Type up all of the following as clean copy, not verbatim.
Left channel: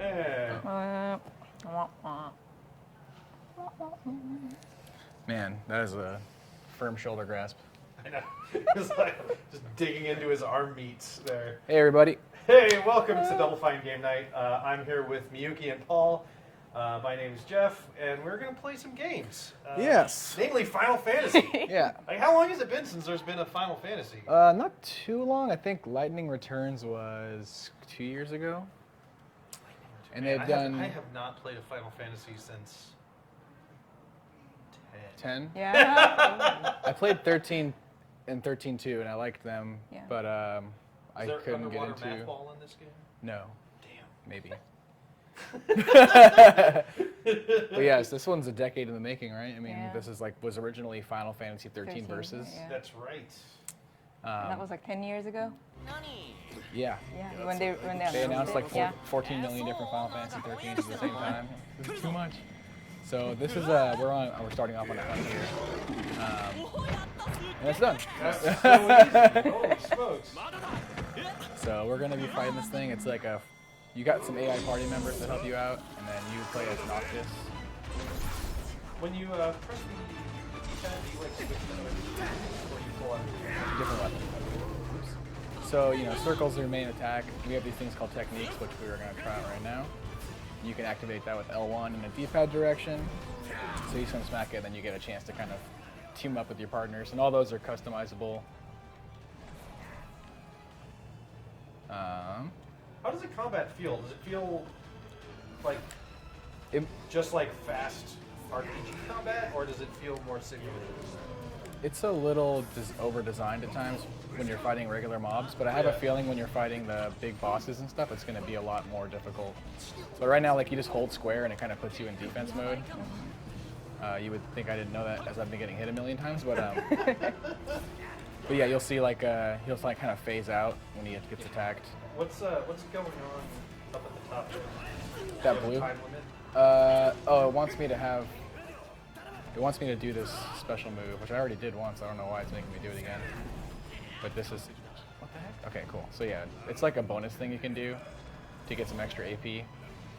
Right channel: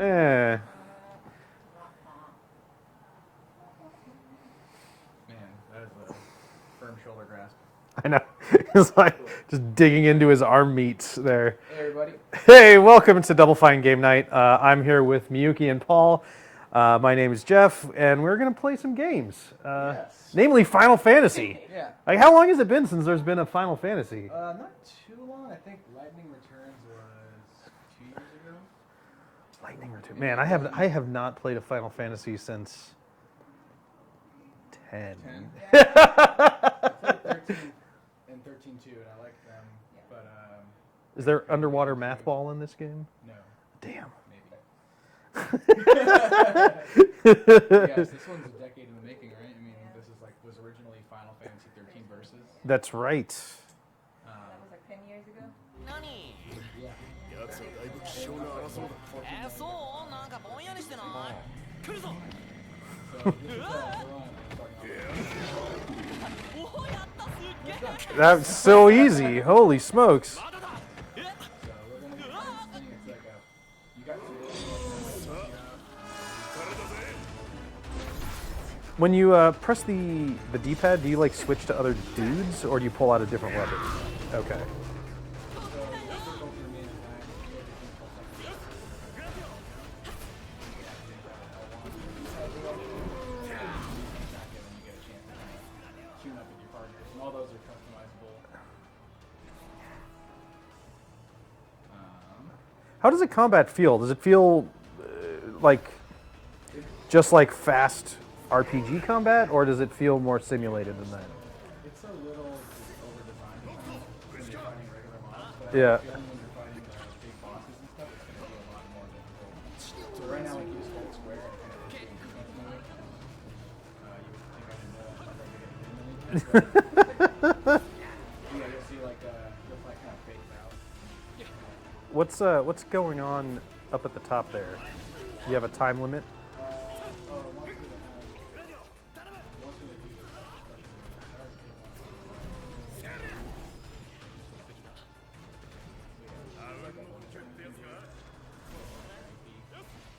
Eh. Man, that is a firm shoulder grasp. I know. It's like just digging into his arm meats there. Hey, everybody. Hey, welcome to Double Fine Game Night. I'm here with Miyuki and Paul. My name is Jeff, and we're going to play some games. Yes. Namely Final Fantasy. Yeah. Like, how long has it been since there's been a Final Fantasy? Not too long. I think Lightning Returns was 2 years ago. Lightning Return. And Man, they've I have not played a Final Fantasy since 10. 10. Yeah. I played 13 and 13 too, and I liked them. Yeah. But Is there I couldn't get underwater into- math ball in this game? No, Damn. maybe. But yes, this one's a decade in the making, right? I mean, Yeah. this is was originally Final Fantasy 13 versus. Yeah. That's right. And that was like 10 years ago. Yeah. Yeah. When they They announced like yeah. 14 million different Final Fantasy 13s at the same time. So much. So this is we're starting off on and it's done. That's so easy. Holy smokes. So we're gonna be fighting this thing. It's like you got some AI party members to help you out, and then you play as Octus. When you press the D-pad, do you like switch to other dudes, or do you pull out a different weapon? Okay. So circles are your main attack. We have these things called techniques, which we're gonna try out right now. You can activate that with L1 in the D-pad direction. So you swing smack it, and then you get a chance to kind of team up with your partners, and all those are customizable. How does a combat feel? Does it feel like It, just like fast RPG combat, or does it feel more simulated than that? It's a little over-designed at times when you're fighting regular mobs, but I have Yeah. a feeling when you're fighting the big bosses and stuff, it's going to be a lot more difficult. So right now, you just hold square and it kind of puts you in defense mode. You would think I didn't know that as I've been getting hit a million times, but yeah, you'll see he'll kind of phase out when he gets attacked. What's going on up at the top there? Do you have a blue? time limit? It wants me to do this special move, which I already did once. I don't know why it's making me do it again. But this is, what the heck? Okay, cool. So yeah, it's like a bonus thing you can do to get some extra AP.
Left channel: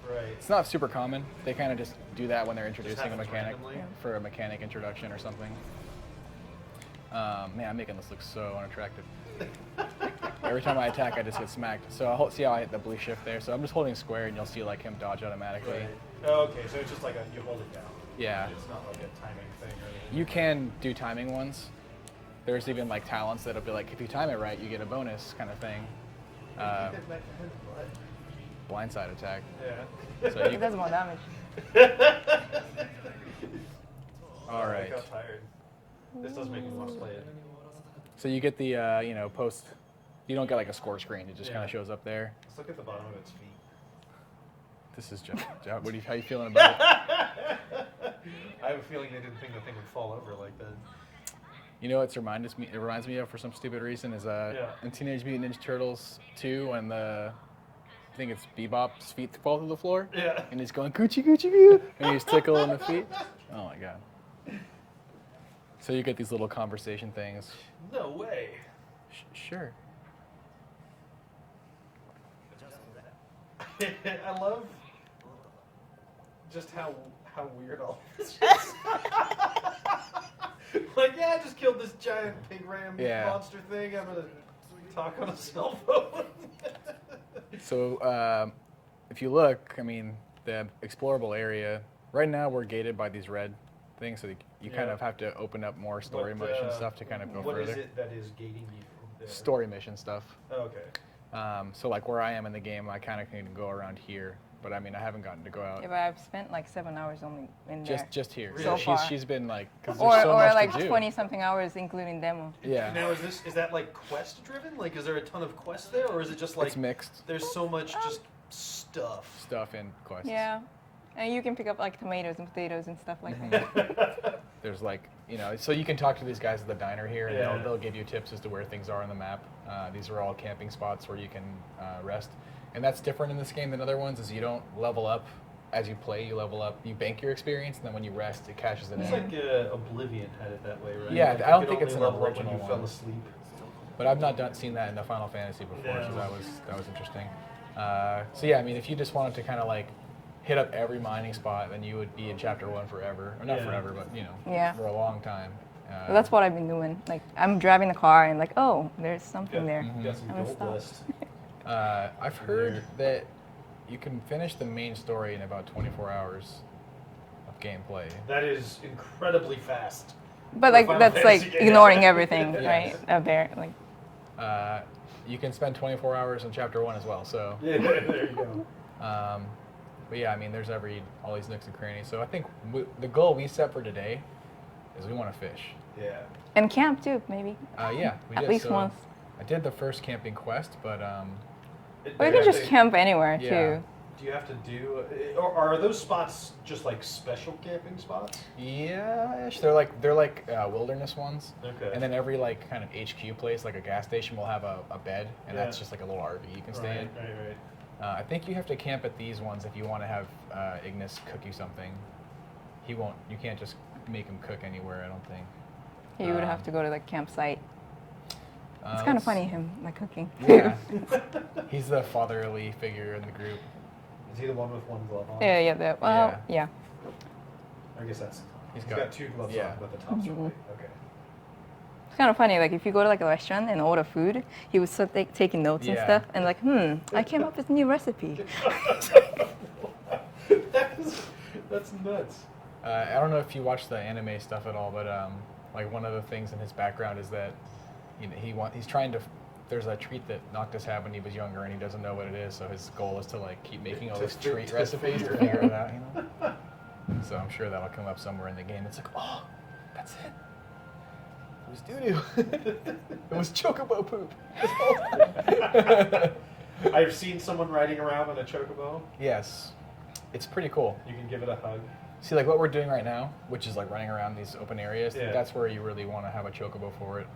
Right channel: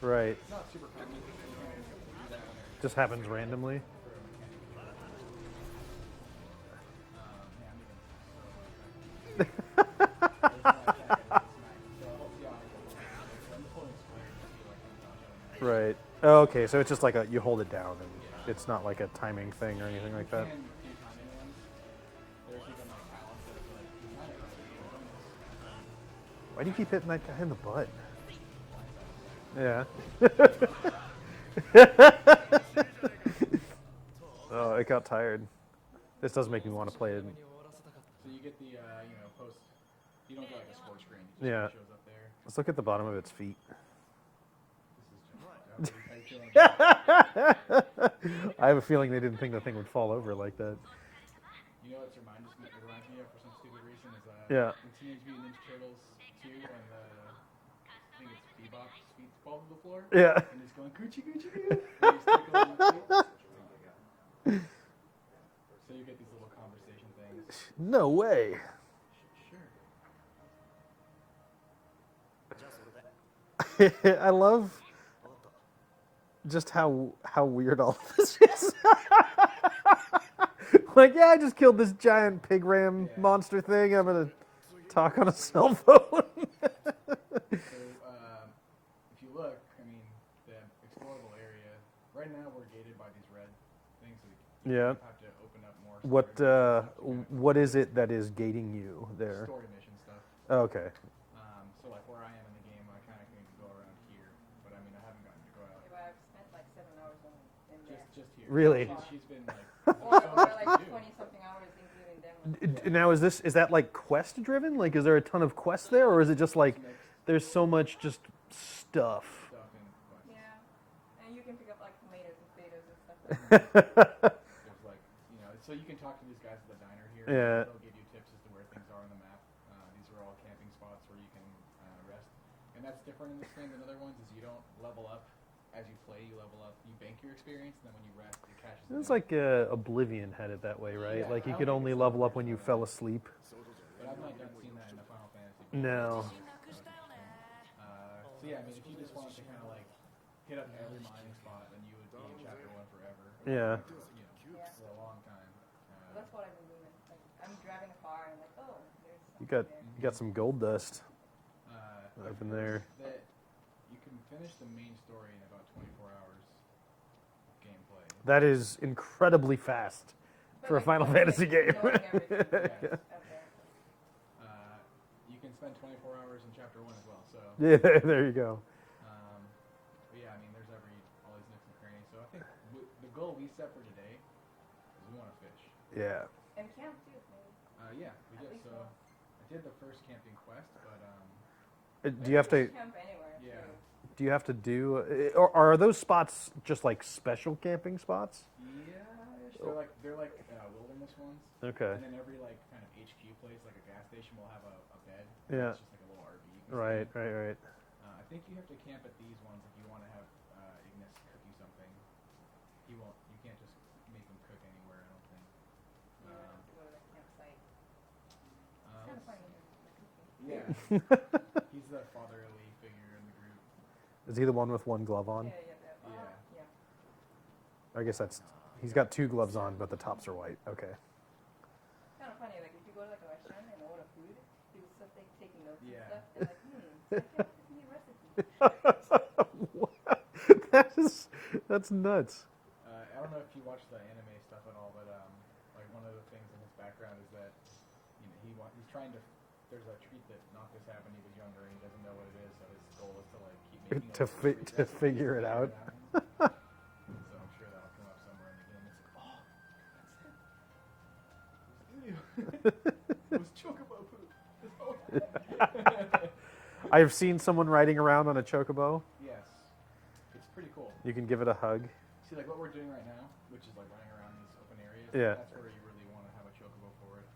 Right. It's not super common. They kind of just do that when they're introducing a happens mechanic randomly? for a mechanic introduction or something. Man, I'm making this look so unattractive. Every time I attack, I just get smacked. So see how I hit the blue shift there? So I'm just holding square, and you'll see him dodge automatically. Right. Oh, okay, so it's just like you hold it down. Yeah. It's not like a timing thing or anything. You like that. can do timing ones. There's even talents that'll be like, if you time it right, you get a bonus kind of thing. Why do you keep hitting that guy in the butt? Blindside attack. Yeah. So you, It does more damage. All right. I got tired. This does make me want to play it. so you get the post. You don't get like a score screen. It just kind Yeah. of shows up there. Let's look at the bottom of its feet. This is just. How you feeling about it? I have a feeling they didn't think the thing would fall over like that. You know what it reminds me of for some stupid reason is Yeah. in Teenage Mutant Ninja Turtles 2 when I think it's Bebop's feet fall to the floor. Yeah. And he's going Gucci Gucci Goo, and he's tickling the feet. Oh my god. So you get these little conversation things. No way. Sure. I love just how weird all of this is. Yeah, I just killed this giant pig ram Yeah. monster thing. I'm gonna talk on a cell phone. So if you look, I mean, the explorable area. Right now we're gated by these red things, so you Yeah. kind of have to open up more story What mission stuff to kind of go what is further. it that is gating you there? Story mission stuff. Oh, okay. So where I am in the game, I kind of can go around here, but I mean I haven't gotten to go out. Yeah, but I've spent like 7 hours only in there. Just here. Really? So So far. she's been 'cause Or, there's so or much like to do. 20 something hours including demo. Yeah. Now is that like quest driven? Like, is there a ton of quests there, or is it just like It's mixed there's so much just stuff? stuff in quests. Yeah. And you can pick up like tomatoes and potatoes and stuff like that. There's so you can talk to these guys at the diner here, and Yeah. they'll give you tips as to where things are on the map. These are all camping spots where you can rest, and that's different in this game than other ones. Is you don't level up as you play. You level up, you bank your experience, and then when you rest, it cashes in. It's there. like Oblivion had it that way, right? Yeah, like I don't you think could it's only an level up when you original fell one. asleep. But I've not seen that in the Final Fantasy before, No. so that was interesting. So yeah, I mean, if you just wanted to kind of like hit up every mining spot, then you would be in chapter 1 forever. Or not Yeah. forever, but you know, Yeah. for a long time. That's what I've been doing. Like I'm driving the car and like, oh, there's something Got, there. got some I'm gold gonna dust. I've heard that you can finish the main story in about 24 hours of gameplay. That is incredibly fast. But For like Final that's Fantasy like game. ignoring everything, Yeah. right? Up there, like. You can spend 24 hours in chapter 1 as well. So, Yeah, there you go. but yeah, I mean, there's all these nooks and crannies. So I think the goal we set for today is we want to fish. Yeah. And camp too, maybe. Yeah, we At did. least So once. I did the first camping quest, but Or you can just camp anywhere Yeah. too. Do you have to do, or are those spots just like special camping spots? yeah, they're like wilderness ones. Okay. And then every like kind of HQ place, like a gas station, will have a bed, and Yeah. that's just like a little RV you can stay Right, in. right, right. I think you have to camp at these ones if you want to have Ignis cook you something. He won't. You can't just make him cook anywhere. I don't think. You would have to go to the campsite. It's kind of let's- funny him like cooking. Yeah. He's the fatherly figure in the group. Is he the one with one glove on? Yeah. Well, yeah. I guess that's. He's He's got- got two gloves yeah. on, but the tops are white. Okay. It's kind of funny. Like if you go to like a restaurant and order food, he would start taking notes and Yeah. stuff, and like, I came up with a new recipe. That's nuts. I don't know if you watch the anime stuff at all, but like one of the things in his background is that he's trying to. There's a treat that Noctis had when he was younger, and he doesn't know what it is. So his goal is to like keep making all To these fi- treat to recipes to figure figure it out. You know? So I'm sure that'll come up somewhere in the game. It's like, oh, that's it. It was doo-doo. It was chocobo poop. This whole time. I've seen someone riding around on a chocobo. Yes, it's pretty cool. You can give it a hug. See, like what we're doing right now, which is like running around these open areas. Yeah. That's where you really want to have a chocobo for it.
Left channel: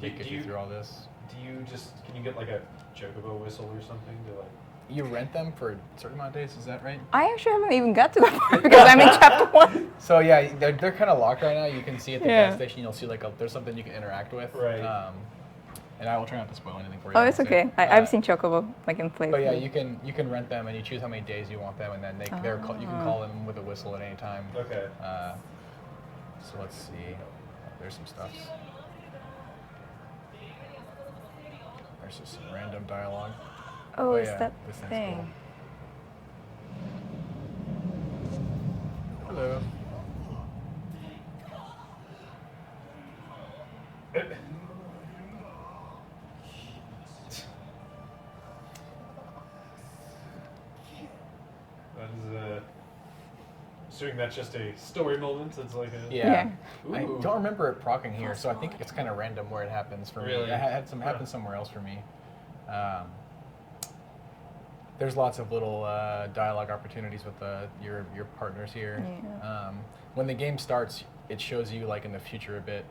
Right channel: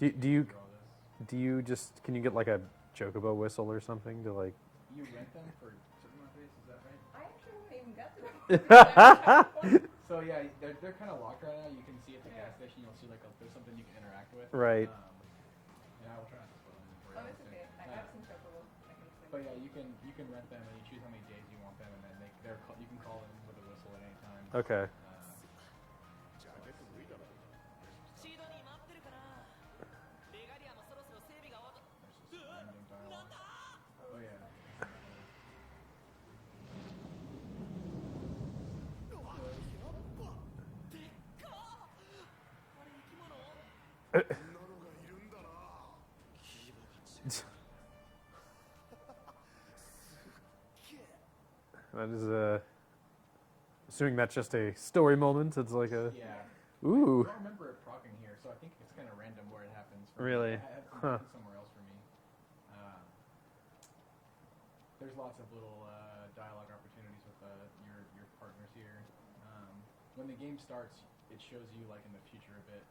Do Get you- you through all this. Can you get like a chocobo whistle or something to like? You rent them for a certain amount of days. Is that right? I actually haven't even got to that part because I'm in chapter 1. So yeah, they're kind of locked right now. You can see at the Yeah. gas station. You'll see like there's something you can interact with. Right. And I will try not to spoil anything for you. Oh, it's obviously. okay. I've seen Chocobo like in play. But yeah, you can rent them and you choose how many days you want them, and then you can call them with a whistle at any time. Okay. So let's see. There's some stuff. There's just some random dialogue. Oh, it's yeah, that this thing's thing. cool. Hello. That is assuming that's just a story moment. It's like a. Yeah. Ooh. I don't remember it procking here, so I think it's kind of random where it happens for Really? me. It had some happen somewhere else for me. There's lots of little dialogue opportunities with your partners here. Yeah. When the game starts, it shows you like in the future a bit.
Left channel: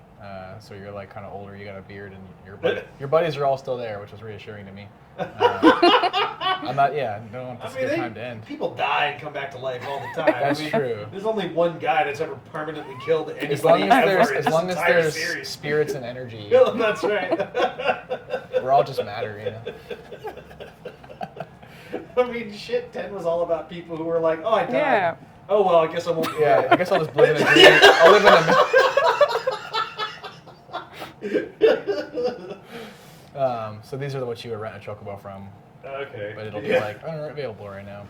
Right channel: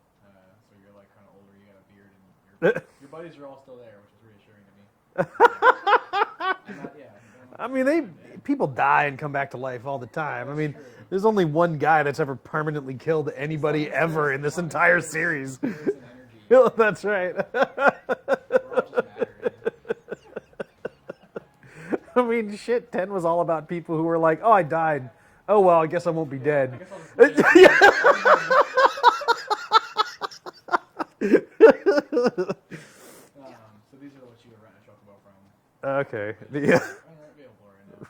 So you're like kind of older, you got a beard, and your buddies are all still there, which was reassuring to me. I'm not. Yeah, I don't want I this mean, good time to end. people die and come back to life all the time. That's I mean, true. There's only one guy that's ever permanently killed As long anybody as ever there's, in as this long as entire there's series. spirits and energy, Yeah, that's right. we're all just matter, you know. I mean, shit, 10 was all about people who were like, oh, I died. Yeah. Oh, well, I guess I won't be Yeah, dead. I guess I'll just live in a dream. I'll live in a. So these are what you would rent a chocobo from, Okay. but it'll be Yeah. like unavailable right now.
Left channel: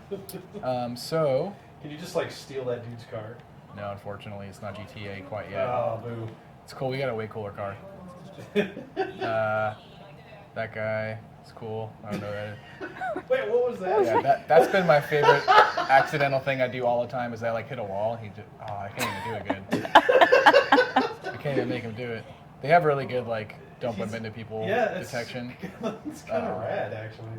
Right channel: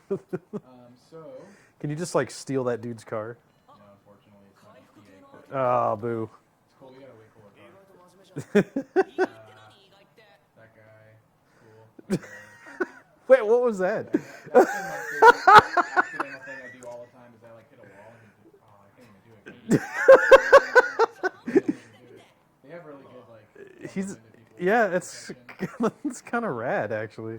So Can you just, like, steal that dude's car? no, unfortunately, it's not GTA quite yet. Oh, boo. It's cool. We got a way cooler car. That guy is cool. I don't know that. Wait, what was that? Yeah, that's been my favorite accidental thing I do all the time is I like hit a wall. I can't even do it good. I can't even make him do it. They have really good like don't bump into people detection. It's kind of rad, actually.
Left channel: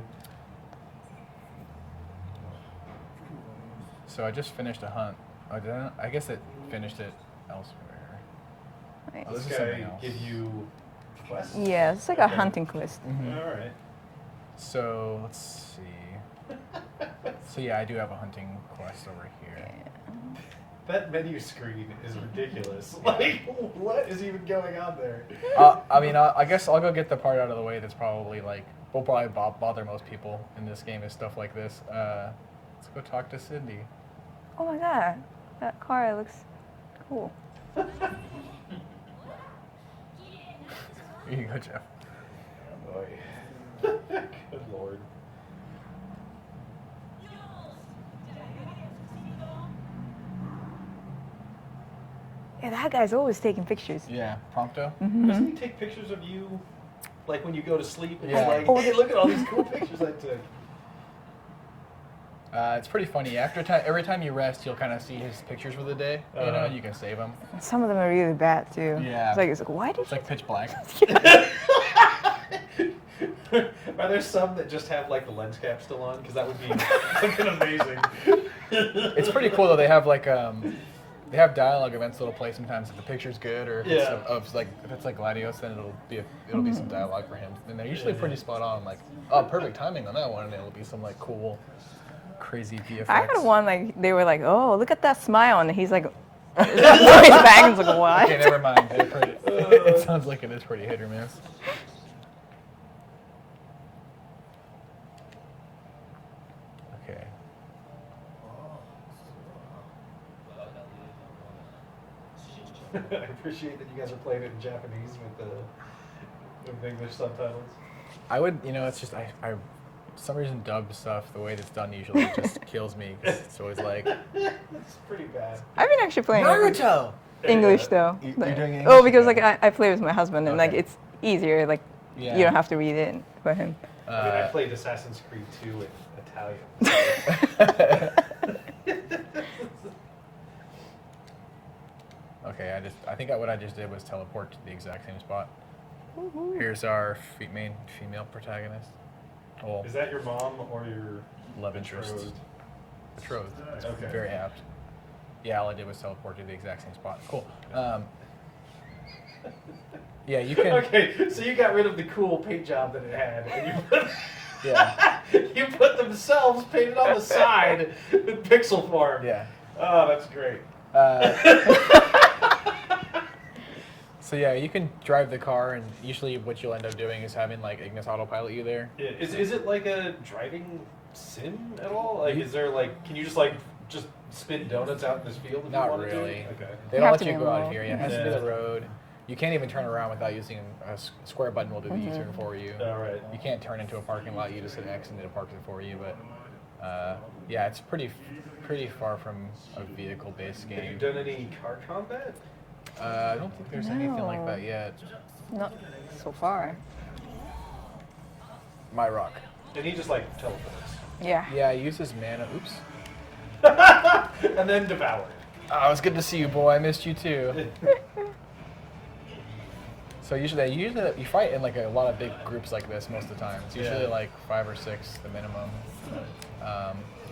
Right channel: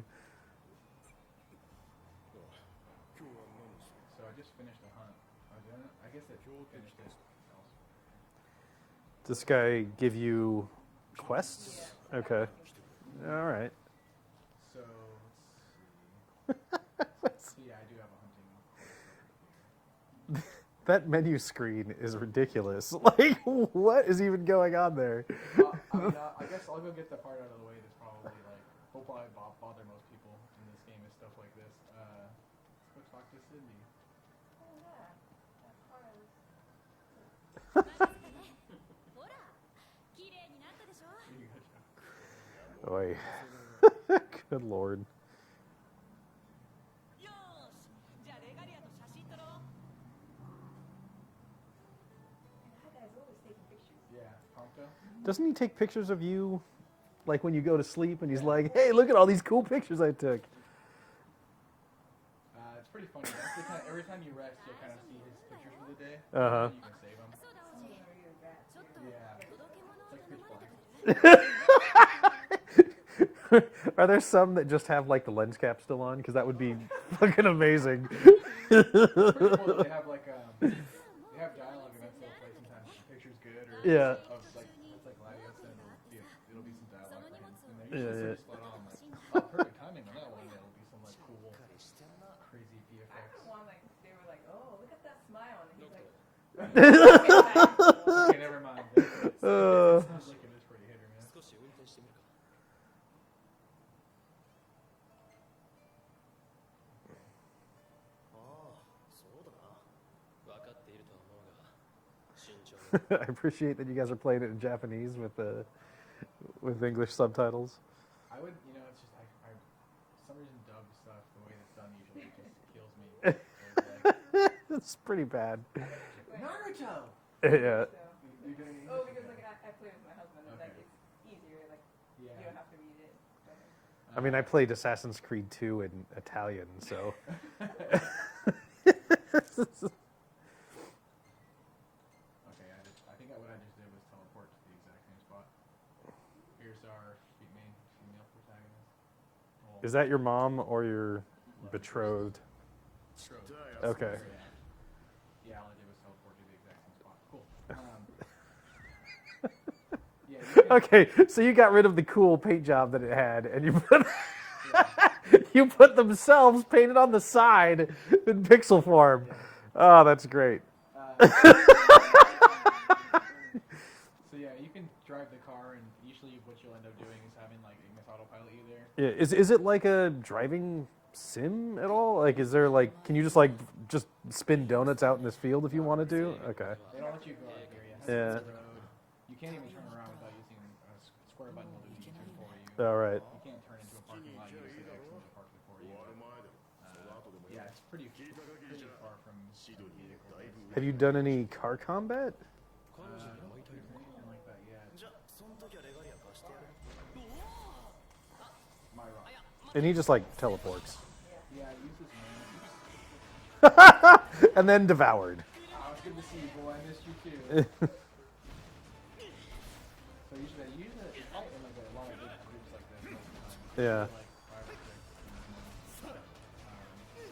So I just finished a hunt. I guess it finished it elsewhere. Right. Oh, Does this this is guy something else. give you quests? Yeah, it's like Okay. a hunting quest. All right. So let's see. So yeah, I do have a hunting quest over here. That menu screen is ridiculous. Like, what is even going on there? I mean, I guess I'll go get the part out of the way that's probably like will probably bother most people in this game is stuff like this. Let's go talk to Cindy. Oh my god, that car looks cool. Here you go, Jeff. Oy. Good lord. Yeah, that guy's always taking pictures. Yeah, Prompto. Doesn't he take pictures of you, like when you go to sleep? And Yeah. he's like, hey, look at all these cool pictures I took. It's pretty funny. Every time you rest, you'll kind of see his pictures for the day. You Uh-huh. know, you can save them. Some of them are really bad too. Yeah. It's like why did It's like pitch black. Are there some that just have like the lens cap still on? Because that would be fucking amazing. It's pretty cool though. They have like they have dialogue events that'll play sometimes if the picture's good or if Yeah. if it's like Gladios, then it'll be some dialogue for him, and they're usually pretty spot on. Like, oh, perfect timing on that one, and it'll be some like cool, crazy VFX. I had one like they were like, oh, look at that smile, and he's like, his bangs like what? Okay, never mind. It sounds like it is pretty hit or miss. Okay. I appreciate that you guys are playing it in Japanese with English subtitles. I would, it's just I for some reason dubbed stuff the way that's done usually just kills me. 'Cause it's always like That's pretty bad. I've been actually playing Naruto. English though. You're Like- doing English? Oh, because Okay. like I play with my husband, and like Okay. it's easier. Like Yeah. you don't have to read it for him. I mean, I played Assassin's Creed 2 in Italian. Okay, I think what I just did was teleport to the exact same spot. Here's our main female protagonist. Well, Is that your mom or your love interest. betrothed? Betrothed. That's Okay. very apt. Yeah, all I did was teleport to the exact same spot. Cool. Yeah, you can. Okay, so you got rid of the cool paint job that it had, and you put Yeah. you put themselves painted on the side in pixel form. Yeah. Oh, that's great. So yeah, you can drive the car, and usually what you'll end up doing is having like Ignis autopilot you there. Yeah, is it like a driving sim at all? Like, is there like, can you just spin donuts out in this field if you Not wanted really. to? Okay. They You don't have let to you be go out involved. here. Yeah, it has to be Yeah. the road. You can't even turn around without using a square button will do the U-turn for you. All right. You can't turn into a parking lot. You just hit X and it'll park it for you. But yeah, it's pretty far from a vehicle-based game. Have you done any car combat? I don't think there's anything like that No. yet. Not so far. My rock. And he just like teleports. Yeah. Yeah, he uses mana. Oops. And then devoured. Oh, it was good to see you, boy. I missed you too. So usually you fight in like a lot of big groups like this most of the time. It's usually Yeah. like 5 or 6, the minimum.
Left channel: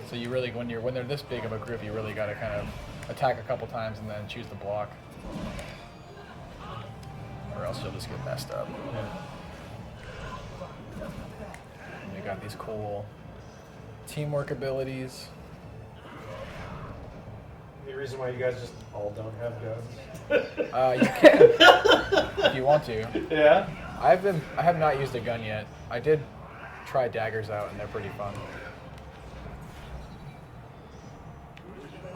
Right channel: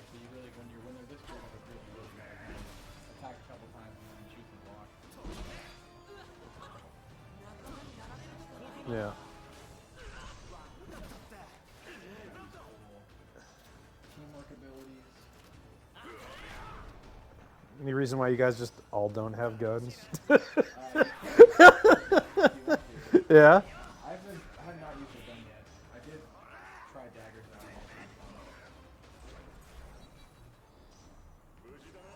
So you really, when they're this big of a group, you really got to kind of attack a couple times and then choose the block, or else you'll just get messed up. Yeah. And you got these cool teamwork abilities. Any reason why you guys just all don't have guns? You can if you want to. Yeah. I have not used a gun yet. I did try daggers out, and they're pretty fun.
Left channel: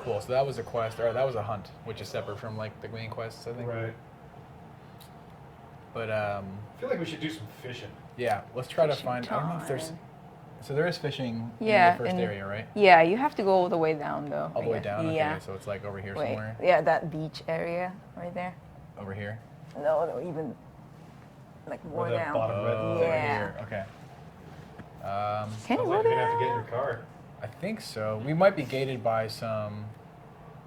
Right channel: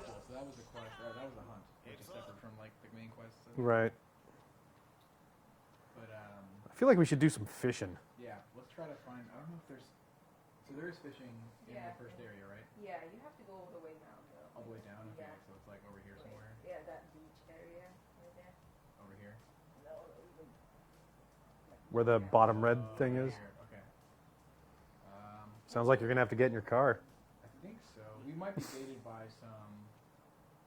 Cool. So that was a quest, or that was a hunt, which is separate from like the main quests, I think. Right. But I feel like we should do some fishing. yeah, let's try to Fishing find. I don't know if there's. time. So there is fishing Yeah, in the first and- area, right? Yeah, you have to go all the way down though. All the I way guess. down. Okay, Yeah. so it's like over here Wait. somewhere. Yeah, that beach area right there. Over here. No, even like Where more the down. bottom red Oh, thing over is. Yeah. here. Okay. Can Sounds you like go you're gonna have to get in there? your car. I think so. We might be gated by some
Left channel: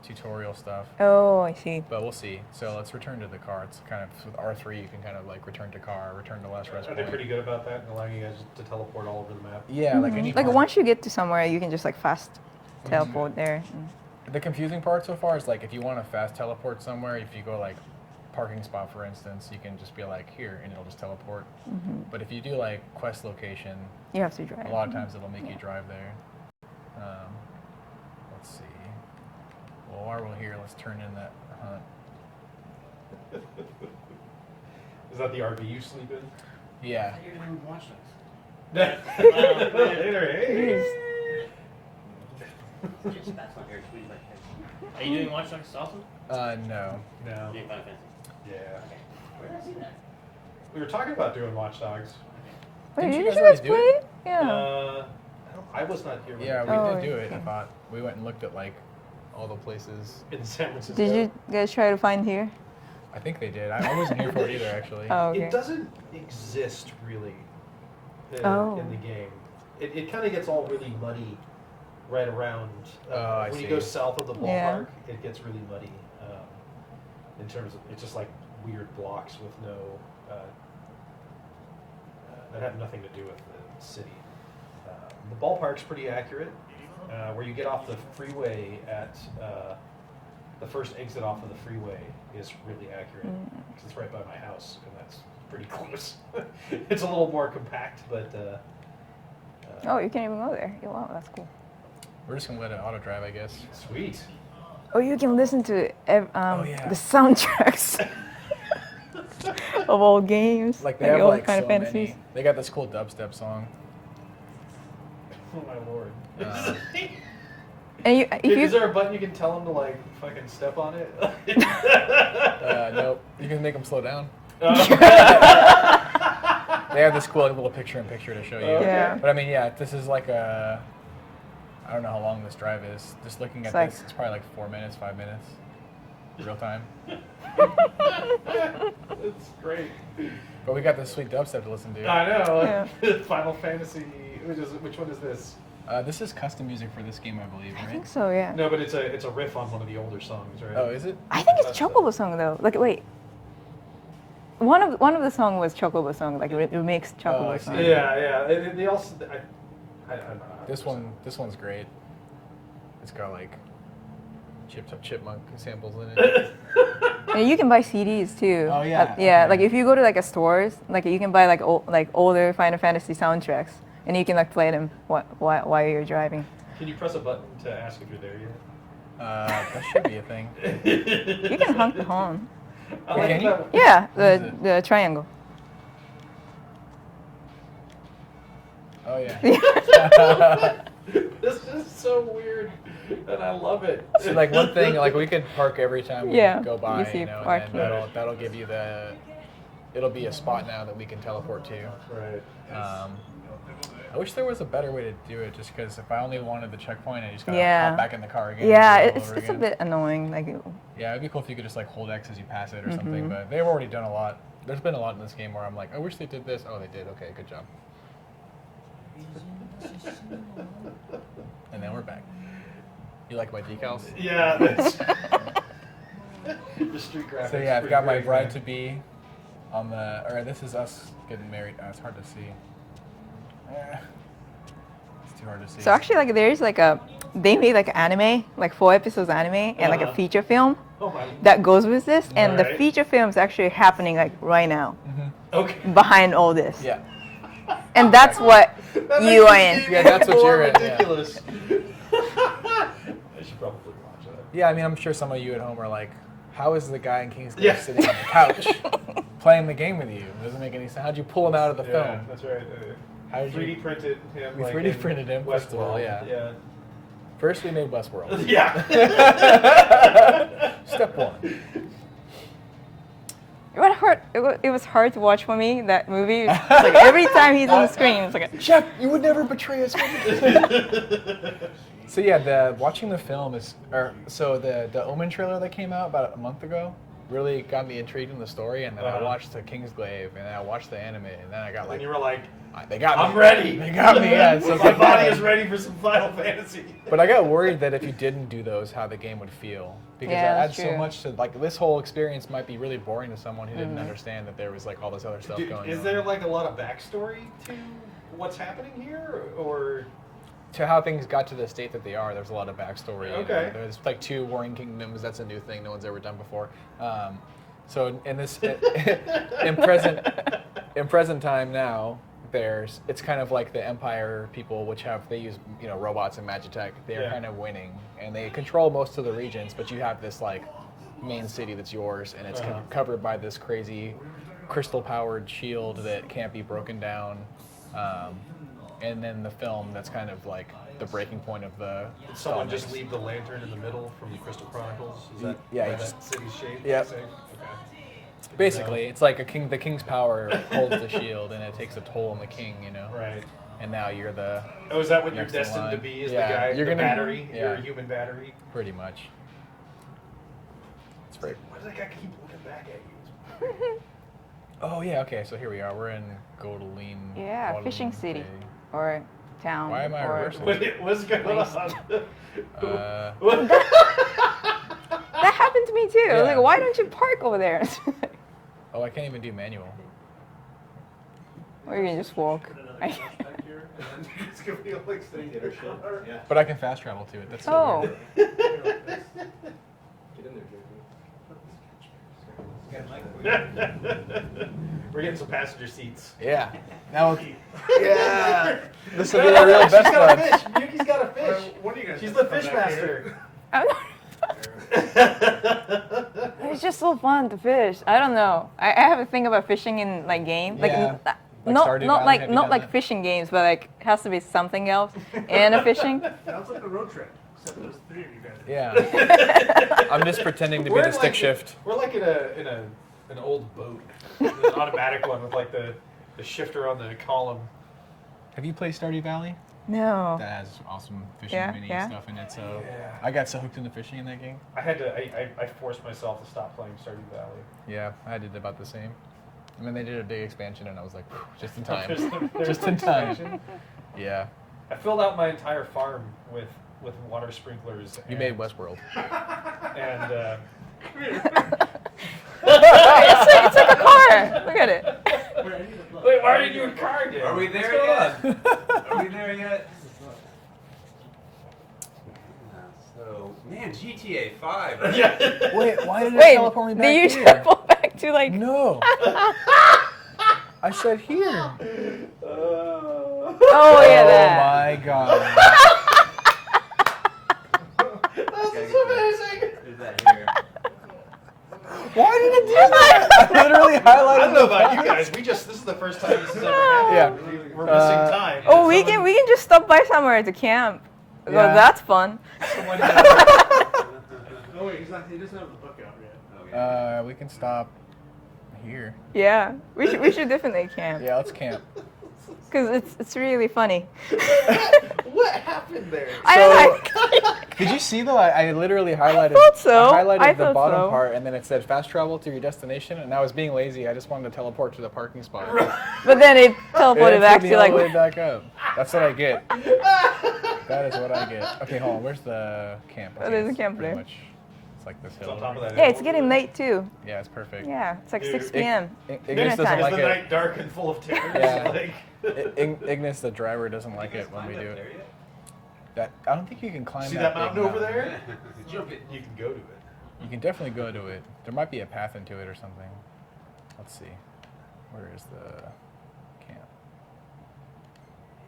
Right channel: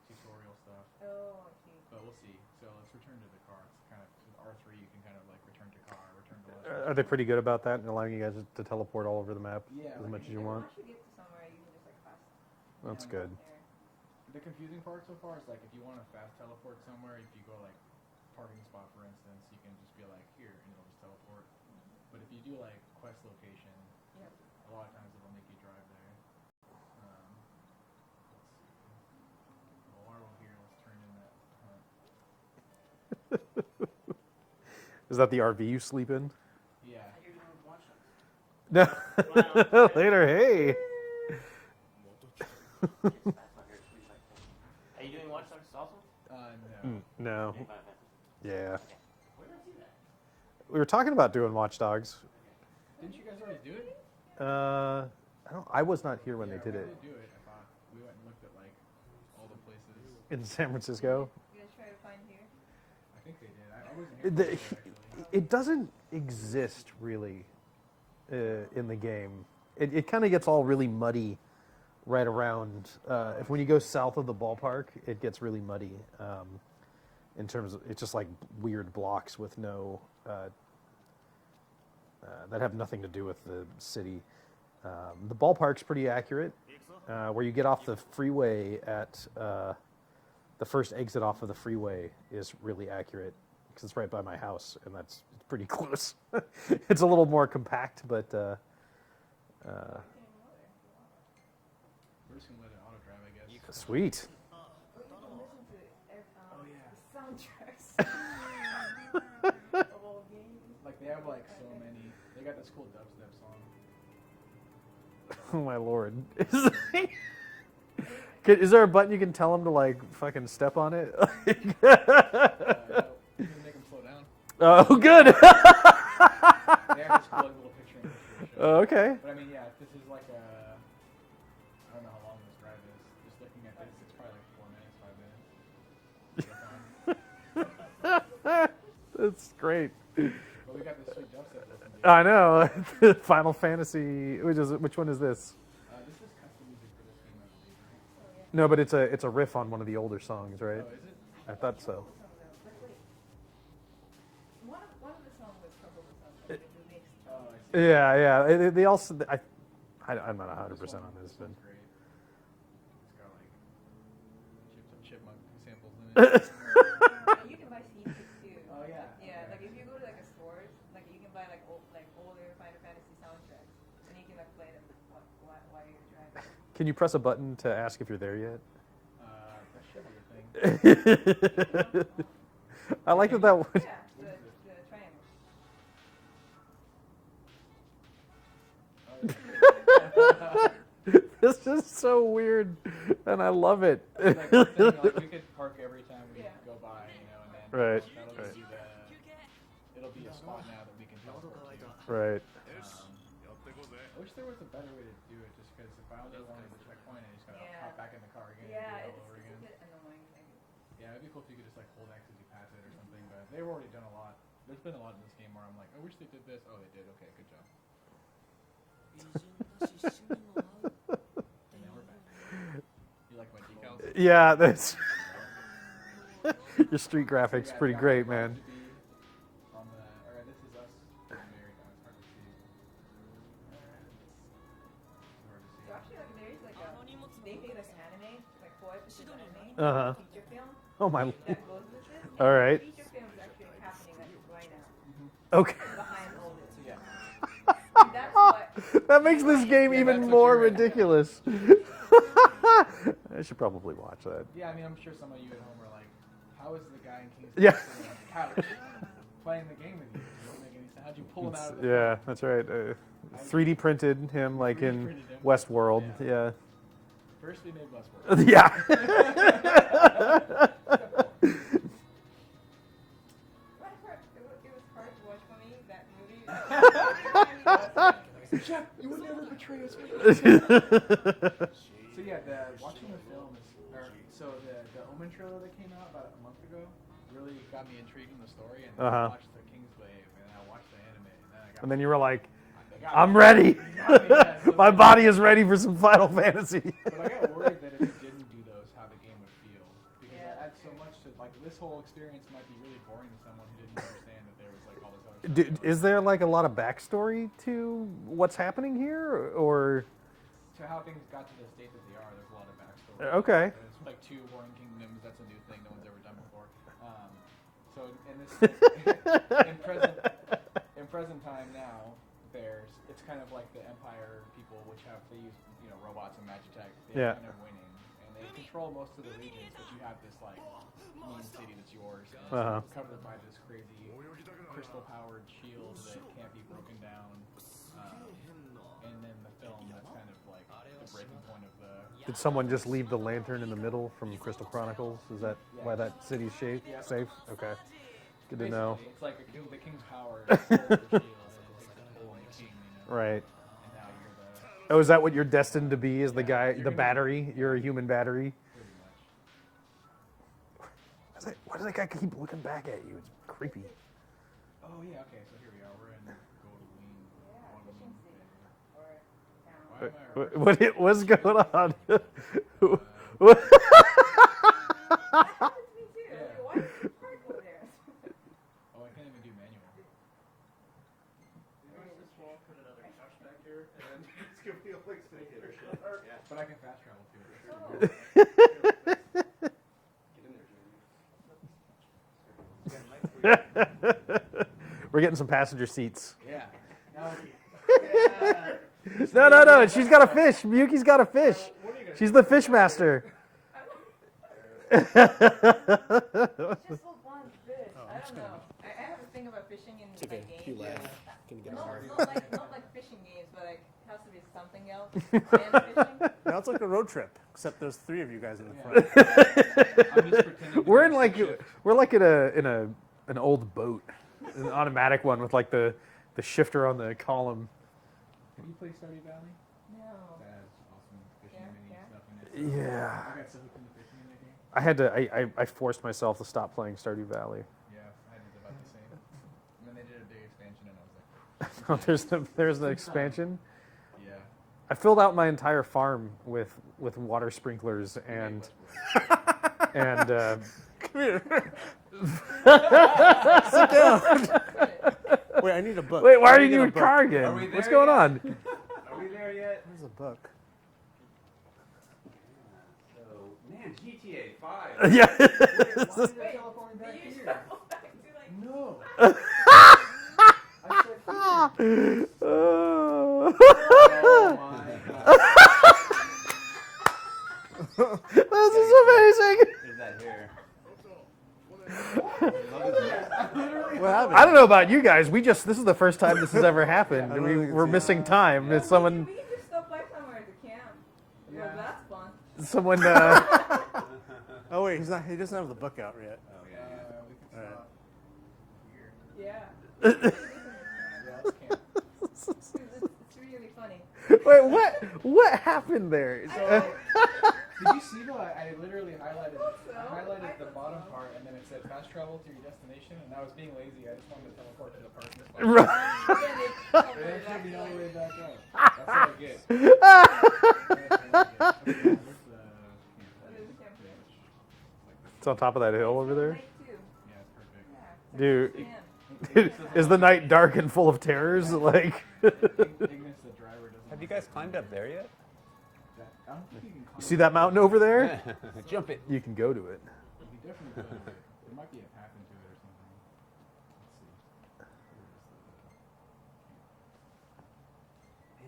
tutorial stuff. Oh, I see. But we'll see. So let's return to the car. It's kind of with R3, you can kind of like return to car, return to last rest Are they point. pretty good about that and allowing you guys to teleport all over the map? Yeah, like any. Like farm. once you get to somewhere, you can just like fast teleport good. there. The confusing part so far is like if you want to fast teleport somewhere, if you go like parking spot for instance, you can just be like here and it'll just teleport. But if you do like quest location, You have to drive. a lot of times it'll make you drive there. Let's see. Well, while we're here, let's turn in that hunt. Is that the RV you sleep in? Yeah. Later, hey. Are you doing Watch Dogs also? No. No. Doing Final Fantasy. Yeah. Where did I see that? We were talking about doing Watch Dogs. Wait, Didn't you did guys you guys already do play it? it? Yeah. I was not here when Yeah, we we did Oh, did do it. I okay. thought we went and looked at like all the places. in San Francisco. Did you guys try to find here? I think they did. I wasn't here for it either, actually. Oh, okay. It doesn't exist really Oh. in the game. It kind of gets all really muddy right around I when you see. go south of the Yeah. ballpark. It gets really muddy in terms of it's just like weird blocks with no that have nothing to do with the city. The ballpark's pretty accurate. Where you get off the freeway at the first exit off of the freeway is really accurate because it's right by my house and that's pretty close. It's a little more compact, but Oh, you can even go there. Yeah, wow, that's cool. We're just gonna let it auto drive, I guess. sweet. Oh, you can listen to yeah. the soundtracks of all games, Like they have all like kind so of fantasies. many. They got this cool dubstep song. Oh my lord. And you, if you Is there a button you can tell them to like fucking step on it? Nope. You can make them slow down. Oh. They have this cool like, little picture-in-picture to show you. Okay. Yeah. But I mean, yeah, this is like a. I don't know how long this drive is. Just looking at It's like- this, it's probably like 4 minutes, 5 minutes, real time. That's great. But we got this sweet dubstep to listen to. I know. Final Fantasy. Which one is this? This is custom music for this game, I believe, I right? think so, yeah. No, but it's a riff on one of the older songs, right? Oh, is it? I think it's That's the- Chocobo song though. Like, wait. One of the song was Chocobo song, like it makes Oh, Chocobo I see. song. Yeah, yeah. They also. I'm not 100% This on this one's great. It's got like chipmunk samples in it. And you can buy CDs too. Oh, yeah, Yeah, okay. like if you go to like a stores, like you can buy like older Final Fantasy soundtracks, and you can like play them while you're driving. Can you press a button to ask if you're there yet? That should be a thing. You can honk the horn. I like Can that. Yeah, What is the triangle. Oh yeah. This is so weird, and I love it. So like one thing, like we could park every time we Yeah, go you by, see you know, park and then Right. that'll give you the. It'll be a spot now that we can teleport to. Right. I wish there was a better way to do it, just because if I only wanted the checkpoint, I just gotta Yeah. hop back in the car again. Yeah, and do it all it's over it's a again. bit annoying. Like, Yeah, it'd be cool if you could just like hold X as you pass it or Mm-hmm. something. But they've already done a lot. There's been a lot in this game where I'm like, I wish they did this. Oh, they did. Okay, good job. And then we're back. You like my decals? Yeah, that's. Your street graphics So yeah, I've pretty got my great, bride man. to be on the. Or this is us getting married. It's hard to see. It's too hard to see. so actually, like there's like they made like anime, like 4 episodes anime, and like a Uh-huh. feature film Oh my. that goes with this, and the Alright. feature film is actually happening like right now, Okay. behind all this. Yeah. And that's what That makes you this are in. game Yeah, that's even what more you're in, yeah. ridiculous. I should probably watch that. Yeah, I mean, I'm sure some of you at home are like, how is the guy in King's Grave Yeah. sitting on the couch playing the game with you? It doesn't make any sense. How'd you pull him out of the Yeah, film? that's right. How did 3D you- printed him We like 3D in printed him, first of all, Westworld. yeah. First, we made Westworld. Yeah. Step one. It was hard to watch for me, that movie. It's like every time he's on the screen, it's like, Jeff, you would never betray us. So yeah, watching the film is, so the Omen trailer that came out about a month ago really got me intrigued in the story, and then I Uh-huh. watched the Kingsglaive, and then I watched the anime, and then I got And like, then you were like, they got me. I'm ready. They got me. Yeah, so My body is ready for some Final Fantasy. But I got worried that if you didn't do those, how the game would feel, because Yeah, it that's adds so true. much to like this whole experience might be really boring to someone who didn't understand that there was like all this other stuff going on. Is there like a lot of backstory to what's happening here, or? To how things got to the state that they are, there's a lot of backstory. Okay. There's like 2 warring kingdoms. That's a new thing no one's ever done before. So in this in present time now, it's kind of like the Empire people, which they use robots and magitech. They're Yeah. kind of winning, and they control most of the regions. But you have this like main city that's yours, and it's Uh-huh. covered by this crazy crystal-powered shield that can't be broken down. and then the film that's kind of like the breaking point of the. Did someone just comics. leave the lantern in the middle from the Crystal Chronicles? Is that Yeah, why he that just- city's shape? Yep. Safe? Okay. Basically, it's like the king's power holds the shield, and it takes a toll on the king, you know. Right. And now you're the Oh, is that what you're Next in destined to line. be? Is Yeah, the guy, you're the gonna- battery? yeah. You're a human battery? pretty much. It's like, why does that guy keep looking back at you? It's creepy. Oh yeah, okay. So here we are. We're in Godeline. Yeah, fishing Guadalupe. city or town. Why am I or reversing? What's going on? That happened to me too. I was Yeah. like, why don't you park over there? Oh, I can't even do manual. Or you can just walk. But I can fast travel to it. That's so Oh, weird. We're getting some passenger seats. Yeah. Now. Yeah. This No, will be no, our no. real She's best got a bud. fish. Miyuki's got a fish. She's the fish master. I'm not- it's just so fun to fish. I don't know. I have a thing about fishing in like games, like Yeah. Like not Stardew not Valley, like have you not done like that? fishing games, but like it has to be something else and a fishing. Sounds like a road trip, except there's 3 of you guys. In it. Yeah. I'm just pretending to be We're the in stick like shift. we're like in an old boat, an automatic one with like the shifter on the column. Have you played Stardew Valley? No. That has awesome fishing Yeah, mini yeah. stuff in it. So Yeah. I got so hooked into fishing in that game. I had to. I forced myself to stop playing Stardew Valley. Yeah, I did about the same. And then they did a big expansion, and I was like, whew, just in time. There's Just the in time. expansion. Yeah, I filled out my entire farm with water sprinklers. you And, made Westworld. And It's like a car. Look at it. Wait, I need a book. wait, why I are need you a in book. car again? Are we What's there going yet? on? Are we there yet? This is a book. So, man, GTA 5. Yeah. Wait, why did it Wait, teleport me back did you here? travel back to like? No. I said here. Oh yeah, Oh that. my god. This is amazing. Is that here? Why did it do that? I literally highlighted. I don't know about you guys. This is the first time this has ever happened. Yeah. We're missing time. Oh, we Someone- can just stop by somewhere to camp. Yeah. Well, that's fun. Someone. Oh wait, he doesn't have the book out yet. We can stop here. Yeah, we should definitely camp Yeah, let's camp. because it's really funny. What happened there? I Did you see though? I literally highlighted. thought so. I highlighted I the thought bottom so. part, and then it said fast travel to your destination. And I was being lazy. I just wanted to teleport to the parking spot. but then it And teleported it back took me to all like. the way back up. That's what I get. That is what I get. Okay, hold on. Where's the camp? Oh, Okay, there's a it's camp pretty there. much- It's like this. It's on hill. top of that. Yeah, hill it's over getting there. late too. Yeah, it's perfect. Yeah, it's like Dude, 6 p.m. Ignis Dinner doesn't time. Is like the it. night dark and full of terrors? Yeah. Like. Ignis, the driver, doesn't like You guys it when we climbed do up there it. yet? That I don't think you can climb. See that mountain big over there? Jump it. You can go to it. You can definitely go to it. There might be a path into it or something. Let's see. Where is the camp?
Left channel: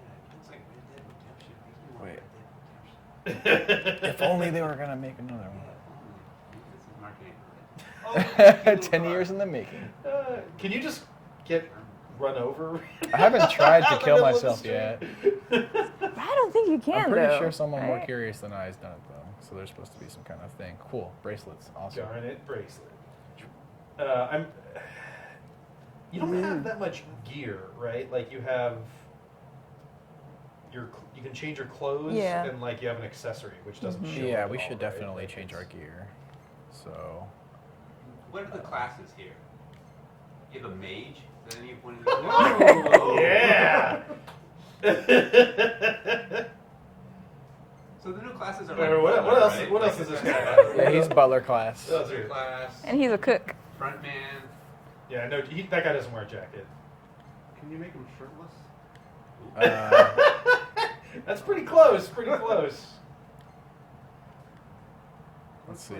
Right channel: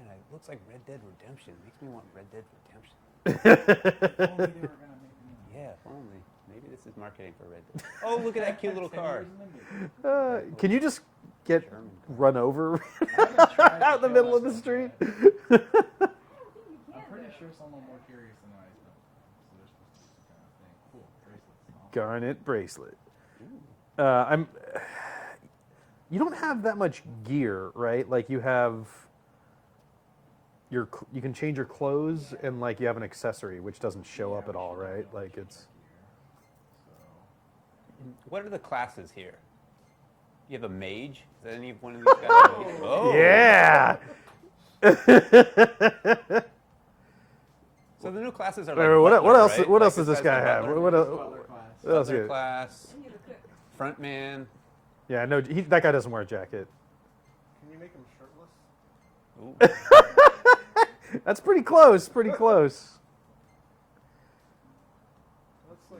Man, it looks like Red Dead Redemption. Makes me want Wait. Red Dead Redemption. If only they were gonna make another Yeah, one. if only. Maybe this is marketing for Red Dead. Oh, look at the cute little 10 car. years in the making. Can you just get run over? I haven't tried Out to in the kill middle of the myself street? yet. I don't think you can I'm pretty though. sure someone more right? curious than I has done it though. So there's supposed to be some kind of thing. Cool. Bracelets. Awesome. Garnet bracelet. You don't have that much gear, right? Like you have you can change your clothes, Yeah. and like you have an accessory which doesn't show Yeah, up. we at all, should right? definitely Like, change it's- our gear. So What are the classes here? You have a mage? Is that any one of these guys? Oh. Yeah. So the new classes are Wait, like what butler, else- right? what Like else does this guy's guy got have? yeah, What he's else- butler class. What else butler here? class, And he's a cook. front man. Yeah, no, that guy doesn't wear a jacket. Can you make him shirtless? That's pretty close. Pretty close. Let's see.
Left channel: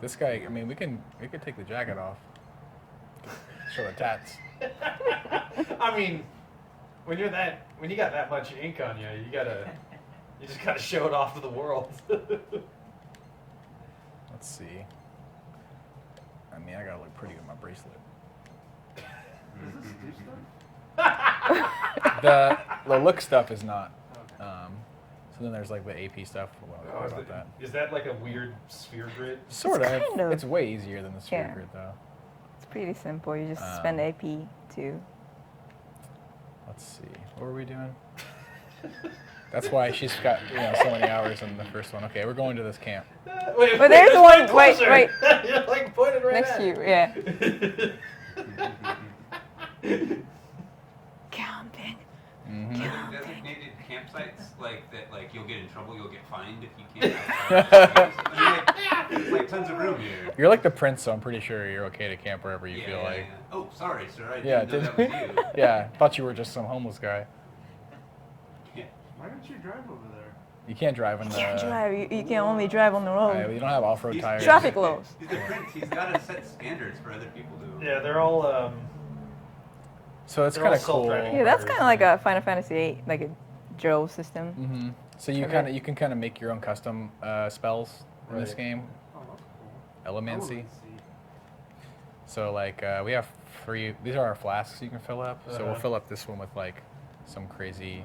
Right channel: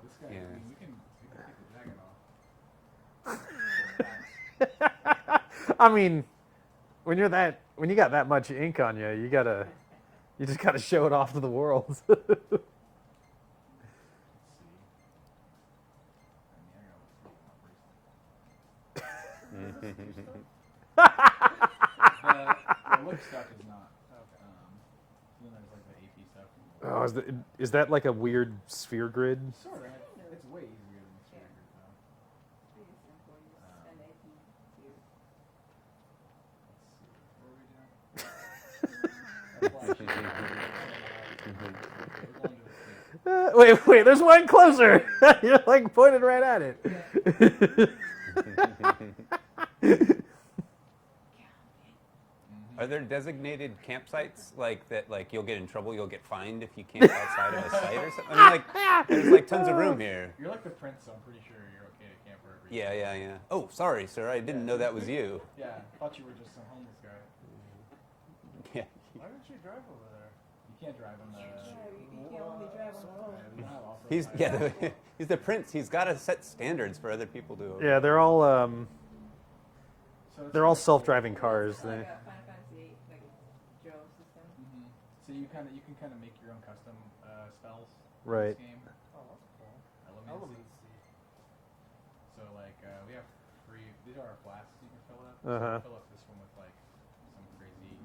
This guy. I mean, we could take the jacket off. Show the tats. I mean, when you got that much ink on you, you just gotta show it off to the world. Let's see. I mean, I gotta look pretty with my bracelet. the look stuff is not. So then there's like the AP stuff. We'll Oh, talk is, about that, that. is that like a weird sphere grid? Sort of. kind of. It's way easier than the sphere Yeah. grid though. It's pretty simple. You just spend AP to. Let's see. What were we doing? That's why she's got so many hours in the first one. Okay, we're going to this camp. Wait, But there's one closer. wait. You're like pointed right Next at to you, it. yeah. Camping. Mm-hmm. Are there designated campsites like that? Like you'll get in trouble, you'll get fined if you camp outside the caves? I mean, like there's like tons of room here. You're like the prince, so I'm pretty sure you're okay to camp wherever you feel like. Oh, sorry, sir. I Yeah, didn't know that was you. Yeah, thought you were just some homeless guy. Yeah. Why don't you drive over there? You can't drive in the. You can't drive. You can only drive on the road. You don't have off-road He's- tires. Traffic laws. He's the prince. He's got to set standards for other people to. Yeah, they're all. So it's They're all kind of cool. self-driving. Yeah, that's cars kind of like a Final Fantasy VIII, like a drill system. Mm-hmm. So Okay. you can kind of make your own custom spells in this Right. game. Oh, that's cool. Elemancy. So like we have free. These are our flasks you can fill up. So we'll Uh-huh. fill up this one with like some crazy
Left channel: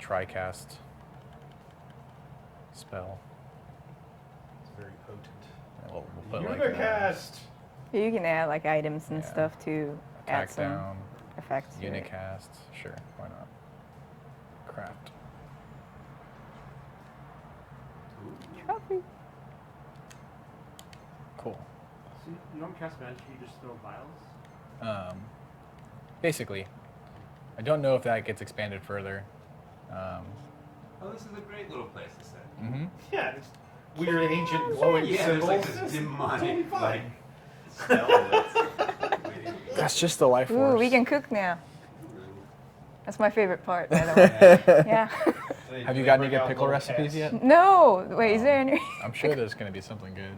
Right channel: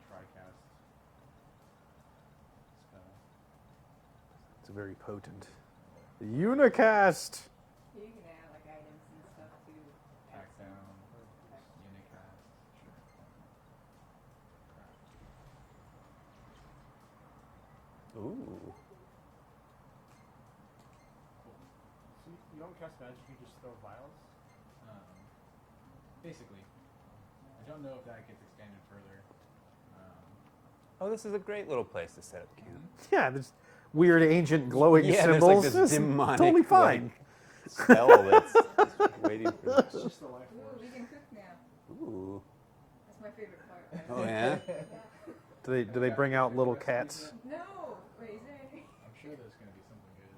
TriCast spell. It's very potent. And we'll put, like, Unicast. You can add like items and Yeah. stuff to add attack some down, effects. to it. Unicast. Sure, why not? Craft. Trophy. Cool. So you don't cast magic, you just throw vials? Basically, I don't know if that gets expanded further. Oh, this is a great little place to sit. Mm-hmm. Yeah, this weird ancient glowing Yeah, there's symbols. like this This is demonic, totally fine. Spell that's waiting. That's just the life force. Ooh, we can cook now. Ooh. That's my favorite part, by the way. Yeah. Yeah. Do they- Have do you they gotten bring any out pickle little recipes cats? yet? No, wait, is there any? I'm sure there's going to be something good.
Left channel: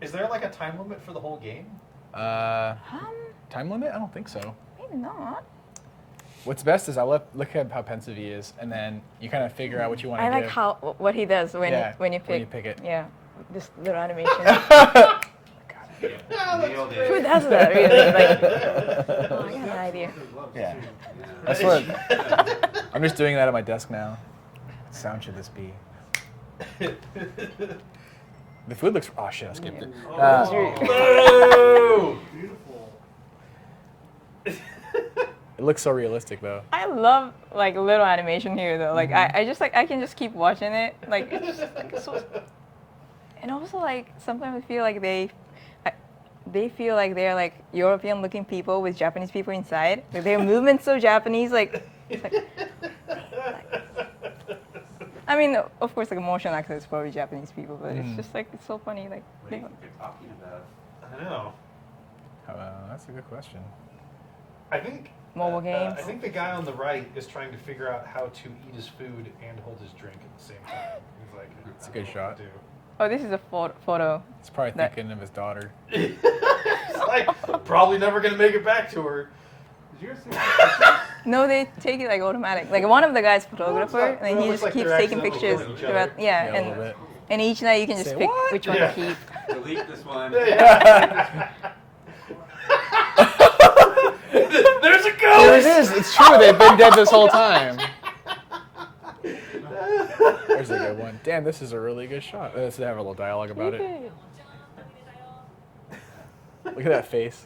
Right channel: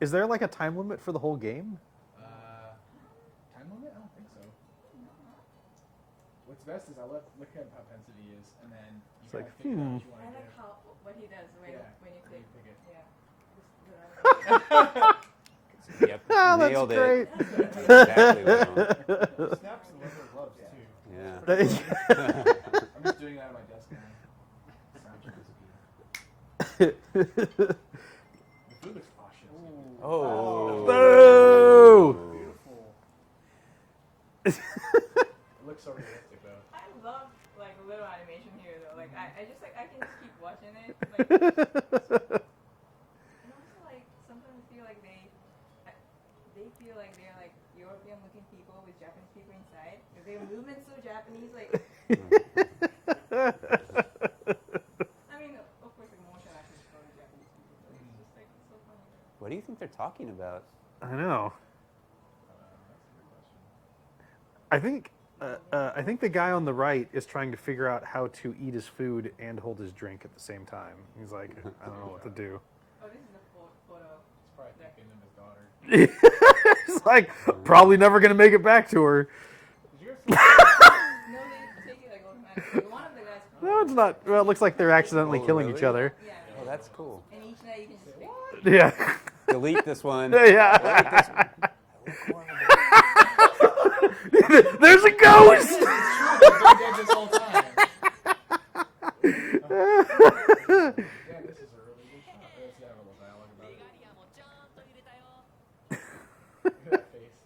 Is there like a time limit for the whole game? Time limit? I don't think so. Maybe not. What's best is I look at how pensive he is, and then you kind of figure out what you want to I give. like how what he does when Yeah, when you when you pick. pick it. Yeah, this little animation. Yep. Nailed Who it. does that really? Like, oh, I got an idea. Yeah. Yeah. That's what. I'm just doing that at my desk now. What sound should this be? The food looks. Oh shit! I skipped it. Oh. No! It looks so realistic though. I love like little animation here though. Like I just like I can just keep watching it. Like it's just like so. And also like sometimes I feel like they feel like they're like European looking people with Japanese people inside. Like their movements so Japanese. Like, it's like I mean, of course, like motion actors probably Japanese people, but it's just like it's so funny. Like What do you think they're talking about? I know. That's a good question. I think Mobile games. I think the guy on the right is trying to figure out how to eat his food and hold his drink at the same time. He's like, It's a I good don't know what to do. oh, this is a photo. He's probably That- thinking of his daughter. It's like probably never gonna make it back to her. Did you guys see No, they take it like automatic. Like one of the guys photographer, not- and well, it he looks just like keeps they're taking accidentally pictures. killing each other. Yeah, Yeah, a little bit. and each night you can just Say pick what? which one Yeah. to keep. Delete this one. Yeah. There's a There ghost. it is. It's true. They've been dead this whole time. There's a good one. Damn, this is a really good shot. Let's have a little dialogue about it. Look at that face.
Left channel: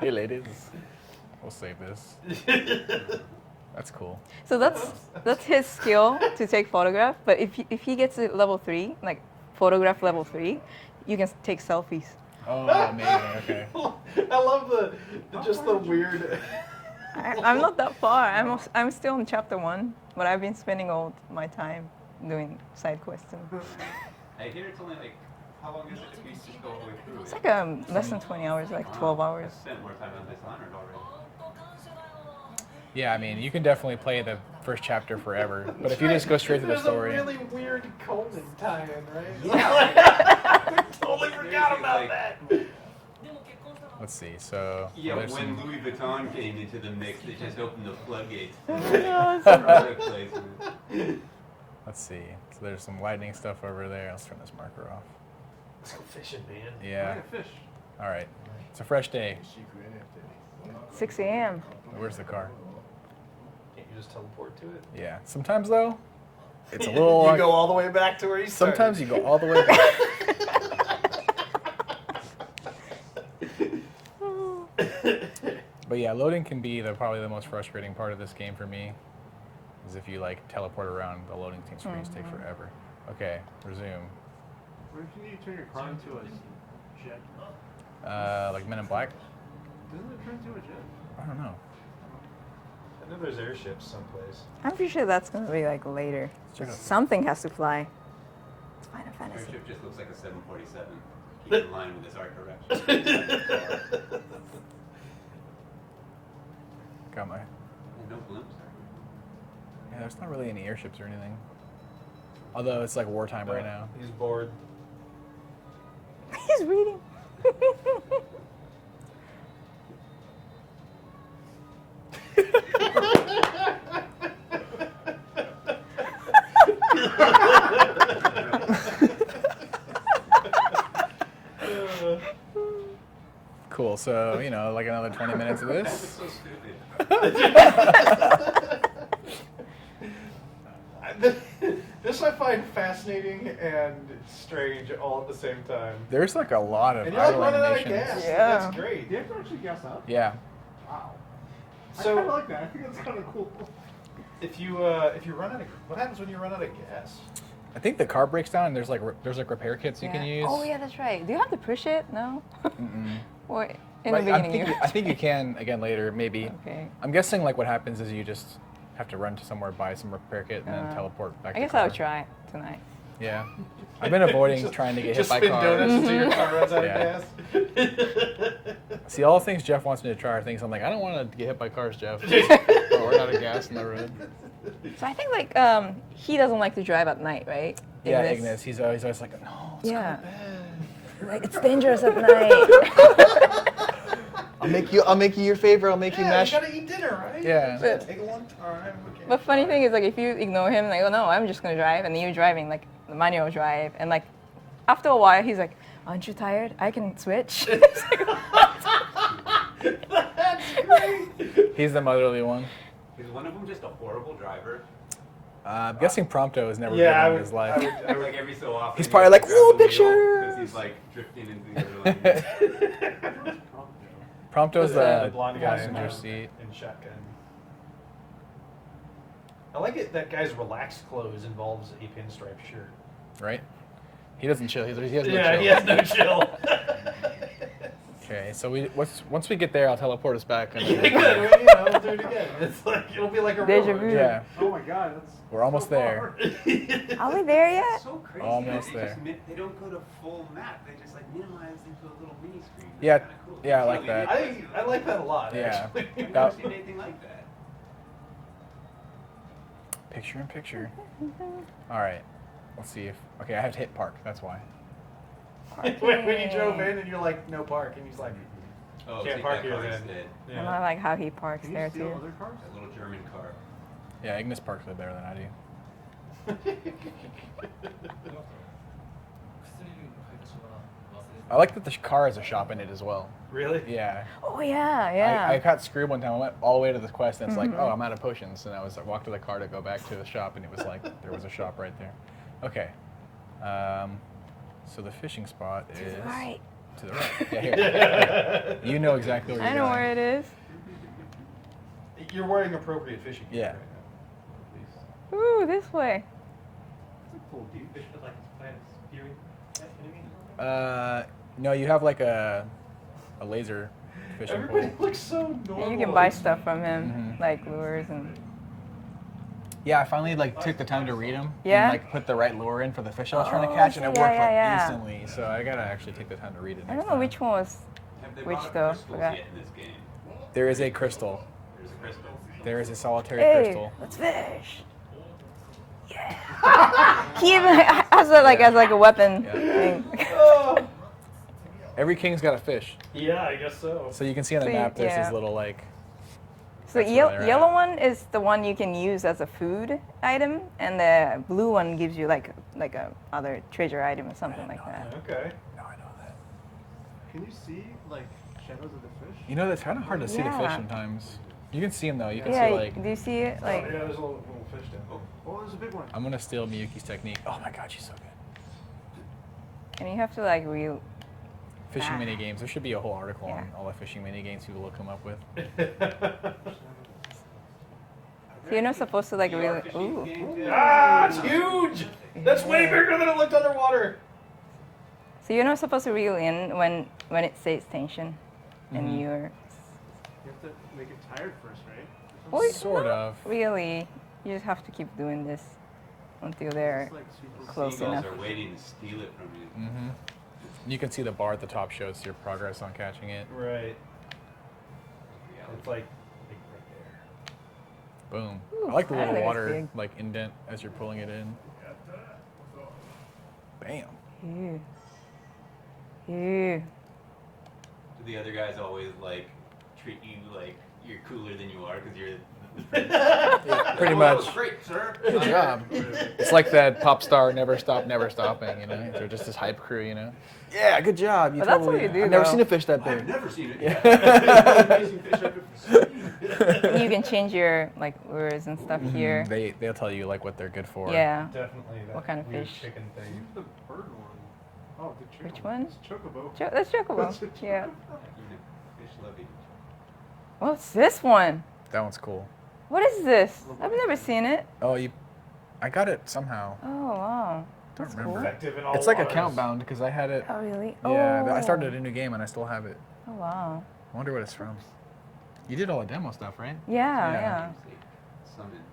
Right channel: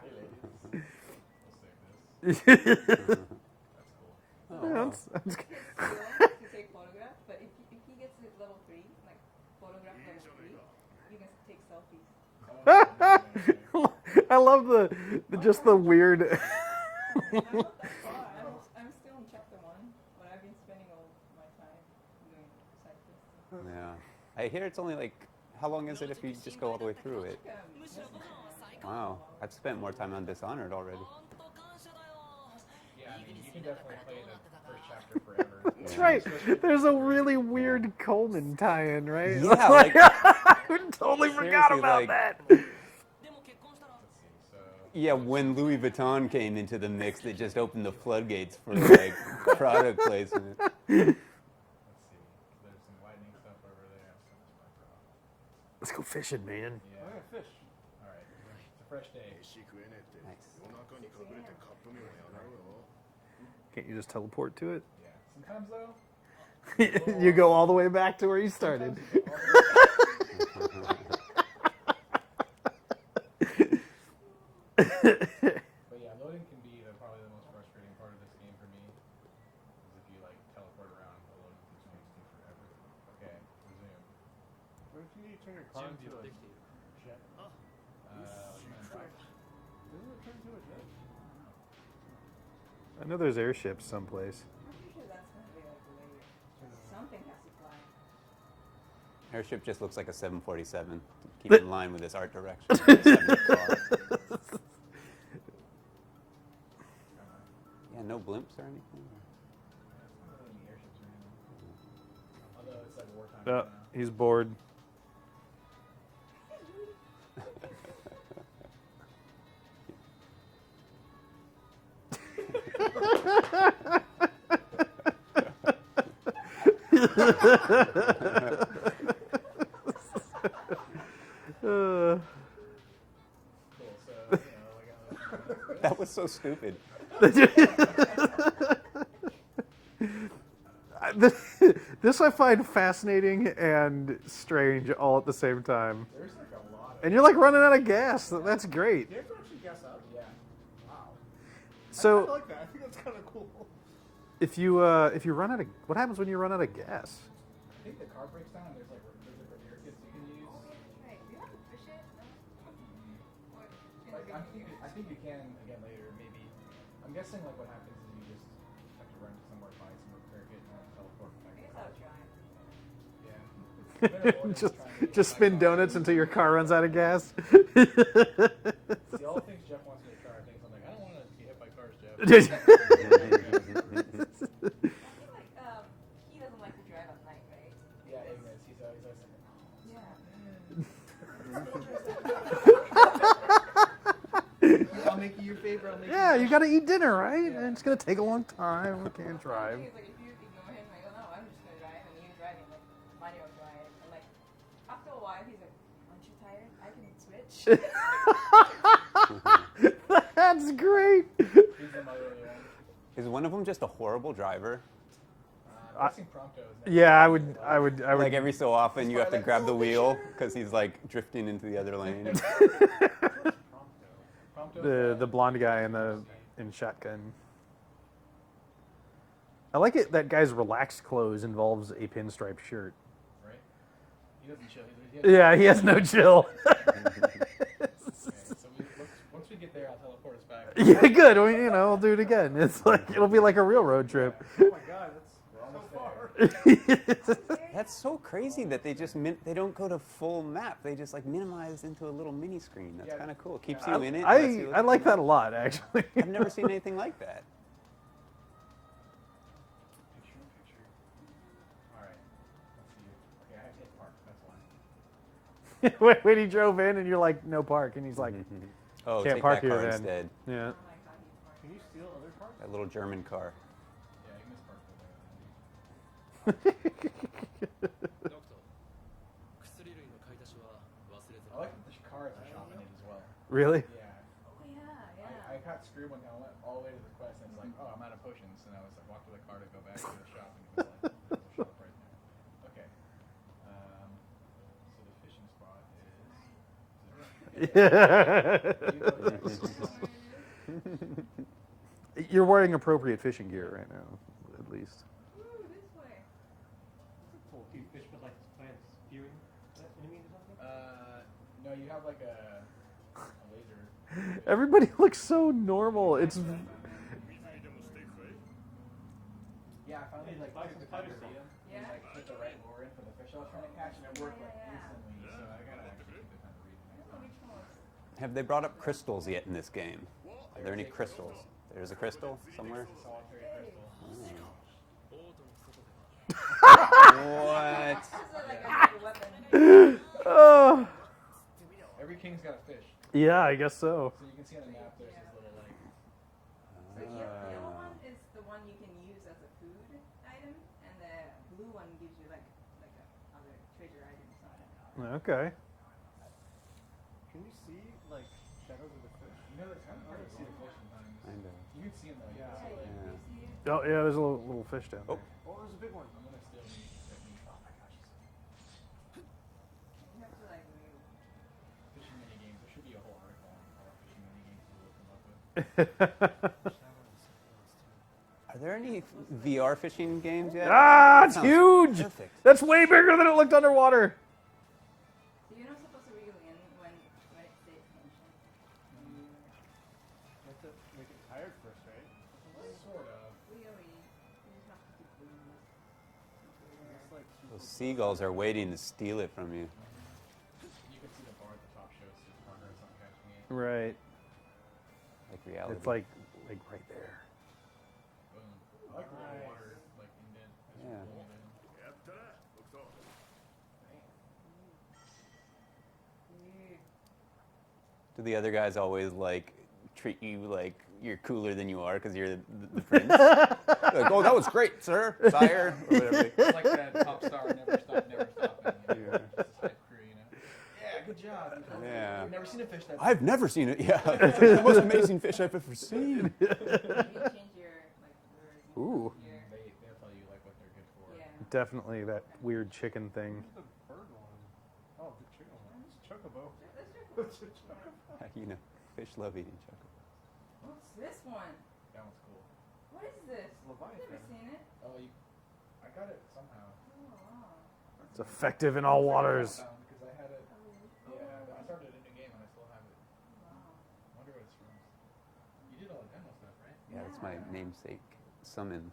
Hey, ladies. We'll save this. That's cool. So that's his skill to take photograph. But if he gets to level 3, like photograph level 3, you can take selfies. Oh, amazing. Okay. I love just the weird. I'm not that far. I'm still in chapter 1, but I've been spending all my time doing side quests. And I hear it's only like, how long is it if you just go all the way through it's it? like less than 20 hours, like 12 Wow, hours. I've spent more time on Dishonored already. Yeah, I mean, you can definitely play the first chapter forever, but if you just go straight to the There's story. a really weird Coleman tie-in, right? Yeah. I totally forgot Seriously, about like- that. Let's see. So. Yeah, there's when some- Louis Vuitton came into the mix, they just opened the floodgates for like, product placement. Let's see. So there's some lightning stuff over there. Let's turn this marker off. Let's go fishing, man. Yeah. fish? All right. It's a fresh day. 6 a.m. Where's the car? Can't you just teleport to it? Yeah. Sometimes though, it's a little. You go all the way back to where you started. Sometimes you go all the way back. But yeah, loading can be probably the most frustrating part of this game for me. Is if you like teleport around, the loading screens take forever. Okay, resume. Where can you turn your car into a jet? Like Men in Black? Doesn't it turn into a jet? I don't know. I know there's airships someplace. I'm pretty sure that's gonna be like later. Check it out. Something has to fly. It's Final Fantasy. Airship just looks like a 747. Keep in line with this art direction. Got my. And no blimps or anything. Yeah, there's not really any airships or anything. Although it's like wartime right now. He's bored. He's reading. Cool. So like another 20 minutes of That was this. so stupid. This I find fascinating and strange all at the same time. There's like a lot of. And you're like idle running out of animations. gas. So Yeah. that's great. Do you have to actually gas up? Yeah. Wow. I So kind of like that. I think that's kind of cool. if you run out of, what happens when you run out of gas? I think the car breaks down and there's like repair kits you Yeah. can use. Oh yeah, that's right. Do you have to push it? No. Mm-mm. Or in But the beginning. I think you can again later maybe. Okay. I'm guessing like what happens is you just have to run to somewhere, buy some repair kit, and then teleport back. I to guess car. I'll try tonight. Yeah. I've been avoiding trying to get hit Just by spin cars. donuts until your car runs out Yeah. of gas. See, all the things Jeff wants me to try are things I'm like, I don't want to get hit by cars, Jeff. We're out of gas in the road. So I think like he doesn't like to drive at night, right? Yeah, Ignis. He's always like, no, let's Yeah. go to bed. Like it's dangerous at night. I'll make you your favor. I'll make you Yeah, mash. you gotta eat dinner, right? Yeah. It's gonna take a long time. We can't But funny try. thing is, like, if you ignore him, like, oh no, I'm just gonna drive, and then you're driving, like, the manual drive, and like, after a while, he's like, aren't you tired? I can switch. That's great. He's the motherly one. Is one of them just a horrible driver? I'm guessing Prompto has never Yeah, driven in his life. I would. Like every so often, He's probably like, "Ooh, picture!" because he's like drifting into the other lane. Prompto's the blonde guy in passenger the seat. in shotgun. I like it that guy's relaxed clothes involves a pinstripe shirt. Right? He doesn't chill. He has no Yeah, chill. he has no chill. Okay, so once we get there, I'll teleport us back. Yeah, good. I mean, I'll do it again. It's like it'll be like a Deja railroad vu. trip. Yeah, Oh my god, that's we're almost so there. Are we there yet? That's so crazy that Almost they there. just they don't go to full map. They just like minimize into a little mini screen. That's Yeah, kind of cool. yeah, I Keeps like you that. in it, I lets you- I like that a lot, Yeah. actually. I've never seen anything like that. Picture in picture. All right, let's see if. Okay, I have to hit park. That's why. when he drove in and you're like, no park, and he's like, Oh, can't take park that here car then. instead. I yeah. like how he parks Can you there steal too. other cars? That little German car. Yeah, Ignis parks are better than I do. I like that the car has a shop in it as well. Really? Yeah. Oh yeah, yeah. I got screwed one time. I went all the way to this quest, and it's like, oh, I'm out of potions. And I walked to the car to go back to the shop, and it was like, there was a shop right there. Okay. So the fishing spot is All right. to the right. Yeah, here. You know exactly where I you're know going. where it is. You're wearing appropriate fishing gear Yeah. right now, at least. Ooh, this way. Cool, dude. Fish with like plants, fury, that enemy. No, you have like a laser fishing Everybody pole. looks so normal. You can buy It's- stuff from him, Mhm. like lures and. Yeah, I finally like took the time to read them. Yeah? And, like put the right lure in for the fish I was trying to Oh, catch, and it yeah, worked yeah, like yeah. instantly. So I gotta actually take the time to read it. I next don't know time. which one was. Have they Which brought up though? crystals Forgot. yet in this game? There is a crystal. There's a crystal. There is a solitary Hey, crystal. let's fish. Yeah. He even has it like as like a weapon. Yeah. thing. Oh. Every king's got a fish. Yeah, I guess so. So you can see on the So you- map there's yeah. this little like. So That's where they're yellow at. one is the one you can use as a food item, and the blue one gives you like a other treasure item or something like that. Okay. No, I know that. Can you see like shadows of the fish? You know, it's kind of hard to see the fish Yeah. sometimes. You can see them though. You can Yeah, see like. do you see it? Oh, Like, yeah, there's a little fish down there. Oh, there's a big one. I'm gonna steal Miyuki's technique. Oh my god, she's so good. and you have to like reel. Fishing Ah. mini games. There should be a whole article Yeah. on all the fishing mini games people will come up with. Are there You're not any supposed to, like, VR really- fishing ooh. games yet? Ah, it's huge! That's way bigger than it looked underwater. So you're not supposed to reel in when it says tension, and Mhm. you're You have to make it tired first, right? Well, Sort of. really you just have to keep doing this until they're. It's like super The Close seagulls enough. are waiting to steal it from you. Mm-hmm. You can see the bar at the top shows your progress on catching it. Right. Like reality. It's like right there. Boom. Ooh, I like the I little think it's water big. like indent as you're pulling it in. Bam. Ew. Ew. Do the other guys always like treat you like you're cooler than you are because you're the prince? Pretty Oh, much. that was great, sir. Good job. It's like that pop star never stop, never stopping. You know, they're just this hype crew. You know. Yeah, good job. You But that's what you do, I've never though. seen a fish that big. I've never seen it. Yeah. The most amazing fish I've ever seen. You can change your like lures and stuff here. They'll tell you like what they're good for. Yeah. Definitely that What kind of weird fish? chicken thing. The bird one. Oh, the chicken. Which one? It's chocobo. That's chocobo. Yeah. You know, fish love eating. What's this one? That one's cool. What is this? I've never seen it. Oh, I got it somehow. Oh wow. Don't That's remember. cool. Effective in all It's like a waters. count bound because I had it. Oh really? Yeah, Oh. I started a new game and I still have it. Oh wow. I wonder what it's from. You did all the demo stuff, right? Yeah, Yeah. yeah. Namesake. Summon.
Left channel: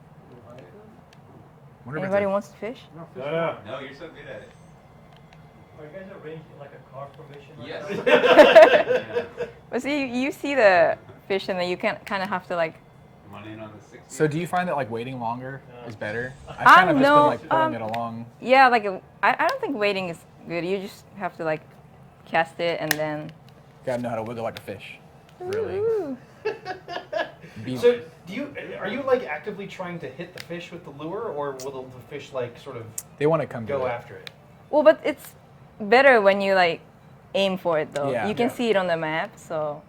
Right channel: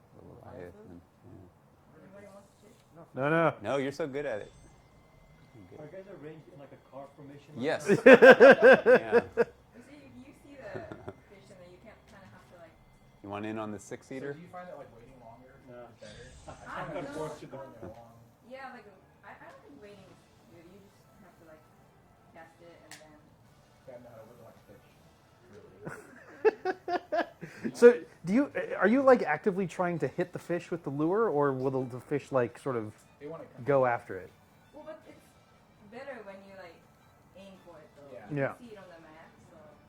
Wonder if it's Anybody wants to fish? No. No, you're so good at it. Are you guys arranged in like a car formation? Yes. Yeah. But see, you see the fish, and then you can kind of have to like. You want in on the 60? So do you find that like waiting longer Yeah. is better? I've kind of just no, been like pulling it um, along. Yeah, like I don't think waiting is good. You just have to like cast it and then. Gotta know how to wiggle like a fish. Really. Ooh. Be- So, are you like actively trying to hit the fish with the lure, or will the fish like sort of they want to come go to it. after it? Well, but it's better when you like aim for it though. Yeah. You can Yeah. see it on the map, so.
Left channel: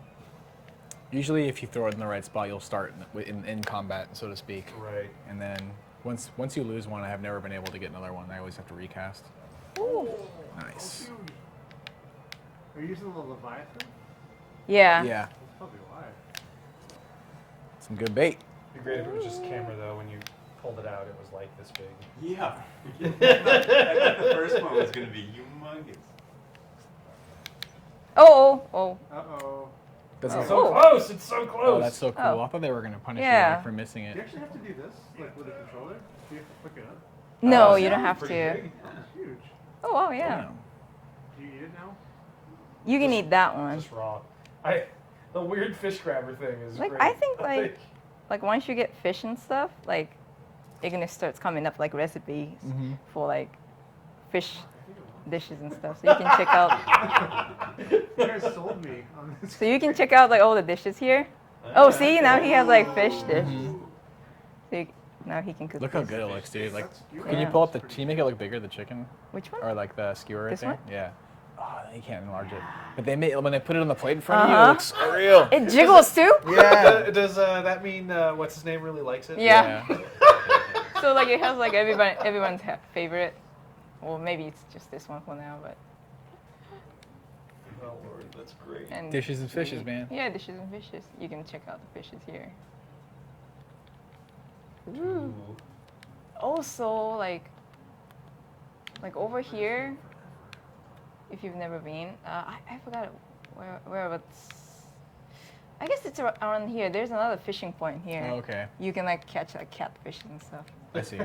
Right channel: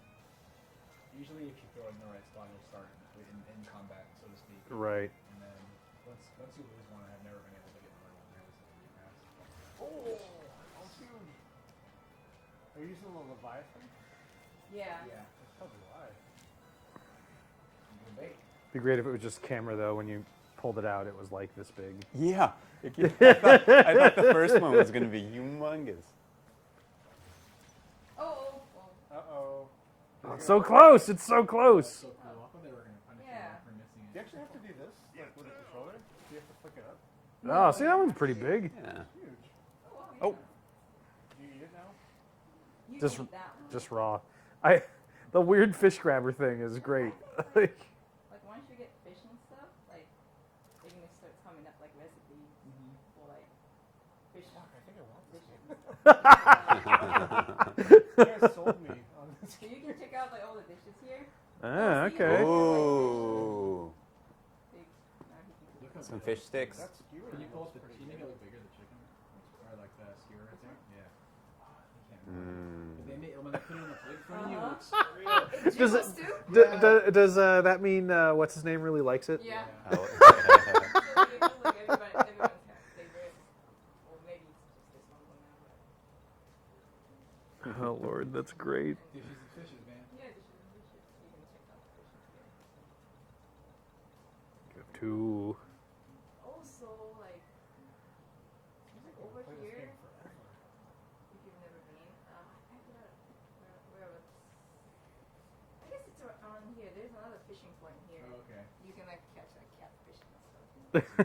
Usually, if you throw it in the right spot, you'll start in combat, so to speak. Right. And then once you lose one, I have never been able to get another one. I always have to recast. Ooh. Nice. Are you using the Leviathan? Yeah. Yeah, That's probably why. some good bait. It'd be great if it was just camera though. When you pulled it out, it was like this big. Yeah. I thought the first one was going to be humongous. Oh. Uh-oh. That's It's not- so close! It's so Oh, close. that's so cool. Oh. I thought they were gonna punish Yeah. you like, for missing it. You actually have to do this, like with a controller. Do you have to flick it up? No, so you that don't one's have to. pretty big. Yeah. It's huge. Oh wow, yeah. Do you eat it now? You can Just- eat that one. Just raw. The weird fish grabber thing is Like, great. I think, like once you get fish and stuff, like it gonna starts coming up like recipes Mhm. for like fish dishes and stuff. So you can check out. You guys sold me on this. So you can check out like all the dishes here. Oh, see, now he has like fish dish. Ooh. So now he can cook. Look how this. good it Fish looks, dude. sticks. Like, You can you Yeah. pull up the? Can you make it look bigger, the chicken, Which one? or like the skewer right This there? one? Yeah. Oh, you can't enlarge it. But they made when they put it on the plate in front of you, it Uh-huh. looks so real. It jiggles too. Yeah. Does that mean what's his name really likes it? Yeah. So like it has like everyone's favorite. Well, maybe it's just this one for now, but Oh Lord, that's great. and Dishes and fishes, man. yeah, dishes and fishes. You can check out the fishes here. Ooh. Also, like over here, if you've never been, I forgot where, but I guess it's around here. There's another fishing point here. Oh, okay. You can like catch like catfish and stuff. I see.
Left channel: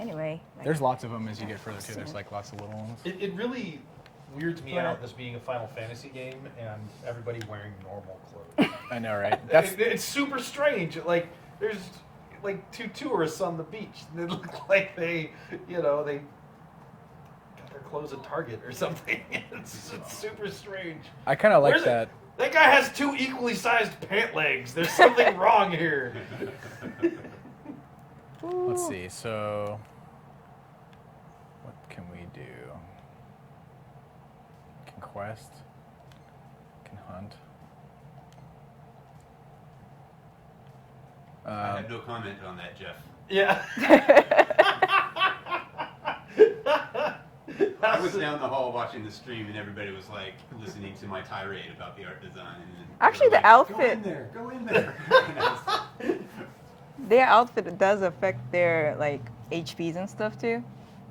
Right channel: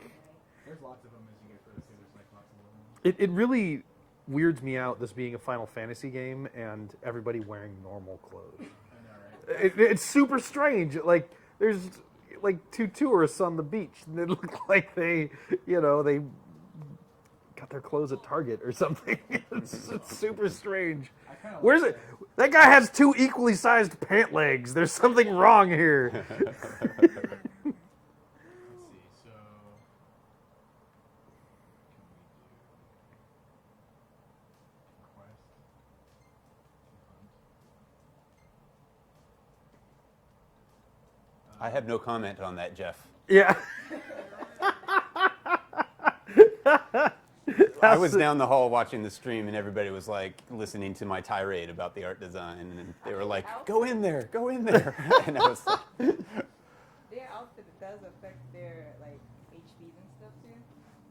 Anyway, like, There's lots of them as you get further too. There's like lots of little ones. It really weirds me out, this being a Final Fantasy game and everybody wearing normal clothes. I know, right? That's It's super strange. Like there's like two tourists on the beach and they look like they got their clothes at Target or something. It's super strange. I kind of like Where's that. it? That guy has two equally sized pant legs. There's something wrong here. Let's see. So, what can we do? Can quest. Can hunt. I have no comment on that, Jeff. Yeah. I was down the hall watching the stream, and everybody was like listening to my tirade about the art design. And they Actually, were the like, Go outfit- in there, go in there. And I was like, Their outfit does affect their like HPs and stuff too.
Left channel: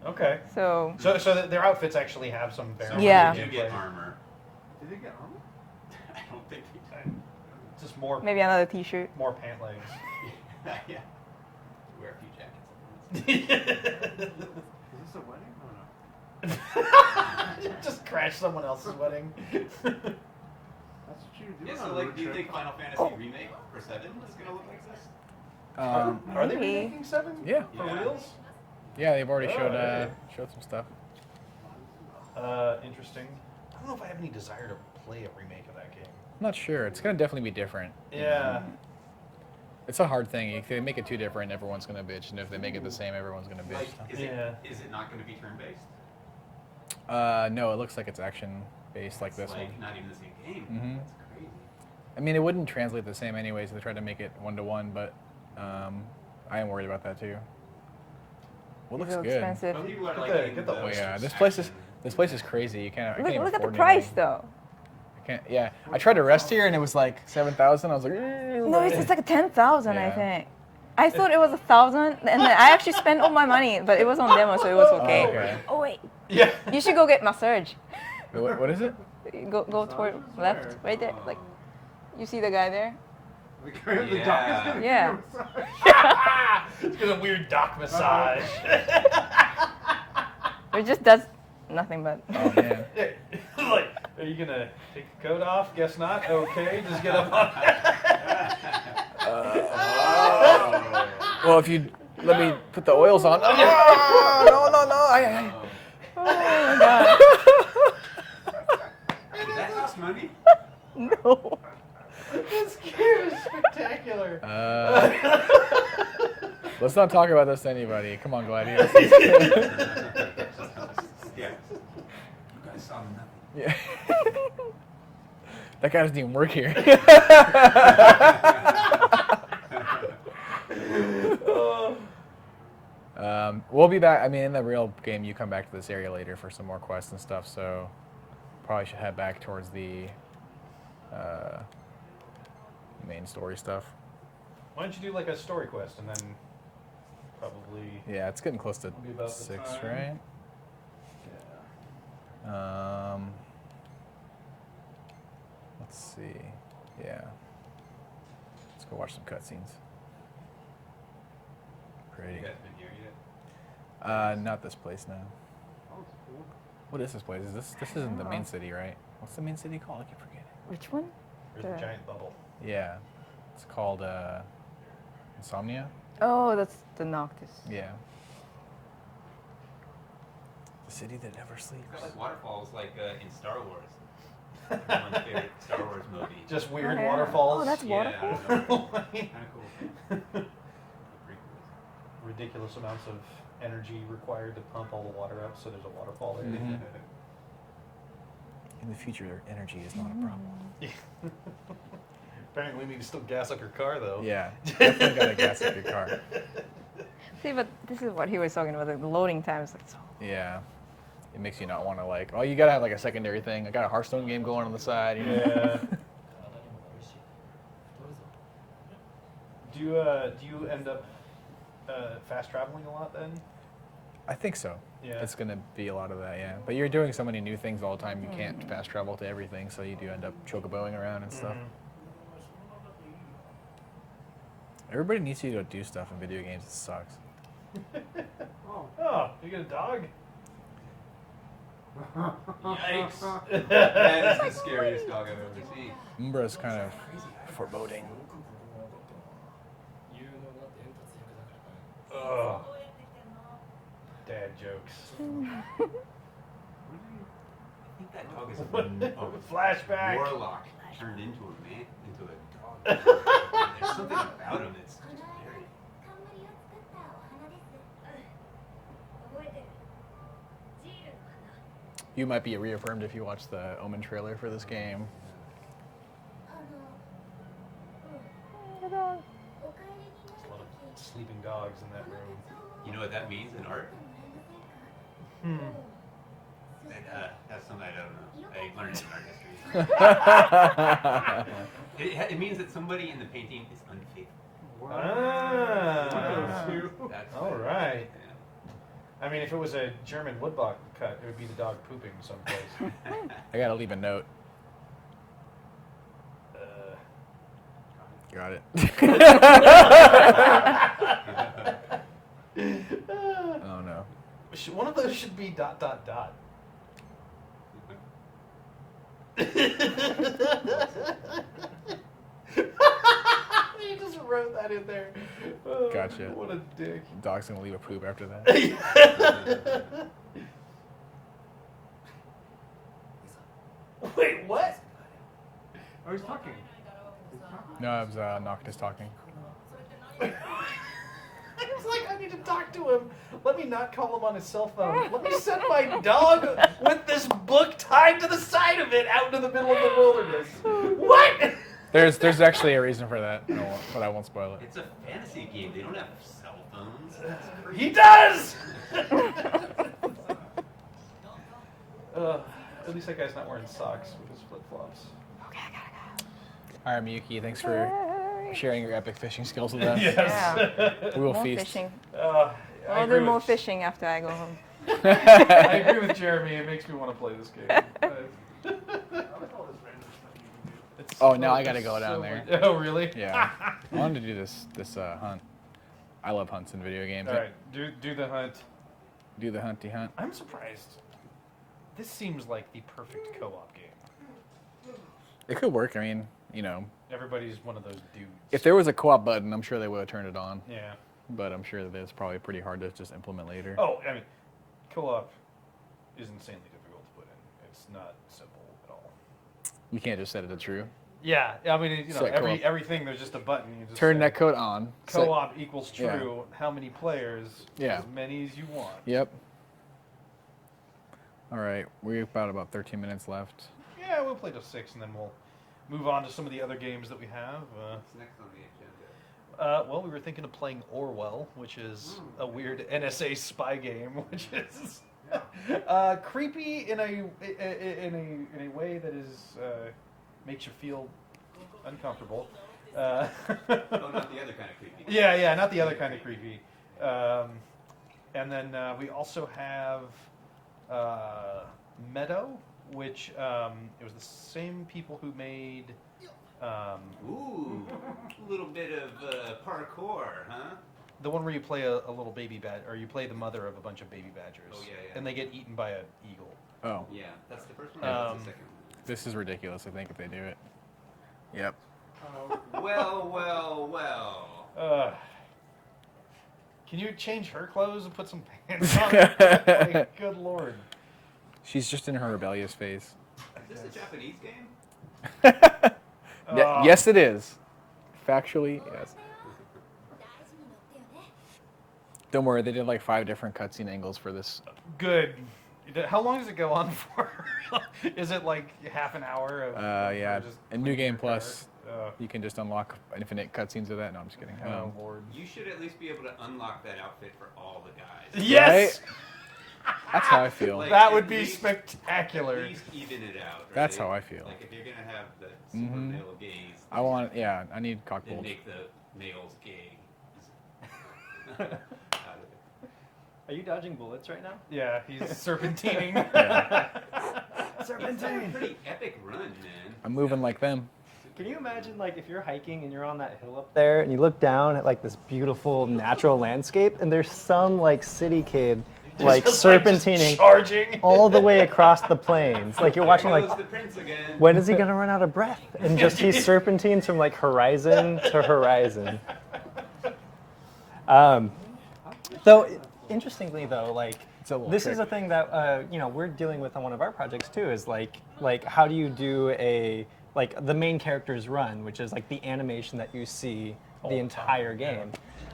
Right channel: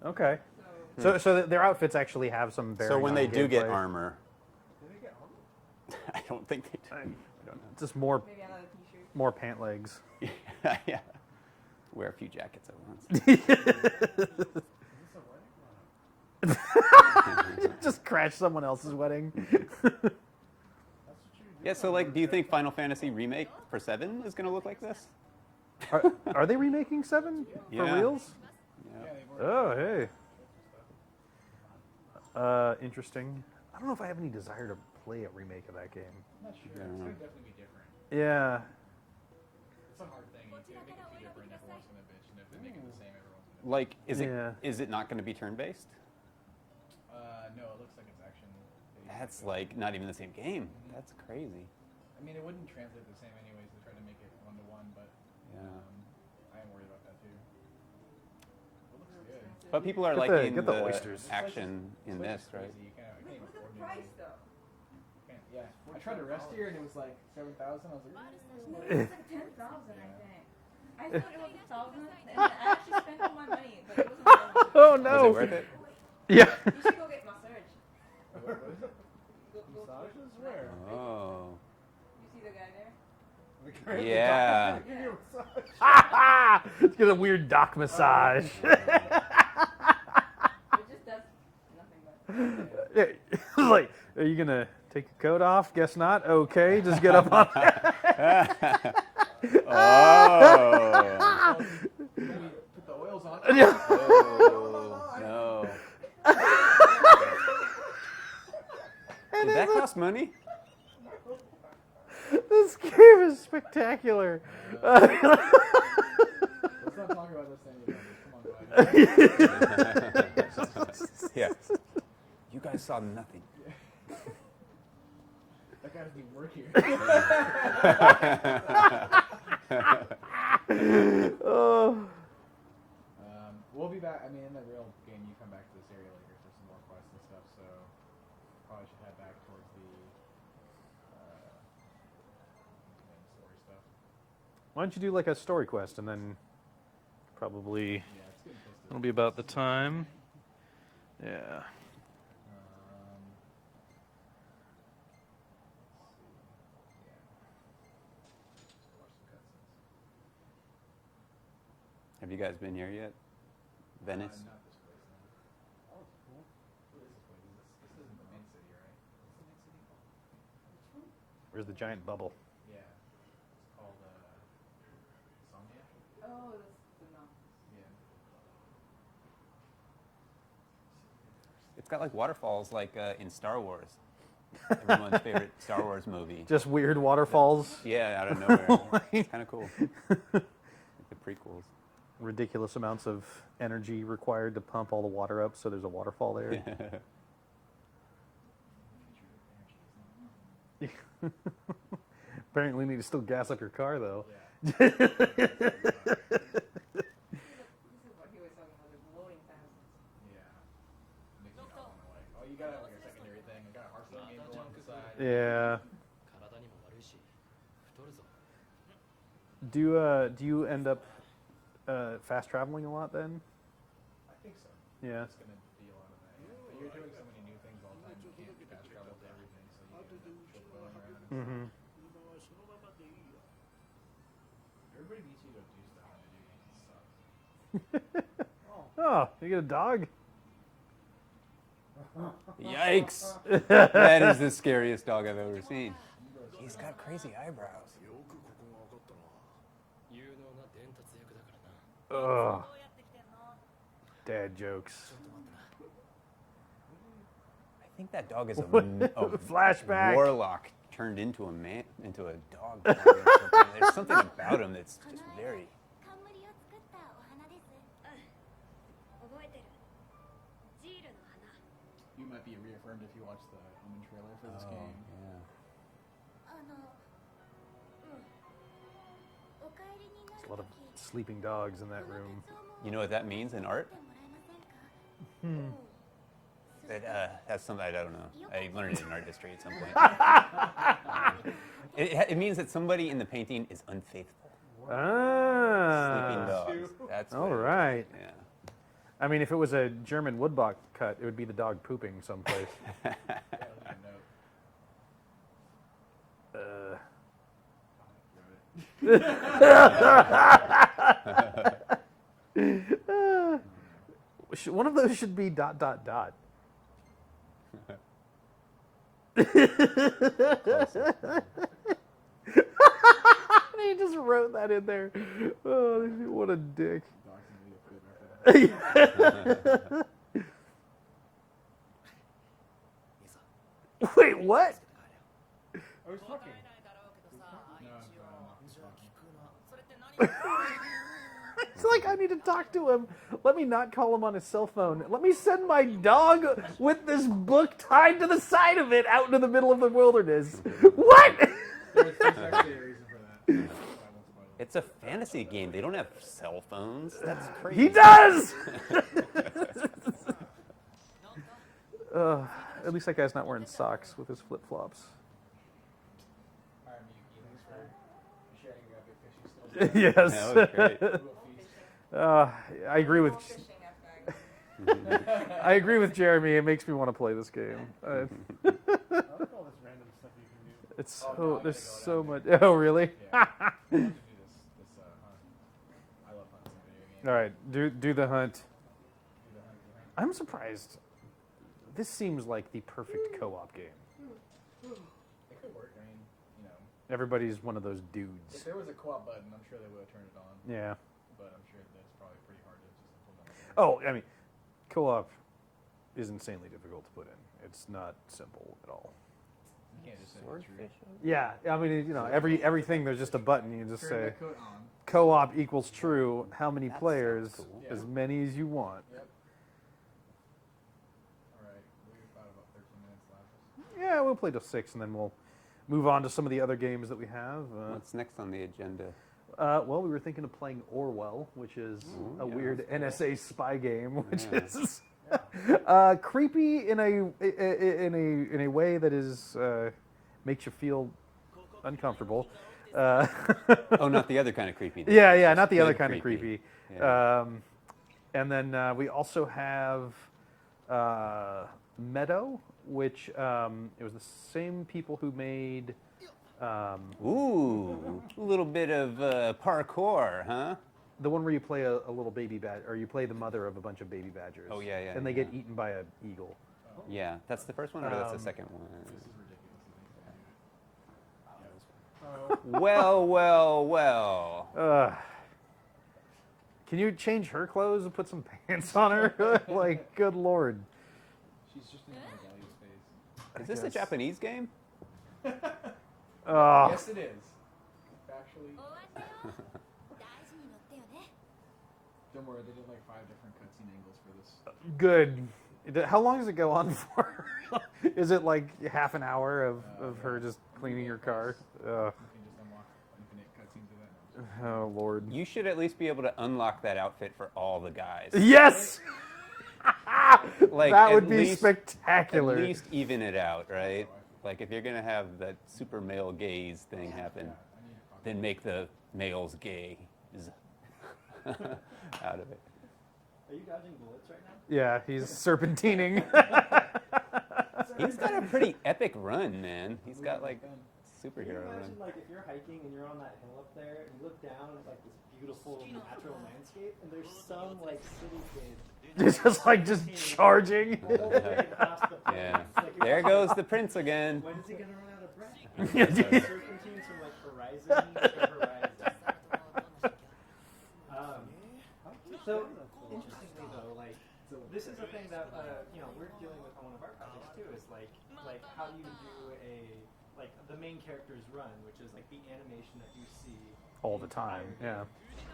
Okay. So So their outfits actually have some so variation. when Yeah. they do get Like, armor, Did he get armor? I don't think they do. just more maybe another T-shirt. more pant legs. Yeah. Wear a few jackets at once. Is this a wedding? Oh no. Just crash someone else's wedding. That's what you do. Yeah, so on a like, road do you trip. think Final Fantasy Remake for 7 is going to look like this? Are they Maybe. remaking 7? Yeah. For Yeah. reals? Yeah, they've already Oh, showed hey. showed some stuff. Interesting. I don't know if I have any desire to play a remake of that game. I'm not sure. It's gonna definitely be different. Yeah. It's a hard thing. If they make it too different, everyone's gonna bitch, and if they make it the same, everyone's gonna bitch. Like, is Yeah. it not going to be turn-based? No, it looks like it's action based like That's this like one. not even the same game. Mhm. That's crazy. I mean, it wouldn't translate the same anyways if they tried to make it 1-to-1, but I am worried about that too. Well, it looks So good. expensive. But people are Get the- liking get the the Oh yeah, oysters. this place is action. crazy. You can't. I Look, can't even look at the afford price anything. though. I can't. Yeah, I tried to rest here and it was like 7,000. I was like, No, it's like 10,000, I Yeah. think. I thought it was 1,000, and then I actually spent all my money, but it was on demo, so it was okay. okay. Oh wait, Yeah. you should go get massage. What is it? Go toward left, right there. Like Oh. you see the guy there? The dog is Yeah. gonna Yeah. give you a massage. It's got a weird dock massage. It just does nothing but. Oh man. Like, are you gonna take your coat off? Guess not. Okay, just get up on. Oh. Well, if you let me put the oils on. Oh, no. Oh. Oh my god. Did that cost money? No. This game is spectacular. Let's not talk about this to anybody. Come on, Gladiator. Yeah. You guys saw nothing. Yeah. That guy doesn't even work here. We'll be back. I mean, in the real game, you come back to this area later for some more quests and stuff. So probably should head back towards the main story stuff. Why don't you do like a story quest and then probably Yeah, it's getting close to. It'll be about the 6, time. right? yeah. Let's see. Yeah. Let's go watch some cutscenes. Have you Great. guys been here yet? Not this place, no. Oh, it's cool. What is this place? Is this isn't the main city, right? What's the main city called? I keep forgetting. Which one? There's a giant bubble. Yeah. It's called Insomnia. Oh, that's the Noctis. Yeah. The city that never sleeps. It's got like waterfalls like in Star Wars. Everyone's favorite Star Wars movie. Just weird Oh, yeah. waterfalls. Oh, that's Yeah, out of nowhere. Kind of cool. The prequels. Ridiculous amounts of energy required to pump all the water up, so there's a waterfall there. In the future, energy is not a problem. Apparently, we need to still gas up your car, though. Yeah. Definitely gotta gas up your car. See, but this is what he was talking about. Like, the loading times, like so. Yeah. It makes you not want to like. Oh, you gotta have like a secondary thing. I got a Hearthstone game going on the side. You know? Yeah. Do you end up fast traveling a lot then? I think so. Yeah. It's gonna be a lot of that, yeah. But you're doing so many new things all the time, you can't fast travel to everything, so you do end up chocoboing around and stuff. Everybody needs you to go do stuff in video games. It sucks. Oh, you get a dog? Yikes! That is the scariest dog I've ever seen. Umbra's kind of Crazy foreboding. Ugh. Dad jokes. I think that dog is a Flashback. warlock turned into a man, into a dog. There's something about him that's just very. 冠を作ったお花です。覚えてる。ジールの花。 You might be reaffirmed if you watch the Omen trailer for this game. お帰りにな dogs in that room. You know what that means in art? もらえませんか It, that's something I don't know. I learned it in art history. It means that somebody in the painting is unfaithful. Ah. That's All what- right. Yeah. I mean, if it was a German woodblock cut, it would be the dog pooping someplace. I gotta leave a note. Got it. Oh no. One of those should be ... He just wrote that in there. Oh, Gotcha. What a dick. Dog's gonna leave a poop after that. Wait, what? Oh, he's talking. No, it was Noctis talking. It's like, I need to talk to him. Let me not call him on his cell phone. Let me send my dog with this book tied to the side of it out into the middle of the wilderness. What? There's actually a reason for that, but I won't spoil it. It's a fantasy game. They don't have cell phones. That's crazy. He does! At least that guy's not wearing socks with his flip-flops. All right, Miyuki, thanks for sharing your epic fishing skills with us. Yes. We will More feast. fishing. I I'll agree do more with fishing after I go home. I agree with Jeremy. It makes me want to play this game. I like all this random stuff you can do. It's Oh, now I it's gotta go down there. much- Oh, really? Yeah. I wanted to do this hunt. I love hunts in video games. All right, do the hunt. Do the hunty hunt. I'm surprised. This seems like the perfect co-op game. It could work. I mean, you know, Everybody's one of those dudes. if there was a co-op button, I'm sure they would have turned it on. Yeah. But I'm sure that it's probably pretty hard to just implement later. Oh, I mean, co-op is insanely difficult to put in. It's not simple at all. You can't just set it to true. Yeah, I mean, you know, Set co-op. everything there's just a button. You can just Turn say, that code on. Set- co-op equals Yeah. true. How many players? Yeah. As many as you want. Yep. All right, we've got about 13 minutes left. Yeah, we'll play till 6, and then we'll move on to some of the other games that we have. What's next on the agenda? Well, we were thinking of playing Orwell, which is a weird NSA spy game, which is creepy in a way that is makes you feel uncomfortable. Oh, not the other kind of creepy. Yeah, not the Good other kind of creepy. Yeah. And then we also have Meadow, which it was the same people who made. Ooh, a little bit of parkour, huh? The one where you play a little baby badger, or you play the mother of a bunch of baby badgers. Oh, yeah, yeah, And they get eaten by an eagle. Oh, Yeah, that's the first one, or that's the second one? this is ridiculous, I think, if they do it. Yep. Well. Can you change her clothes and put some pants on her? Like, good lord. She's just in her rebellious phase. Is this a Japanese game? Yes, it is. Factually, yes. 大事に乗ってよね Don't worry, they did like 5 different cutscene angles for this. Good. How long does it go on for? Is it like half an hour of her Yeah. just In New cleaning Game her car? Plus, you can just unlock infinite cutscenes of that. No, I'm just kidding. Oh lord. You should at least be able to unlock that outfit for all the guys. Yes. That's how I feel. Like, That at would be least- spectacular. At least even it out, right? That's how I feel. Like if you're gonna have that super male gaze, I want it. Yeah, I need then cocktails. make the males gay out of it. Are you dodging bullets right now? Yeah, he's serpentining. He's done a pretty epic run, man. I'm He's moving got, like them. Can you superhero imagine, run. like, if you're hiking and you're on that hill up there and you look down at, like, this beautiful natural landscape and there's some, like, city kid, like, Just, serpentining just charging. all the way across the plains. Like, you're There watching, goes like, the prince again. when is he gonna run out of breath? And just he serpentines from, like, horizon to horizon. Though, interestingly, though, like, It's a little this is a tricky. thing that you know, we're dealing with on one of our projects too. Is like how do you do the main character's run, which is like the animation that you see All the the entire time, yeah. game,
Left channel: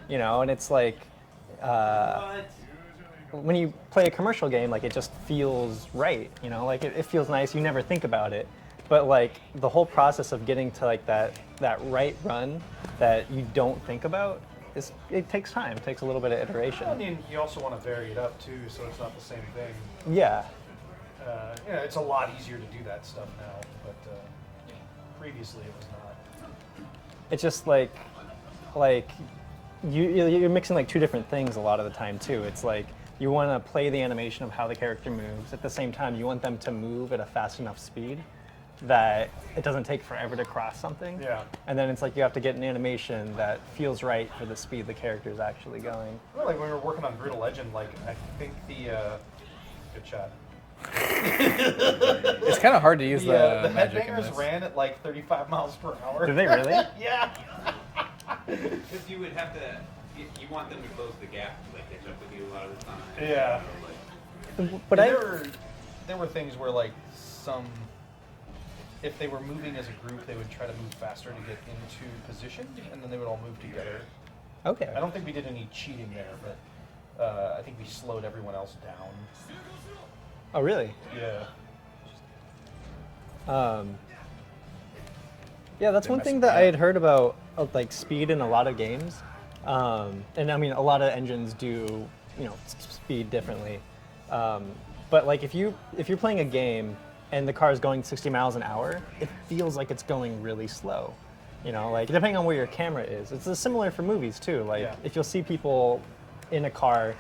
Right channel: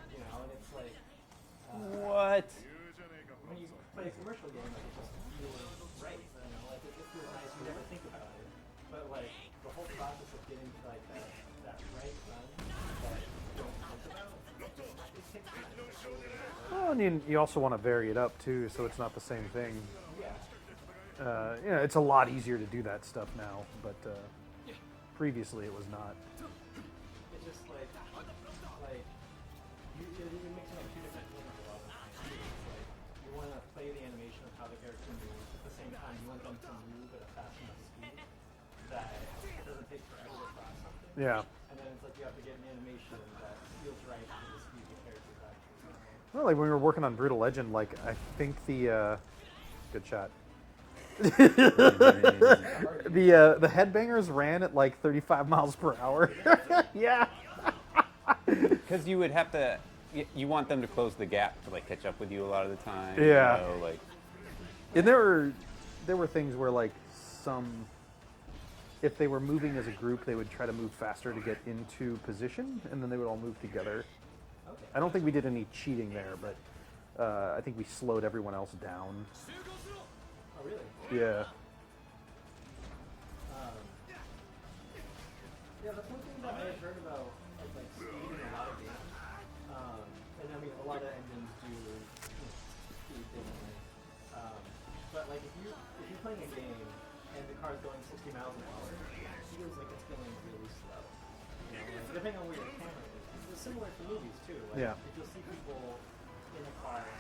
you know, and it's like What? when you play a commercial game, like it just feels right, you know, like it feels nice. You never think about it, but like the whole process of getting to like that right run that you don't think about it takes time. It takes a little bit of iteration. Well, and you also want to vary it up too, so it's not the same thing. Yeah. It's a lot easier to do that stuff now, but previously it was not. It's just like you're mixing like two different things a lot of the time too. It's like you want to play the animation of how the character moves. At the same time, you want them to move at a fast enough speed that it doesn't take forever to cross something. Yeah. And then it's like you have to get an animation that feels right for the speed the character is actually going. Well, like when we were working on Brutal Legend, like I think the good shot. It's kind of hard to use The magic in headbangers this. ran at like 35 miles per hour. Did they really? Yeah. Because you would have to, you want them to close the gap to like catch up with you a lot of the time. Yeah. So, like, But Yeah, there were things where like if they were moving as a group, they would try to move faster to get into position, and then they would all move together. okay. I don't think we did any cheating there, but I think we slowed everyone else down. Oh, really? Yeah. Yeah, that's one thing that I had heard about like speed in a lot of games, and I mean a lot of engines do speed differently, but like if you're playing a game and the car is going 60 miles an hour, it feels like it's going really slow. Like depending on where your camera is, it's similar for movies too. Like Yeah. if you'll see people in a car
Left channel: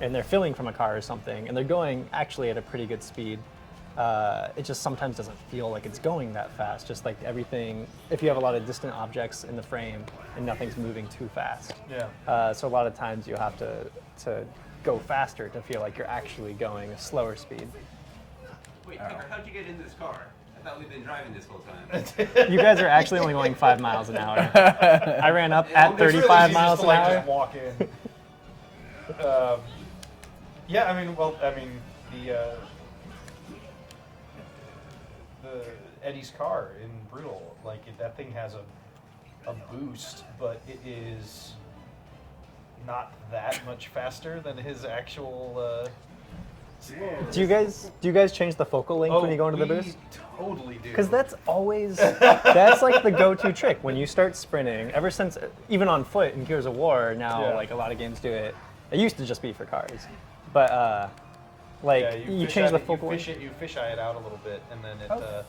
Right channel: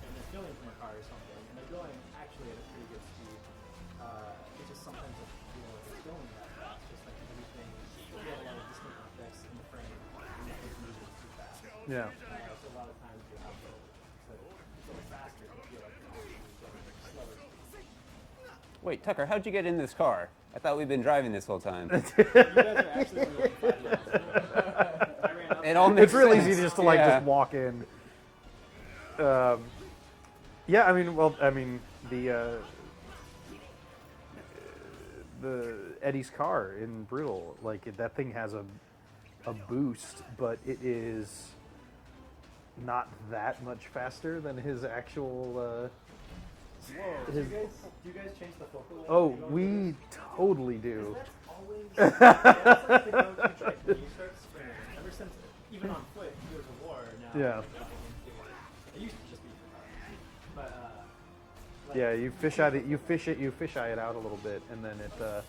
and they're filming from a car or something, and they're going actually at a pretty good speed. It just sometimes doesn't feel like it's going that fast. Just like everything, if you have a lot of distant objects in the frame and nothing's moving too fast. Yeah. So a lot of times you have to go faster to feel like you're actually going a slower speed. wait, Tucker, how'd you get in this car? I thought we'd been driving this whole time. You guys are actually only going 5 miles an hour. I ran up And at only 35 It's miles to an like hour. just walk in. Yeah, I mean, the Eddie's car in Brutal, like that thing has a boost, but it is not that much faster than his actual. Do you guys change the focal length when you go into the boost? Totally do. Because that's always that's like the go-to trick when you start sprinting. Ever since even on foot in Gears of War now, Yeah. like a lot of games do it. It used to just be for cars, but like Yeah, you fish change eye the it- focal length. you fisheye it out a little bit, and then it.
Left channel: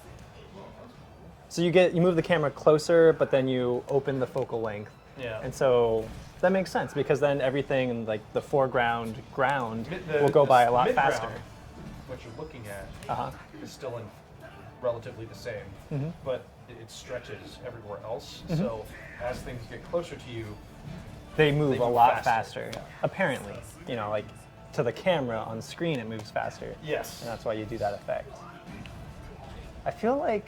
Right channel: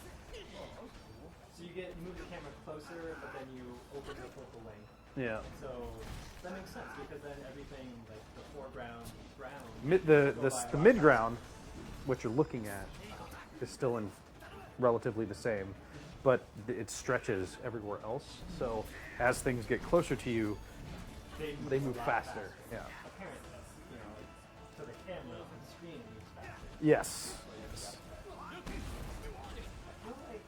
So you move the camera closer, but then you open the focal length. Yeah. And so that makes sense because then everything in like the foreground ground Mid- will go by a lot midground, faster. what you're looking at Uh-huh. is still in relatively the same, but it stretches everywhere else. So as things get closer to you, They move They a move lot faster, faster. yeah. Apparently, like to the camera on screen, it moves faster. yes, And that's why you do that effect. I feel like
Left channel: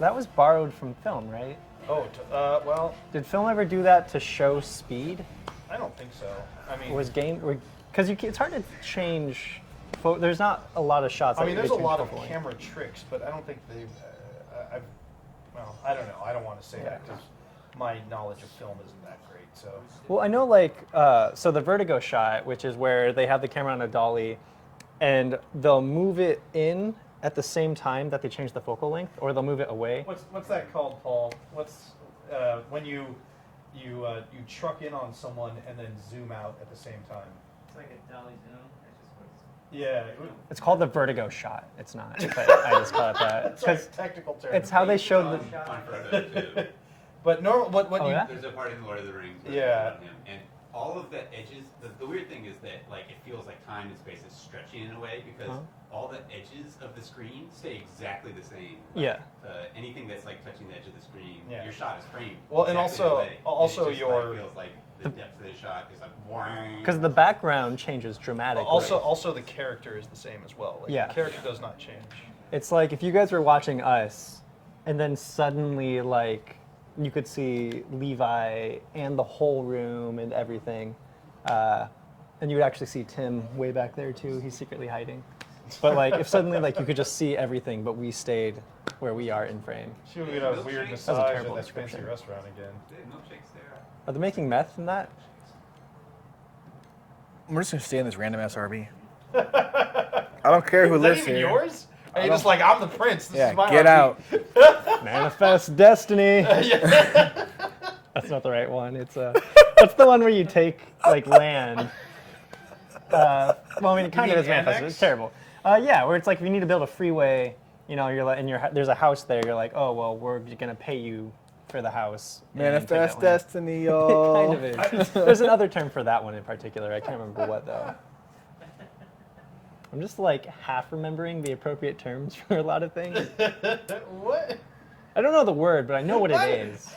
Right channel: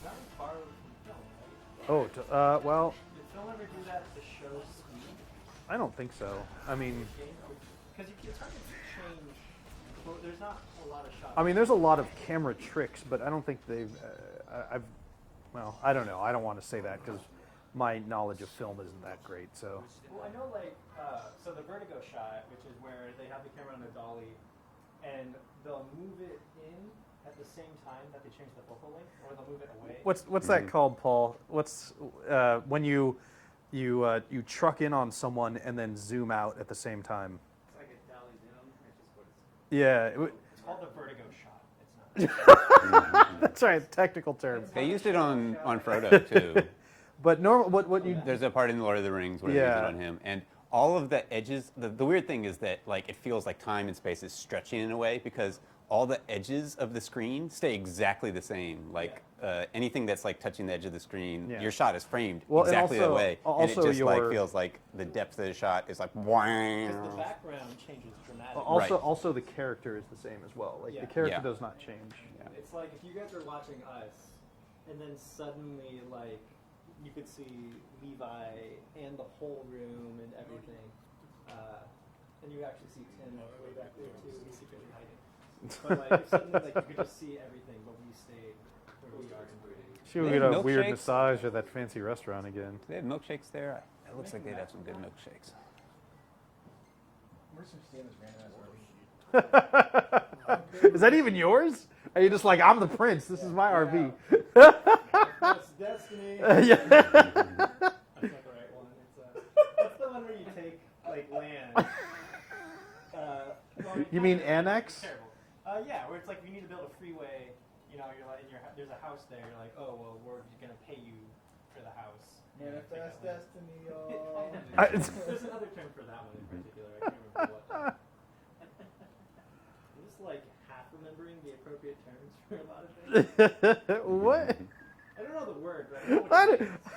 that was borrowed from film, right? well, Did film ever do that to show speed? I don't think so. I mean, Was game because it's hard to change. There's not a lot of shots. I that mean, you there's a can lot of focal length. camera tricks, but I don't think they've. Well, I don't know. I don't want to say that because my knowledge of film isn't that great. So Well, I know so the vertigo shot, which is where they have the camera on a dolly, and they'll move it in at the same time that they change the focal length, or they'll move it away. what's that called, Paul? What's when you truck in on someone and then zoom out at the same time? It's like a dolly zoom. It's just what's Yeah, It's called the vertigo shot. It's not. But I just call it that. that's a technical term. It's how they used it show on Frodo too. But normal, what Oh, you yeah? There's a part in Lord of the Rings where Yeah. they use it on him, and all of the edges. The weird thing is that like it feels like time and space is stretching in a way because all the edges of the screen stay exactly the same. Like, Yeah. anything that's like touching the edge of the screen, Yeah. your shot is framed Well, and exactly also- that way. also and it just your- like feels like the depth of the shot is like whang. because the background changes dramatically. also the character is the same as well. Like Yeah. the character Yeah. does not change. It's like if you guys were watching us, and then suddenly like you could see Levi and the whole room and everything, and you would actually see Tim way back there too. He's secretly hiding. But like if suddenly like you could just see everything, but we stayed where we are in frame. Should we Yeah, get a weird milkshakes? That's a massage terrible at that fancy description. restaurant again? They have milkshakes there. Are they making meth in that? Milkshakes. We're just gonna stay in this random SRB. I don't care who Is that lives even here. yours? Are you just like, I'm the prince? This Yeah, is my get RV." out. Manifest destiny. That's not the right one. It's What's the one where you take like land? Well, I mean, it kind of mean is manifest. annex? It's terrible. Yeah, where it's like if you need to build a freeway, you know, you're like, and there's a house there. You're like, oh well, we're gonna pay you for the house. and take that Manifest land. destiny, It y'all. kind of is. There's another term for that one in particular. I can't remember what though. I'm just like half remembering the appropriate terms for a lot of things. What? I don't know the word, but I know what it is.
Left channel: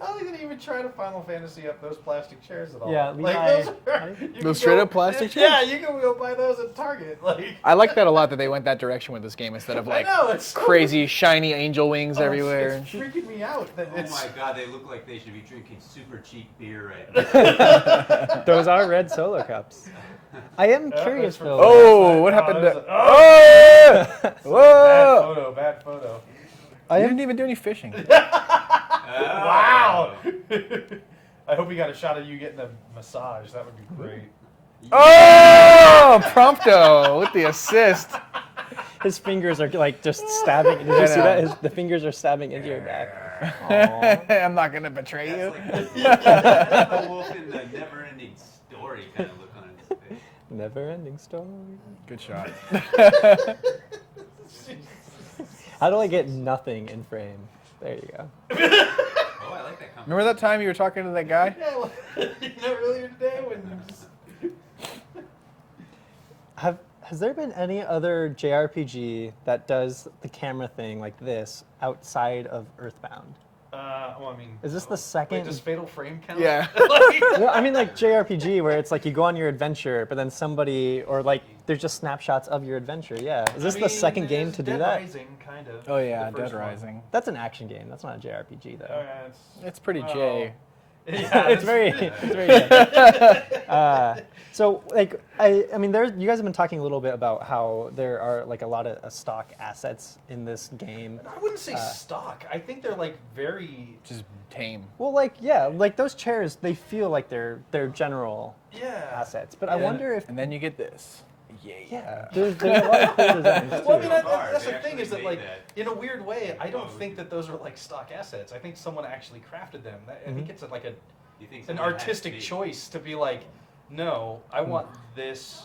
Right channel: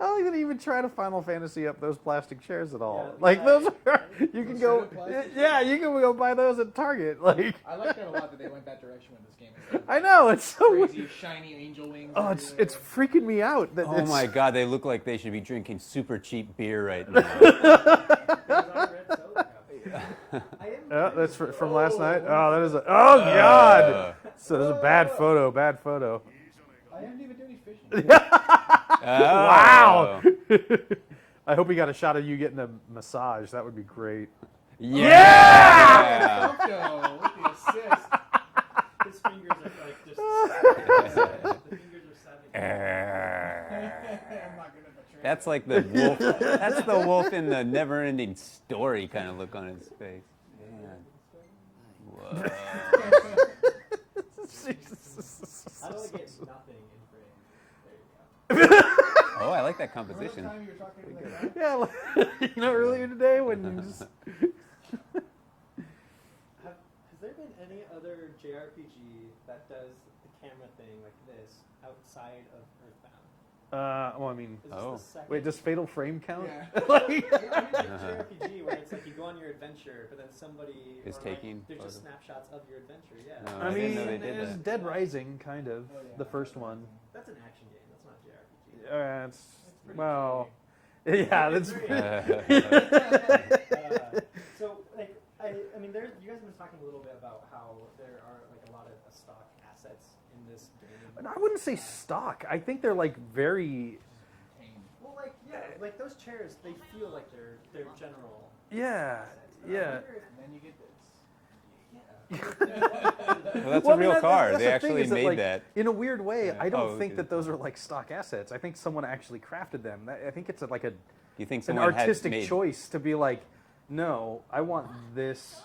I don't even try to Final Fantasy up those plastic chairs at all. Yeah, like Levi- those are you can Those straight go- up plastic Yeah, you can go buy those at Target. Like I like that a lot that they went that direction with this game instead of I like know it's so crazy shiny angel wings Oh, everywhere. It's freaking me out. That Oh it's- my god, they look like they should be drinking super cheap beer right now. Those are red solo cups. I am curious that's for- though. Oh, what No, happened that to was oh god! So bad Whoa! photo. Bad photo. I didn't even do any fishing. Wow! I hope we got a shot of you getting a massage. That would be great. Oh, Prompto with the assist. His fingers are like just stabbing. Did you see that? The fingers are stabbing into your back. I'm not gonna betray That's you. like the wolf, that's the wolf in the never-ending story kind of look on his face. Never-ending story. Good shot. How do I get nothing in frame? There you go. Oh, I like that competition. Remember that time you were talking to that guy? Yeah, you know, earlier today when you just Has there been any other JRPG that does the camera thing like this outside of Earthbound? well, I mean, Is this the Wait, second? does Fatal Frame count? Yeah. No, I mean like JRPG where it's like you go on your adventure, but then somebody or like taking there's just snapshots of your adventure. Yeah. Is this I the mean, second it game is to do Dead that? Rising, kind of. Oh yeah, the Dead first one. Rising. That's an action game. That's not a JRPG though. It's pretty well, J. Yeah, It's very, so like I mean you guys have been talking a little bit about how there are like a lot of stock assets in this game. I wouldn't say stock. I think they're like very. Just tame. Well, like yeah, like those chairs, they feel like they're general Yeah. assets. But I Yeah. wonder if And then you get this. there's a lot of cool designs. That's Well, a real car. that's They the thing actually is made like, that. in a weird way. I don't Oh, think okay. that those are like stock assets. I think someone actually crafted them. I think it's like You think an someone had artistic made, choice to be like, no, I want this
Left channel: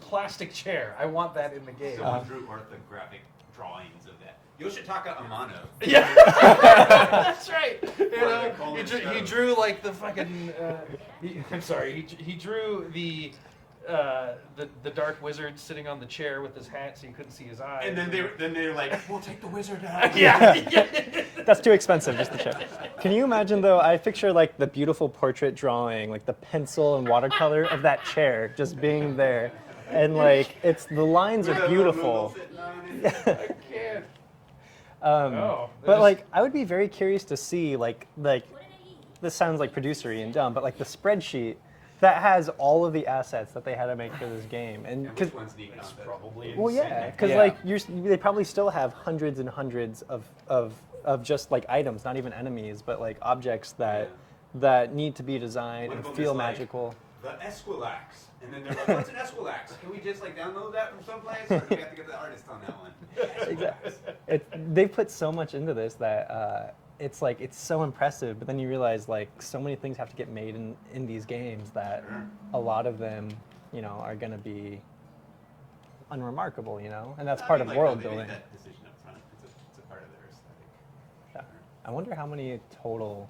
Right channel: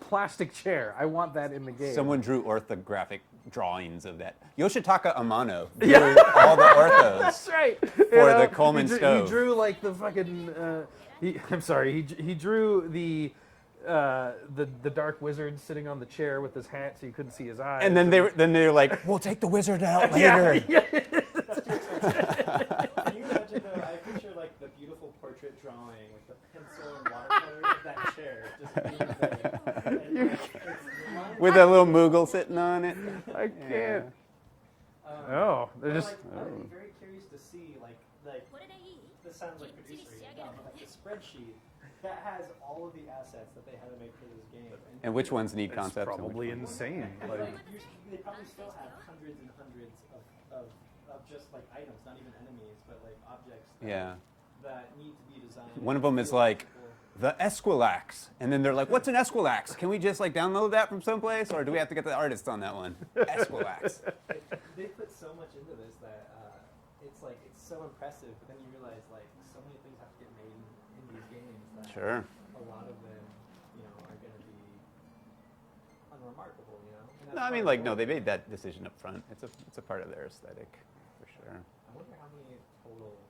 plastic chair. I want that in the game. Someone drew orthographic drawings of that. Yoshitaka Amano. Yeah. That's right. For the Coleman he stove. drew like the fucking. I'm sorry. He drew the Dark Wizard sitting on the chair with his hat, so you couldn't see his eyes. And then they're like, we'll take the wizard out. yeah. That's too expensive just to show. Can you imagine though? I picture like the beautiful portrait drawing, like the pencil and watercolor of that chair just being there, and like it's the lines With are a little beautiful. Moogle sitting on it. I can't. But there's- like I would be very curious to see like this sounds like producery and dumb, but like the spreadsheet that has all of the assets that they had to make for this game, And which ones need concept? probably Well, yeah, insane. because Yeah. like they probably still have hundreds and hundreds of just like items, not even enemies, but like objects that need to be designed. One of and them is feel like magical. the Esquilax, and then they're like, "What's an Esquilax? Can we just like download that from someplace, or do we have to get the artist on that one?" Esquilax. They put so much into this that it's like it's so impressive, but then you realize like so many things have to get made in these games that Sure. a lot of them, you know, are going to be unremarkable, you know, and that's No, I part mean, of like, world no, they building. made that decision up front. It's a part of their aesthetic, for sure. I wonder how many total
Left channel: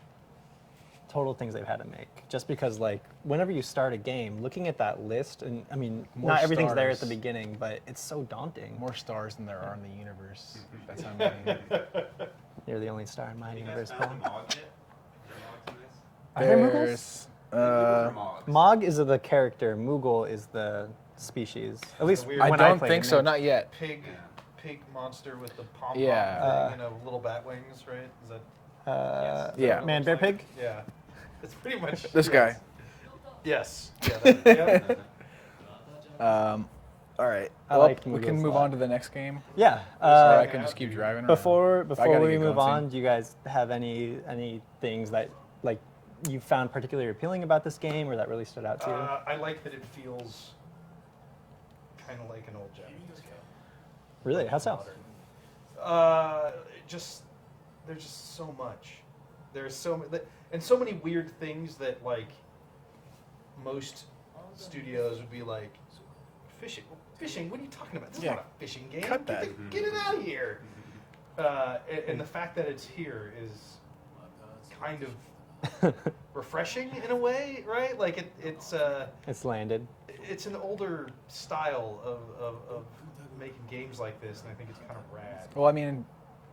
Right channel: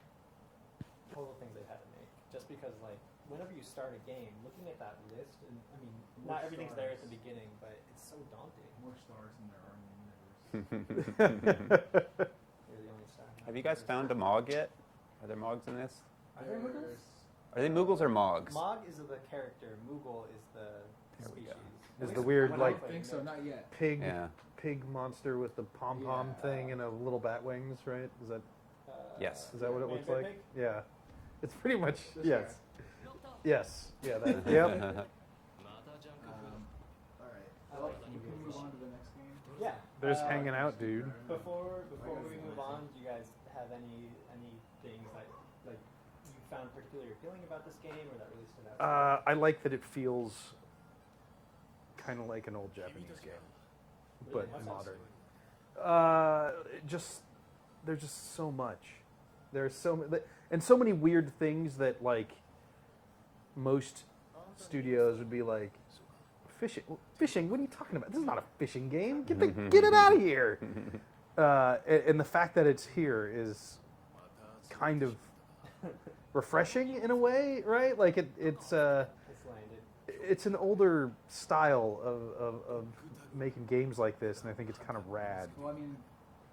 things they've had to make. Just because like whenever you start a game, looking at that list, and I mean, More not everything's there at the stars. beginning, but it's so daunting. More stars than there are in the universe. That's how many. You're the only star in my Have you guys universe. found a Mog yet? Are there Mogs in this? Are there Moogles? There's, Are they Moogles or Mogs? Mog is the character. Moogle is the species. At least weird- I when don't played think it. so, not yet. Pig Yeah. monster with the pom pom Yeah. thing and a little bat wings, right? Is that Yes. Yeah. what it Man, looks bear, like? pig. Yeah. It's pretty much This guy. Yes. Yep. All right. I Well, like we Moogles can a move lot. on to the next game. Yeah. Or I hanging can out, just keep dude. driving around. Before gotta we get move going on, soon. do you guys have any things that like you found particularly appealing about this game, or that really stood out to you? I like that it feels kind of like an old Japanese game. Really? How so? Just there's just so much. There's and so many weird things that like most studios would be like, fishing. Fishing? What are you talking about? This is not a fishing game. Get it out of here. And the fact that it's here is kind of refreshing in a way, right? Like It's landed. it's an older style of making games like this, and I think it's kind of rad. Well, I mean,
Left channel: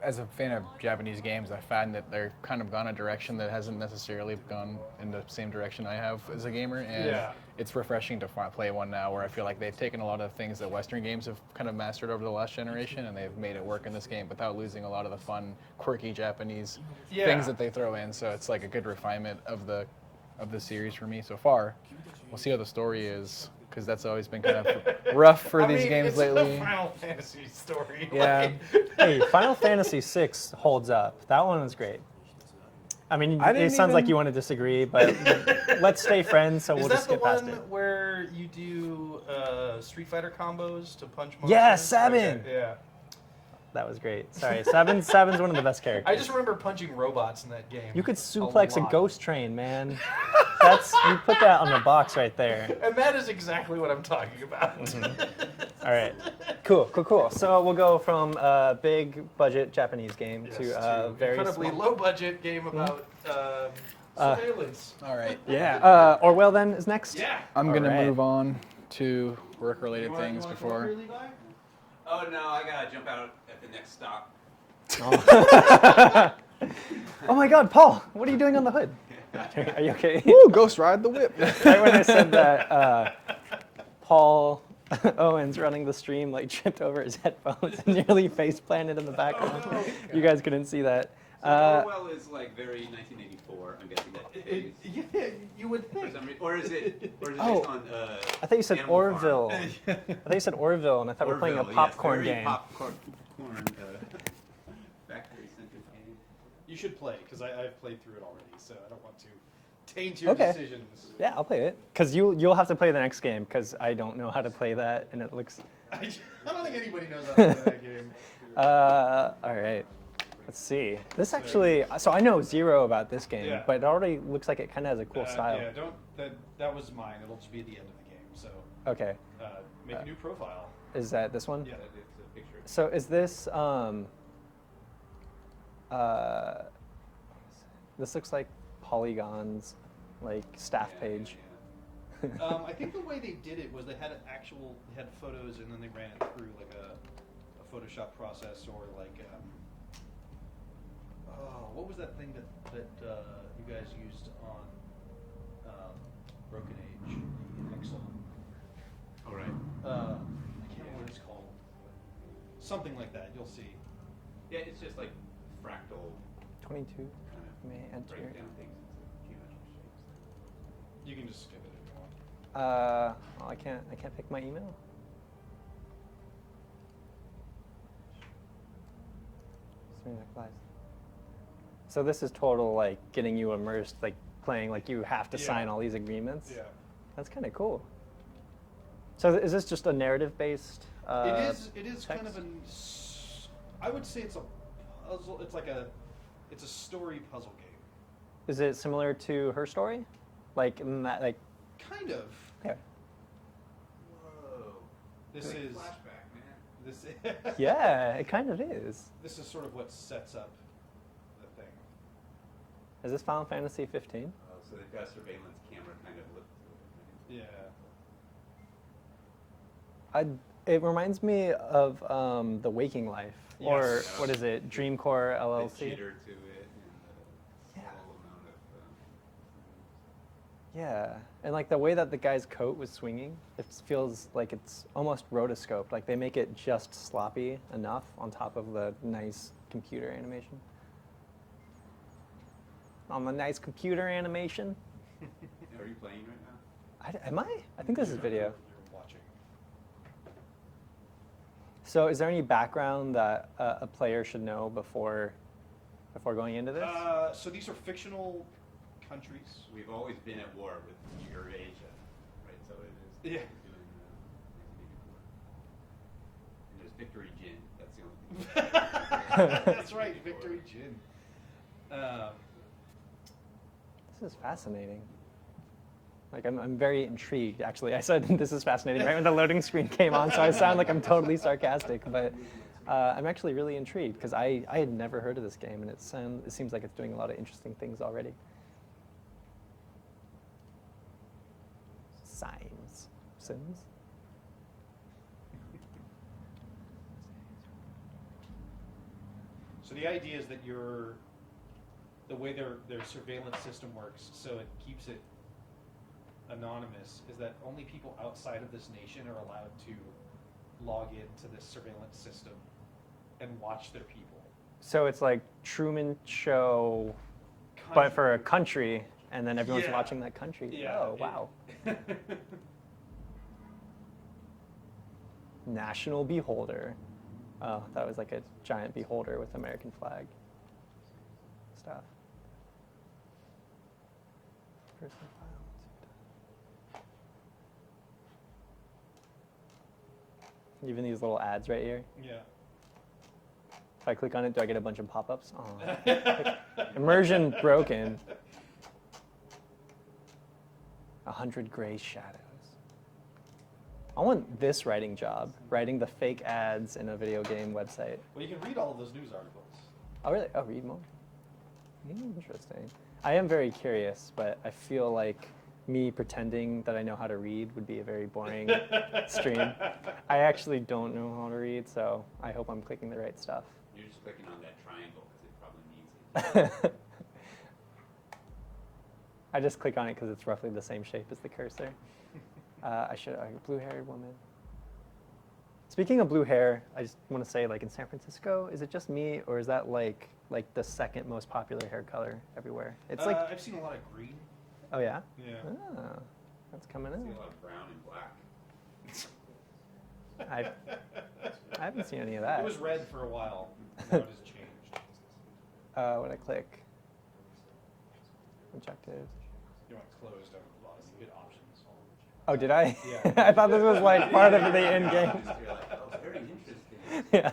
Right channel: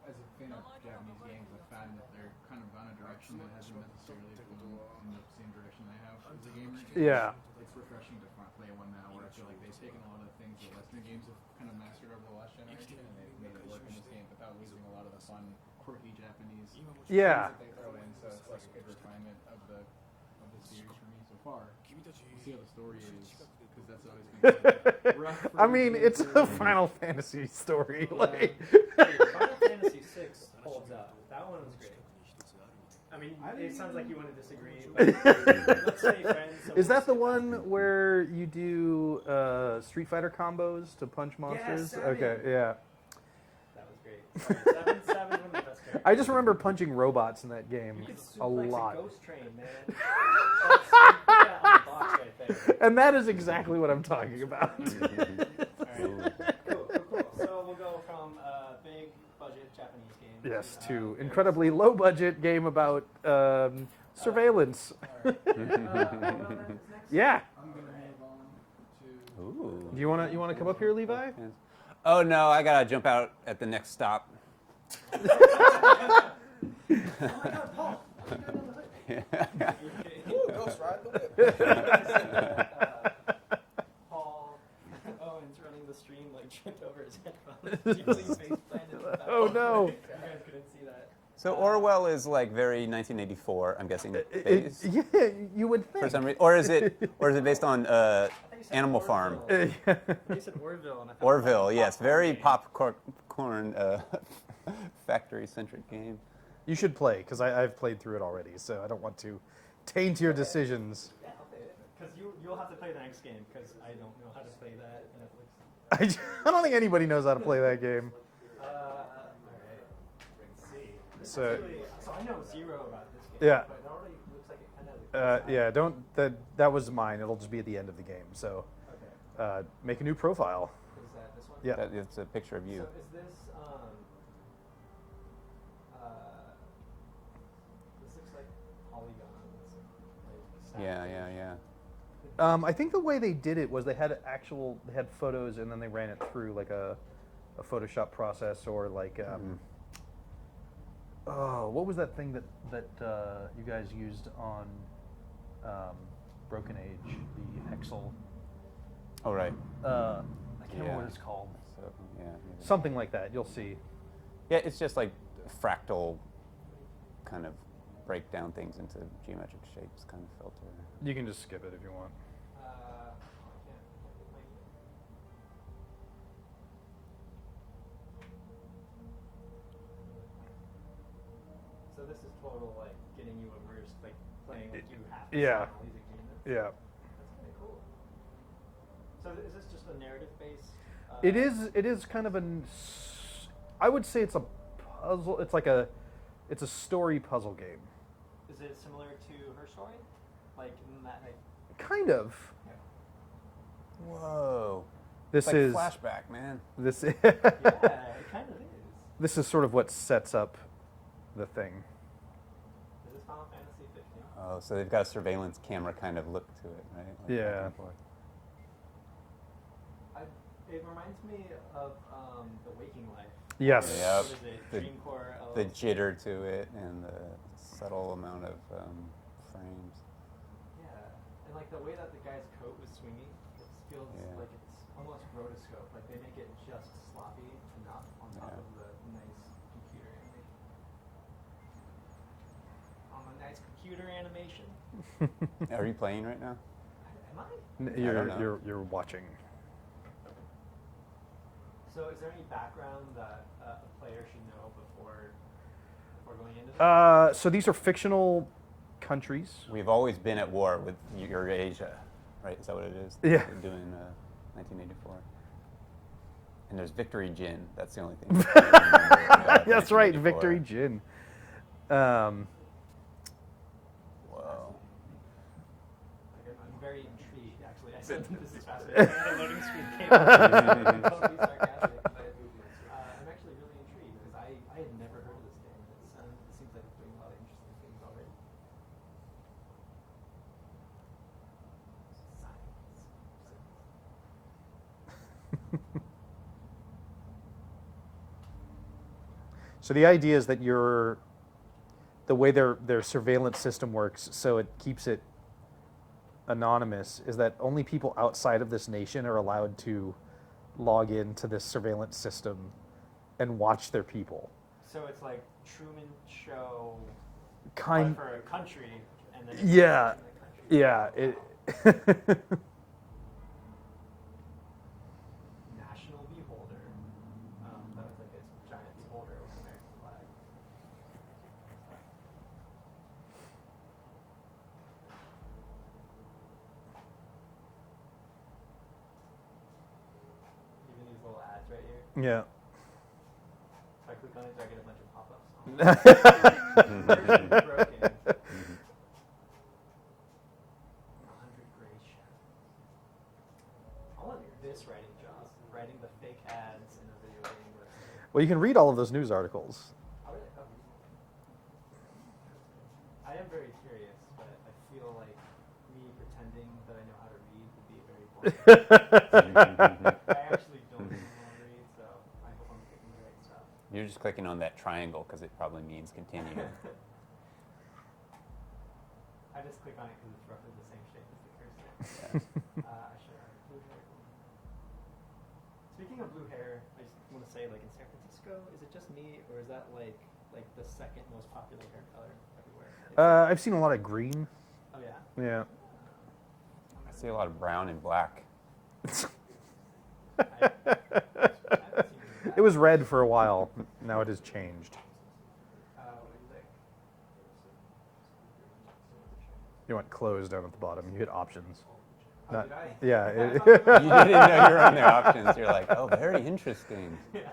as a fan of Japanese games, I find that they're kind of gone a direction that hasn't necessarily gone in the same direction I have as a gamer. And Yeah. it's refreshing to play one now where I feel like they've taken a lot of things that Western games have kind of mastered over the last generation, and they've made it work in this game without losing a lot of the fun, quirky Japanese things that they throw in. So it's like a good refinement of the series for me so far. We'll see how the story is, because that's always been kind of rough for these games it's lately. a Final Fantasy story. Yeah. Hey, Final Fantasy VI holds up. That one was great. I mean, I it didn't sounds like even- you want to disagree, but let's stay friends. So Is we'll that just the get past one it. where you do Street Fighter combos to punch monsters? Yeah, 7. Okay, yeah. That was great. Sorry, Seven's one of the best characters. I just remember punching robots in that game. You could suplex a lot. ghost train, man. You put that on the box right there. And that is exactly what I'm talking about. All right, cool. So we'll go from a big budget Japanese game Yes, to to a very incredibly small- low budget game about surveillance. All right. Yeah. Orwell then is next. Yeah. I'm going to Alright. move on to work-related You want things to come up before- here, Levi? Oh no, I gotta jump out at the next stop. Oh my God, Paul, what are you doing on the hood? Are you okay? Woo, Ghost Ride the Whip. Right when I said that, Paul Owens running the stream like tripped over his headphones and nearly face planted in the background. no. You guys couldn't see that. So Orwell is like very 1984, I'm guessing. Based Yeah, you would think. for some reason, or is it based on I thought you said Animal Orville. Farm? I thought you said Orville, and I thought we were playing a Orville, yes, popcorn very game. popcorn factory-centric game. You should play, because I've played through it already, so I don't want to taint your Okay. decisions. Yeah, I'll play it. Because you'll have to play the next game, because I don't know how to play that, and it looks... I don't think anybody knows how to play that game. All right. Let's see. This So- actually... So I know zero about this game, Yeah. but it already looks like it kind of has a cool style. Yeah, don't. That was mine. It'll just be at the end of the game. So Okay. make a new profile. Is that this one? Yeah. That is a picture of you. So is this... this looks like Polygon's like staff yeah, page. yeah. I think the way they did it was they had photos and then they ran it through like a Photoshop process or like oh, what was that thing that you guys used on Broken Age, the Hexel? Oh right. I can't remember what it's called. So, yeah. Something like that. You'll see. Yeah, it's just like fractal 22. kind of May enter. break down things into geometric shapes kind of filter. You can just skip it if you want. Well, I can't pick my email. Streaming applies. So this is total like getting you immersed, like playing like you have to Yeah. sign all these agreements. Yeah. That's kind of cool. So is this just a narrative based? It is kind of an. I would say it's a puzzle. It's a story puzzle game. Is it similar to Her Story? Like in that, like Kind of. yeah. Whoa. This It's like is flashback, man. this. Yeah, it kind of is. This is sort of what sets up the thing. Is this Final Fantasy 15? Oh, so they've got a surveillance camera kind of look to it, right? Like Yeah. back and forth. It reminds me of The Waking Life. Yes. Or Yeah. what is it? The- Dreamcore The LLC. jitter to it and the subtle amount of frames. Yeah, and like the way that the guy's coat was swinging, it feels Yeah. like it's almost rotoscoped. Like they make it just sloppy enough on top of the nice computer animation. On the nice computer animation. Are you playing right now? Am I? I think this is a video. You're watching. So, is there any background that a player should know before going into this? So these are fictional countries. We've always been at war with Eurasia, right? Is that what it is? Yeah. We're doing 1984. And there's Victory Gin. That's the only thing. That's right, Victory Gin. This is fascinating. Like I'm very intrigued. Actually, I said this is fascinating right when the loading screen came on, so I sound like I'm totally sarcastic. But I'm actually really intrigued because I had never heard of this game, and it seems like it's doing a lot of interesting things already. Sims. So the idea is that the way their surveillance system works, so it keeps it anonymous, is that only people outside of this nation are allowed to log into this surveillance system and watch their people. So it's like Truman Show, but Kind- for a country, and then everyone's Yeah. watching that country. Yeah. Oh, wow. National Beholder. Oh, that was like a giant beholder with American flag. Stop. Even these little ads right here. Yeah. If I click on it, do I get a bunch of pop-ups? Oh. Immersion broken. 100 Gray Shadows. I want this writing job, writing the fake ads in a video game website. Well, you can read all of those news articles. Oh, really? Oh, read more. Interesting. I am very curious, but I feel like me pretending that I know how to read would be a very boring stream. I actually don't know how to read, so I hope I'm clicking the right stuff. You're just clicking on that triangle because it probably means continue. I just click on it because it's roughly the same shape as the cursor. Blue-haired woman. Speaking of blue hair, I just want to say, like in San Francisco, is it just me, or is that like the second most popular hair color everywhere? It's like, I've seen a lot of green. oh yeah. Yeah. Oh, that's coming I see in. a lot of brown and black. I haven't seen any of that. It was red for a while. Now it has changed. When I click. Objective. You went closed down at the bottom. You hit options. Oh, did I? Yeah. I thought this was like You're like, oh, very interesting. yeah.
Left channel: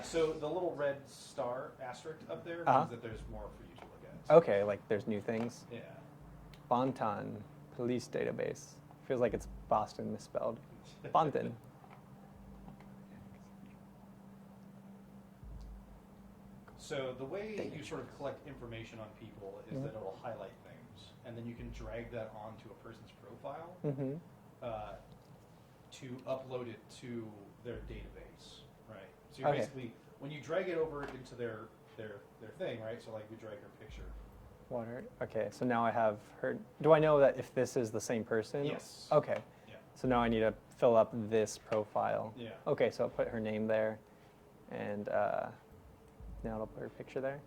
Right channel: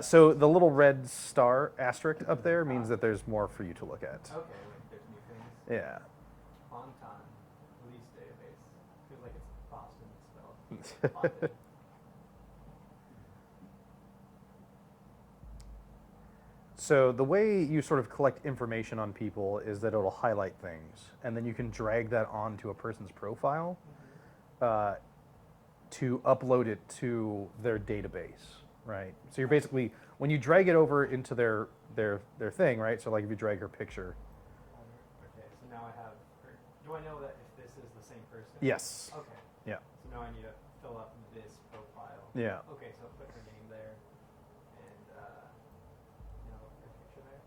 So the little red star asterisk up there means Uh-huh. that there's more for you to look at. Okay, like there's new things. Yeah. Bonton Police Database. Feels like it's Boston misspelled. Bonton. So the way you sort of collect information on people is that it'll highlight things, and then you can drag that onto a person's profile to upload it to their database, right? So you're Okay. basically, when you drag it over into their thing, right? So like if you drag her picture. Water. Okay, so now I have her. Do I know that if this is the same person? Yes. Okay. Yeah. So now I need to fill up this profile. Yeah. Okay, so I'll put her name there, and now I'll put her picture there.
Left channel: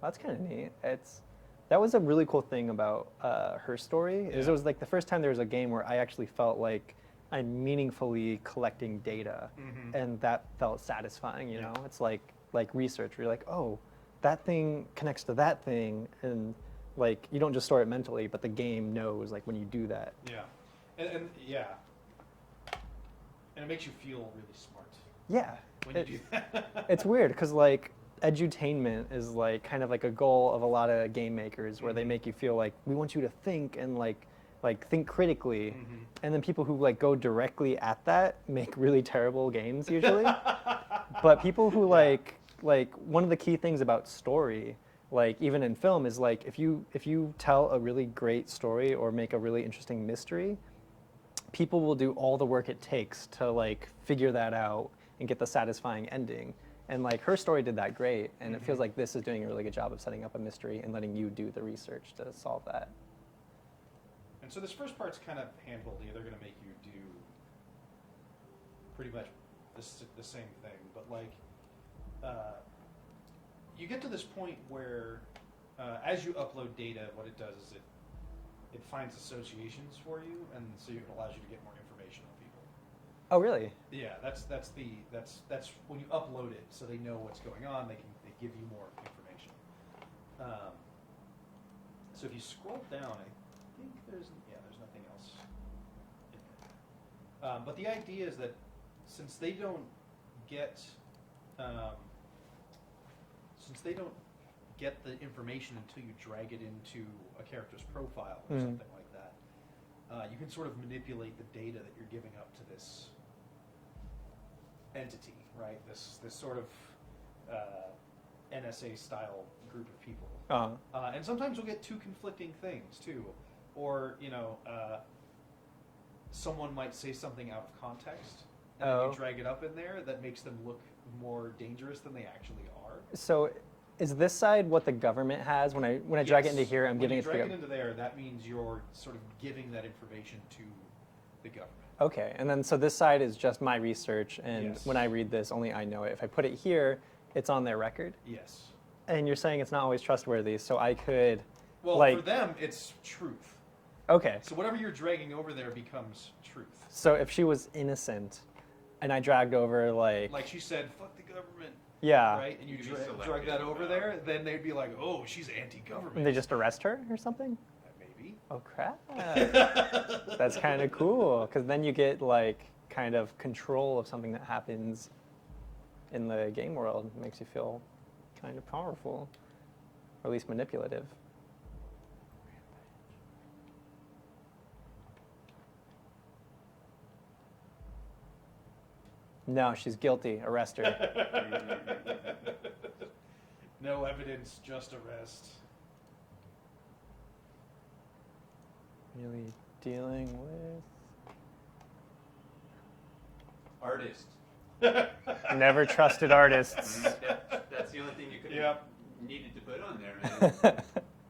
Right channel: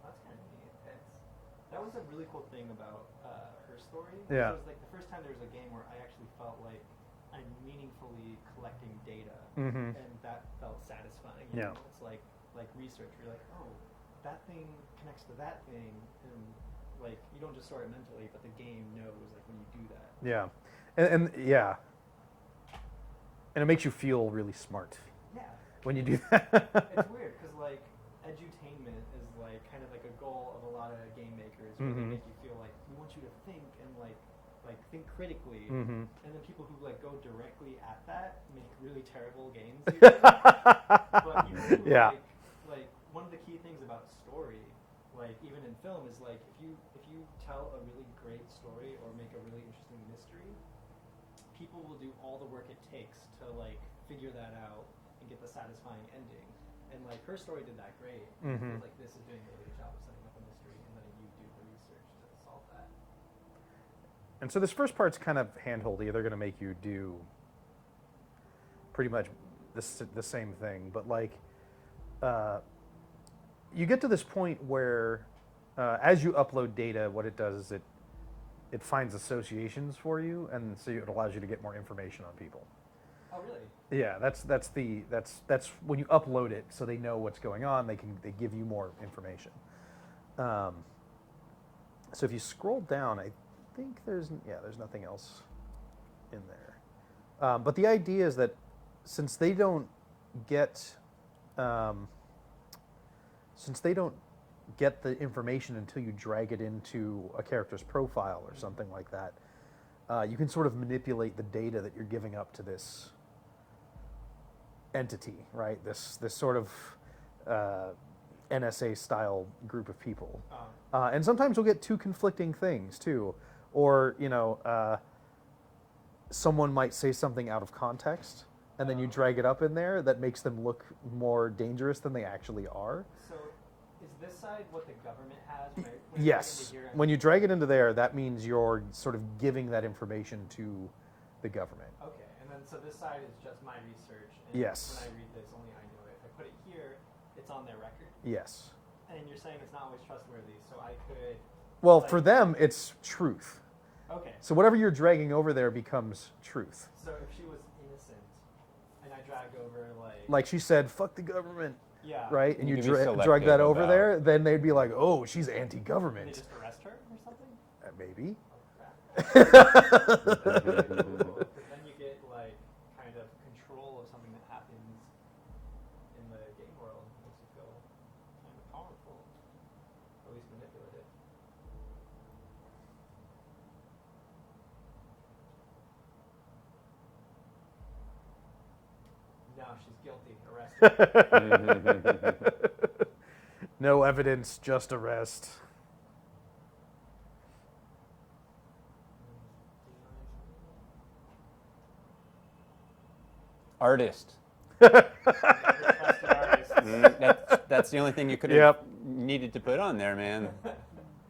That's kind of neat. That was a really cool thing about her story. Is Yeah. It was like the first time there was a game where I actually felt like I'm meaningfully collecting data, and that felt satisfying. You Yeah. know, it's like research. Where you're like, oh, that thing connects to that thing, and like you don't just store it mentally, but the game knows like when you do that. Yeah. And yeah. And it makes you feel really smart Yeah. when you do that. It's weird because like edutainment is like kind of like a goal of a lot of game makers where they make you feel like we want you to think and like think critically, and then people who like go directly at that make really terrible games usually. But people who Yeah. like one of the key things about story, like even in film, is like if you tell a really great story or make a really interesting mystery, people will do all the work it takes to like figure that out and get the satisfying ending. And like her story did that great, and it feels like this is doing a really good job of setting up a mystery and letting you do the research to solve that. And so this first part's kind of handholdy. They're going to make you do pretty much the same thing. But like, you get to this point where as you upload data, what it does is it finds associations for you, and so it allows you to get more information on people. Oh, really? Yeah, that's when you upload it, so they know what's going on. They give you more information. So if you scroll down, I think there's nothing else in there. But the idea is that since they don't get the information until you drag it into a character's profile or something like that. You can sort of manipulate the data that you're giving up to this entity, right? This sort of NSA style group of people. And sometimes you'll get two conflicting things too, or someone might say something out of context, and then you drag it up in there that makes them look more dangerous than they actually are. So, is this side what the government has when I drag it into here? When you drag it into there, that means you're sort of giving that information to the government. Okay, and then so this side is just my research, and Yes. when I read this, only I know it. If I put it here, it's on their record. Yes. And you're saying it's not always trustworthy, so I could. Well, like, for them, it's truth. Okay. So whatever you're dragging over there becomes truth. So if she was innocent, and I dragged over like Like she said, "Fuck the government," yeah, right? And You you can be drag selective that over about- there, then they'd be like, "Oh, she's anti-government." and they just arrest her or something. Maybe. Oh crap! That's kind of cool because then you get like kind of control of something that happens in the game world. It makes you feel kind of powerful, or at least manipulative. No, she's guilty. Arrest her. No evidence, just arrest. Really dealing with. Artist. Never trusted artists. That's the only thing you could have Yep. needed to put on there, man.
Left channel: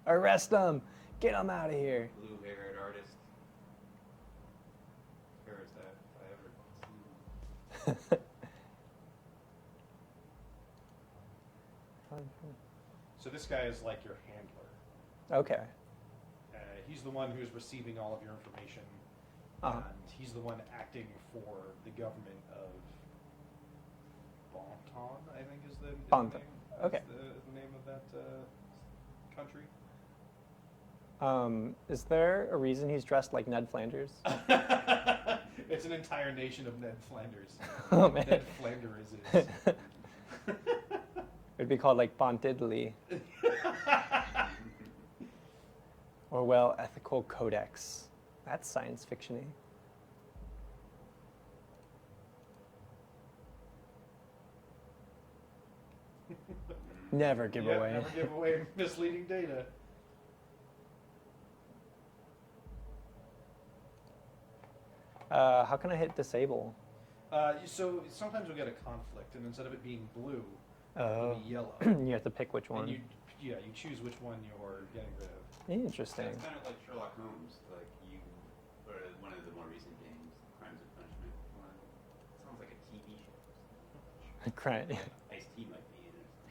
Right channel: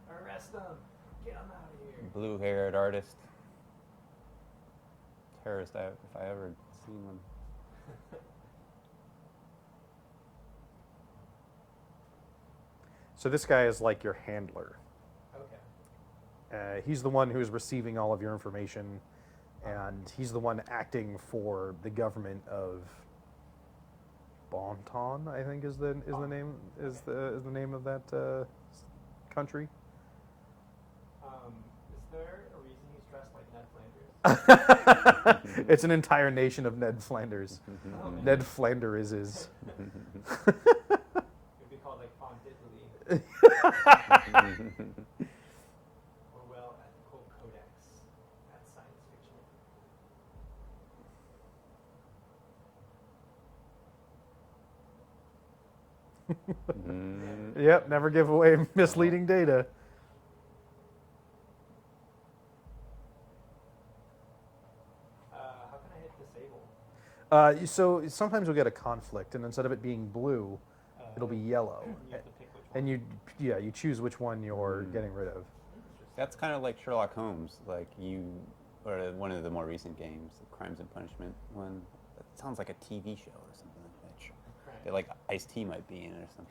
Arrest them. Get them out of here. Blue-haired artist. Terrorist, if I ever seen one. So this guy is like your handler. Okay. He's the one who's receiving all of your information, and he's the one acting for the government of Bonton, I think is the Bonton. name Okay. is the name of that country. Is there a reason he's dressed like Ned Flanders? It's an entire nation of Ned Flanders. Oh, man. Ned Flanders is. It'd be called like Bontidley. Orwell Ethical Codex. That's science fiction-y. Never give Yep, away. never give away misleading data. How can I hit disable? So sometimes you'll get a conflict, and instead of it being blue, it'll be yellow. You have to pick which one. And you choose which one you're getting rid of. Interesting. That's kind of like Sherlock Holmes, or one of the more recent games, Crimes and Punishment one. It sounds like a TV show or something. Right. Like Ice-T might be in it or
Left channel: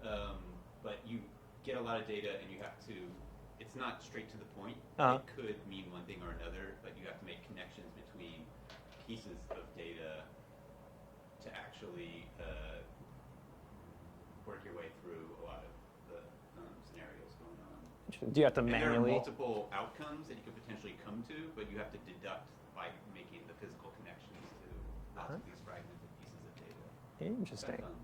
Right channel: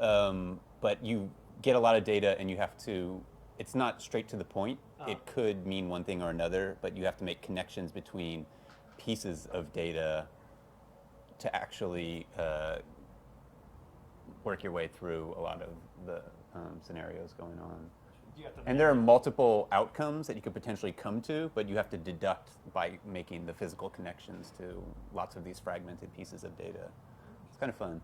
something. But you get a lot of data, and you have to. It's not straight to the point. Uh-huh. It could mean one thing or another, but you have to make connections between pieces of data to actually work your way through a lot of the scenarios going on. Do you have to And there are manually- multiple outcomes that you could potentially come to, but you have to deduct by making the physical connections to lots of these fragmented pieces of data. It's Interesting. kind of fun.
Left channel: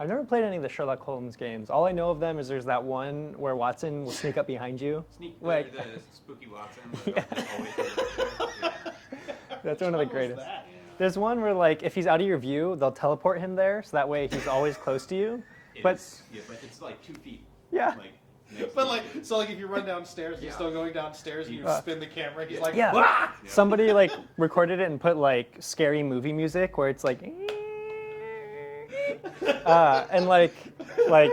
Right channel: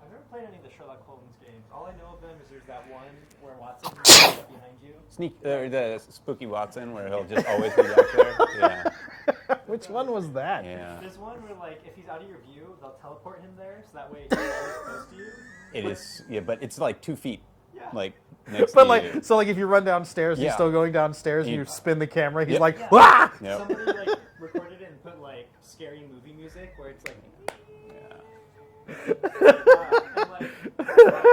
I've never played any of the Sherlock Holmes games. All I know of them is there's that one where Watson will sneak up behind you. Or the Spooky Watson, where they'll just always be back there. Yeah. That's Which one of one the was greatest. that? Yeah. There's one where like if he's out of your view, they'll teleport him there, so that way he's always close to you. It But- is, yeah, but it's like 2 feet. Yeah. Like next But to like, you. so like if you run downstairs, he's Yeah. still going downstairs, and you Yeah. spin the camera, he's Yep. like, Yeah. "Wah!" Yep. Somebody like recorded it and put like scary movie music where it's like, and like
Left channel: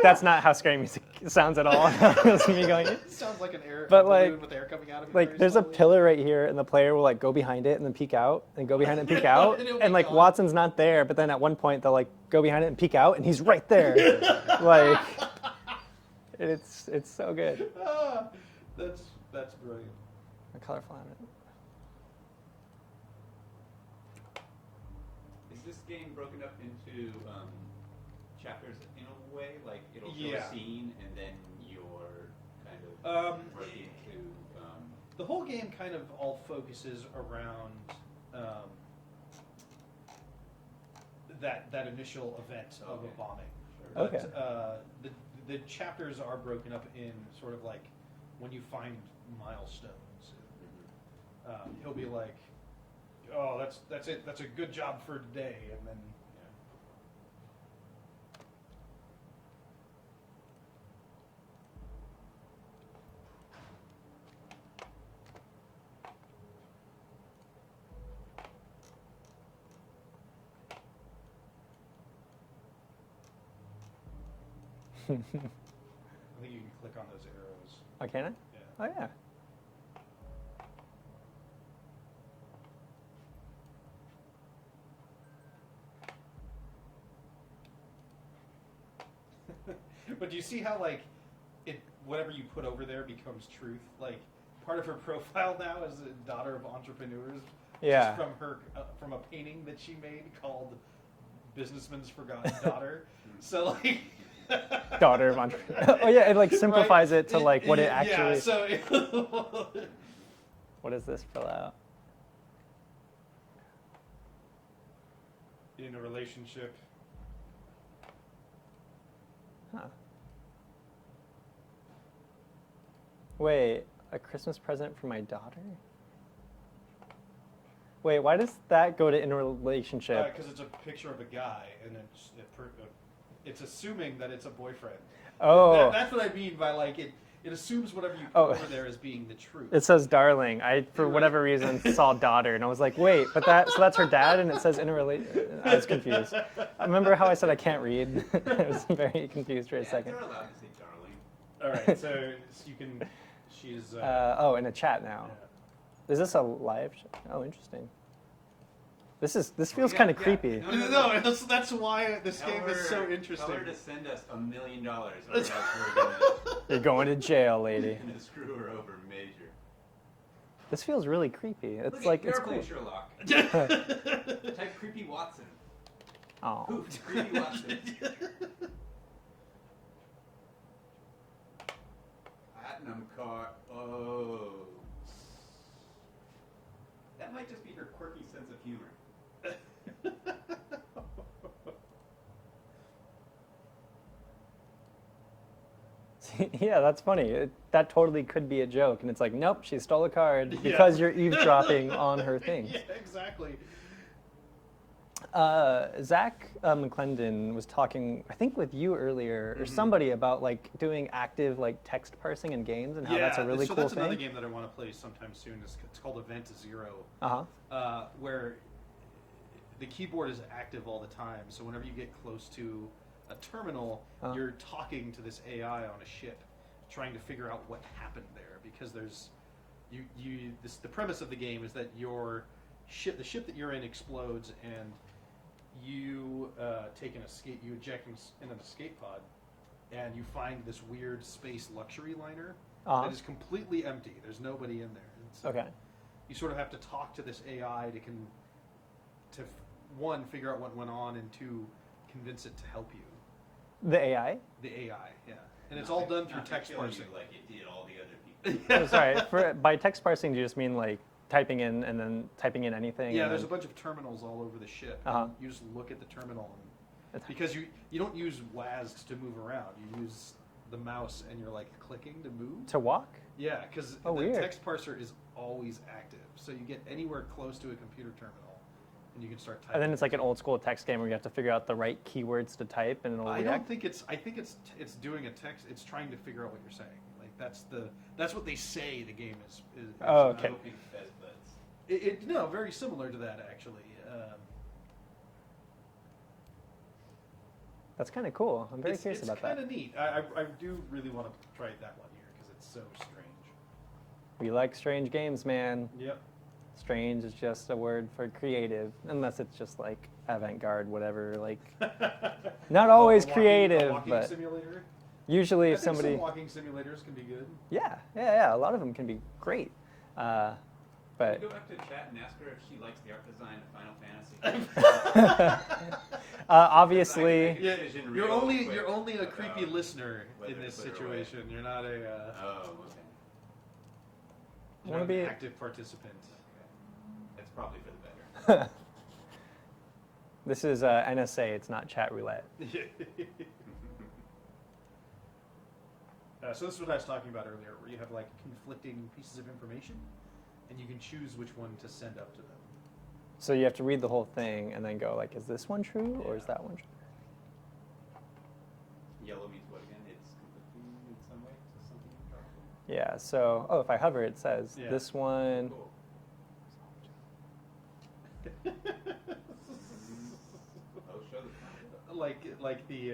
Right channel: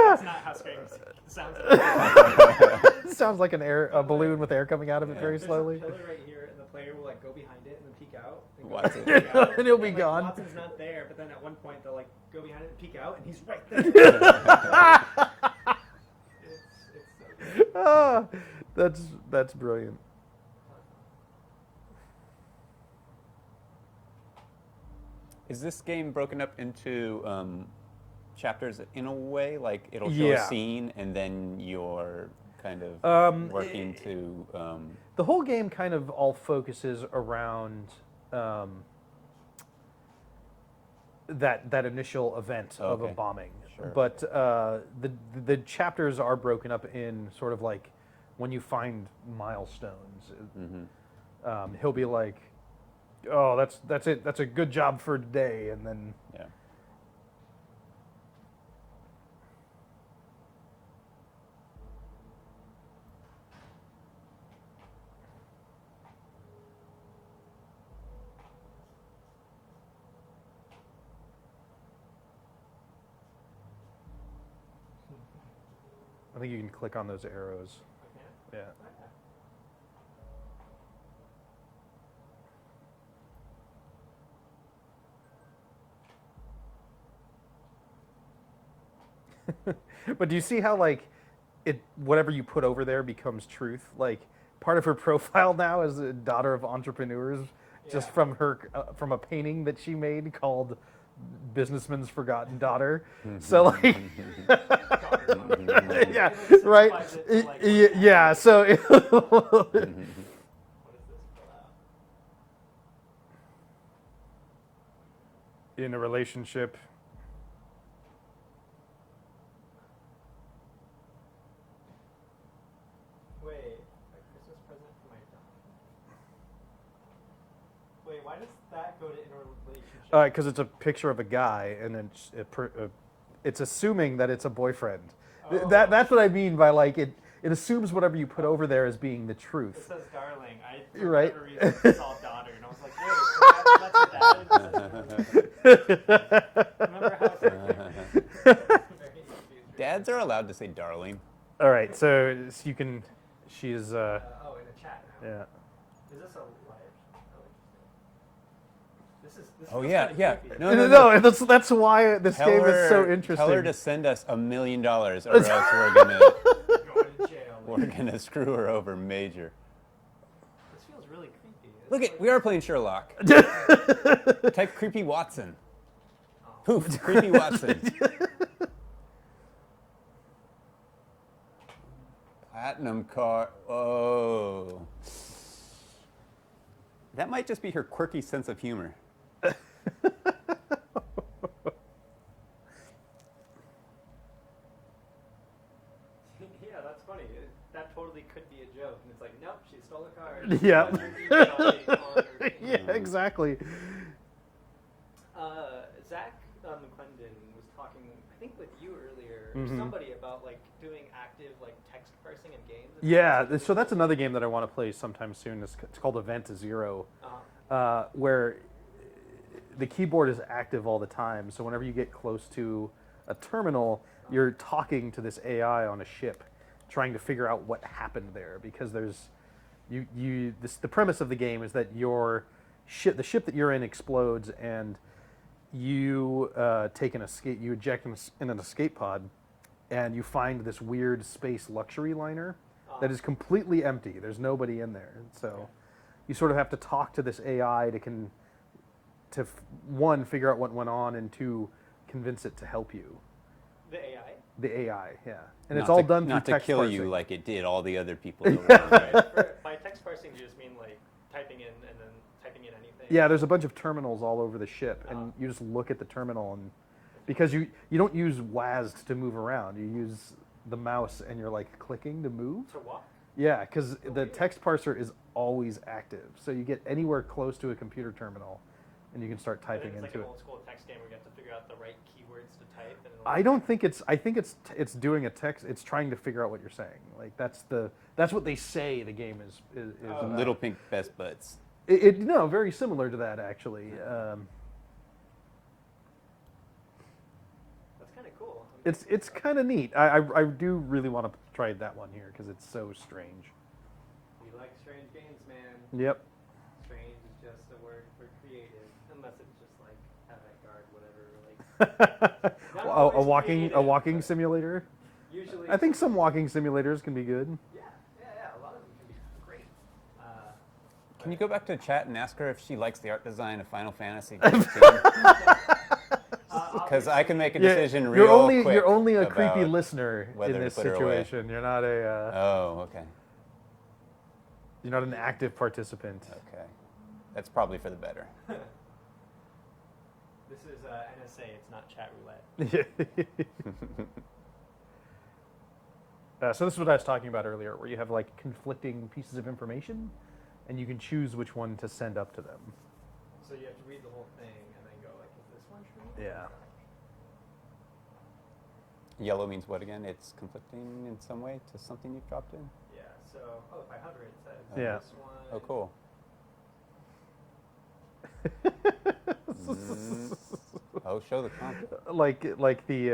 that's not how scary music sounds at all. It sounds like a But, balloon like- with air coming out of it Like very there's slowly. a pillar right here, and the player will like go behind it and then peek out, and go behind it and peek out, And he'll be like gone. Watson's not there, but then at one point they'll like go behind it and peek out, and he's right there. Like it's so good. Ah, that's brilliant. A colorful animal. Is this game broken up into chapters in a way? Like it'll show Yeah. a scene, and then you're kind of working to. The whole game kind of all focuses around that initial event of a Okay. bombing. Sure. But Okay. the chapters are broken up in sort of like when you find milestones. He'll be like, "Oh, that's it. That's a good job for today," and then Yeah. I think you can click on those arrows. Oh, can I? Yeah. Oh yeah. But do you see how like it whatever you put over there becomes truth? Like part of her profile now is a daughter of entrepreneurs, Yeah. just from her from a painting that she made called "Businessman's Forgotten Daughter." So like Daughter of entrepreneur. Oh yeah, it like simplifies it to like what it actually. yeah. So What does this fill out? in a relationship, Huh. Wait, a Christmas present for my daughter? Wait, why does that go to in a relationship? because it's a picture of a guy, and it's assuming that it's a boyfriend. Oh. That's what I mean by like it. It assumes whatever you put Oh. over there as being the truth. It says darling. I, for Right. whatever reason, saw daughter, and I was like, wait, but so that's her dad, and it says in a relationship. I was confused. Remember how I said I can't read? I was very confused. For a Dads second. are allowed to say darling. All right, so you can. She is. Oh, in a chat now. Yeah. Is this a live show? Oh, interesting. This Oh, feels yeah, kind of yeah. creepy. No, that's why this game is so interesting. Tell her to send us $1 million, or else we're gonna You're going to jail, we're lady. gonna screw her over major. This feels really creepy. It's Look, like we are it's playing cool. Sherlock. Type creepy Watson. Oh. Poof, creepy Watson. Platinum car. Oh. That might just be her quirky sense of humor. Yeah, that's funny. That totally could be a joke, and it's like, nope, she stole a card Yeah. because you're eavesdropping on her things. Yeah, exactly. Zach McClendon was talking, I think, with you earlier or Mhm. somebody about like doing active like text parsing in games. And how Yeah, that's a really so cool that's another thing. game that I want to play sometime soon. It's called Event Zero, Uh-huh. where the keyboard is active all the time. So whenever you get close to a terminal, Uh-huh. you're talking to this AI on a ship, trying to figure out what happened there. Because there's, the premise of the game is that the ship that you're in explodes, and you take an escape, you eject in an escape pod, and you find this weird space luxury liner Uh-huh. that is completely empty. There's nobody in there. And so Okay. you sort of have to talk to this AI to one, figure out what went on, and two, convince it to help you. The AI? The AI, yeah. And Not it's all to- done through not to text kill parsing. you like it did all the other people. Sorry, by text parsing, do you just mean like typing in and then typing in anything? Yeah, there's a bunch of terminals all over the ship. And Uh-huh. you just look at the terminal, and because you don't use WASD to move around, you use the mouse, and you're like clicking to move. To walk? Yeah, because Oh, the weird. text parser is always active. So you get anywhere close to a computer terminal, and you can start typing. And then it's like an into it. old school text game where you have to figure out the right keywords to type, and it'll I work. don't think it's. I think it's doing a text. It's trying to figure out what you're saying. Like that's what they say the game is. Oh, Little pink best buds. No, very similar to that actually. That's kind of cool. I'm very curious It's about kind that. of neat. I do really want to try that one here because it's so strange. We like strange games, man. Yep. Strange is just a word for creative, unless it's just like avant-garde, whatever. Like not A- always a walking, creative. A walking but simulator. usually, I think some somebody- walking simulators can be good. Yeah. A lot of them can be great. Can But you go back to chat and ask her if she likes the art design of Final Fantasy? obviously, I can make a decision you're real only quick you're only a creepy about listener whether in to this put her away. situation. You're not a Oh, okay. you're not an Maybe- active participant. Okay. That's probably for the better. This is NSA. It's not chat roulette. So this is what I was talking about earlier, where you have like conflicting pieces of information, and you can choose which one to send up to them. So you have to read the whole thing and then go like, is this one true or is Yeah. that one true? Yellow means what again? It's conflicting in some way to something you've dropped in? Yeah. So if I hover, it says Yeah. this one. Oh, cool. Mm. Oh, show the content. like the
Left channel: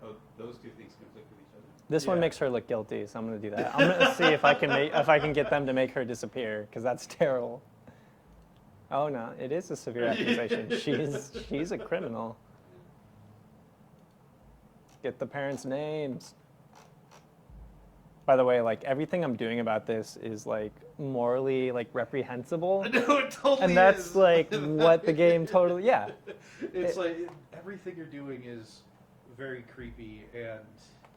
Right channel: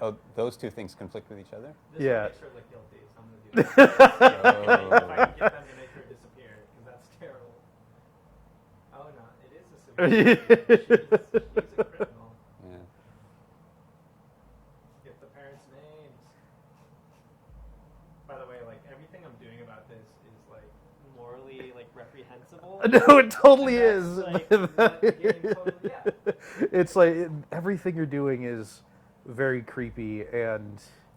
Oh, those two things conflict with each other? This Yeah. one makes her look guilty, so I'm gonna do that. I'm gonna see if I can if I can get them to make her disappear, because that's terrible. Oh no, it is a severe accusation. She's a criminal. Yeah. Get the parents' names. By the way, like everything I'm doing about this is like morally like reprehensible. no, it totally And that's is. like what the game totally It's like everything you're doing is very creepy and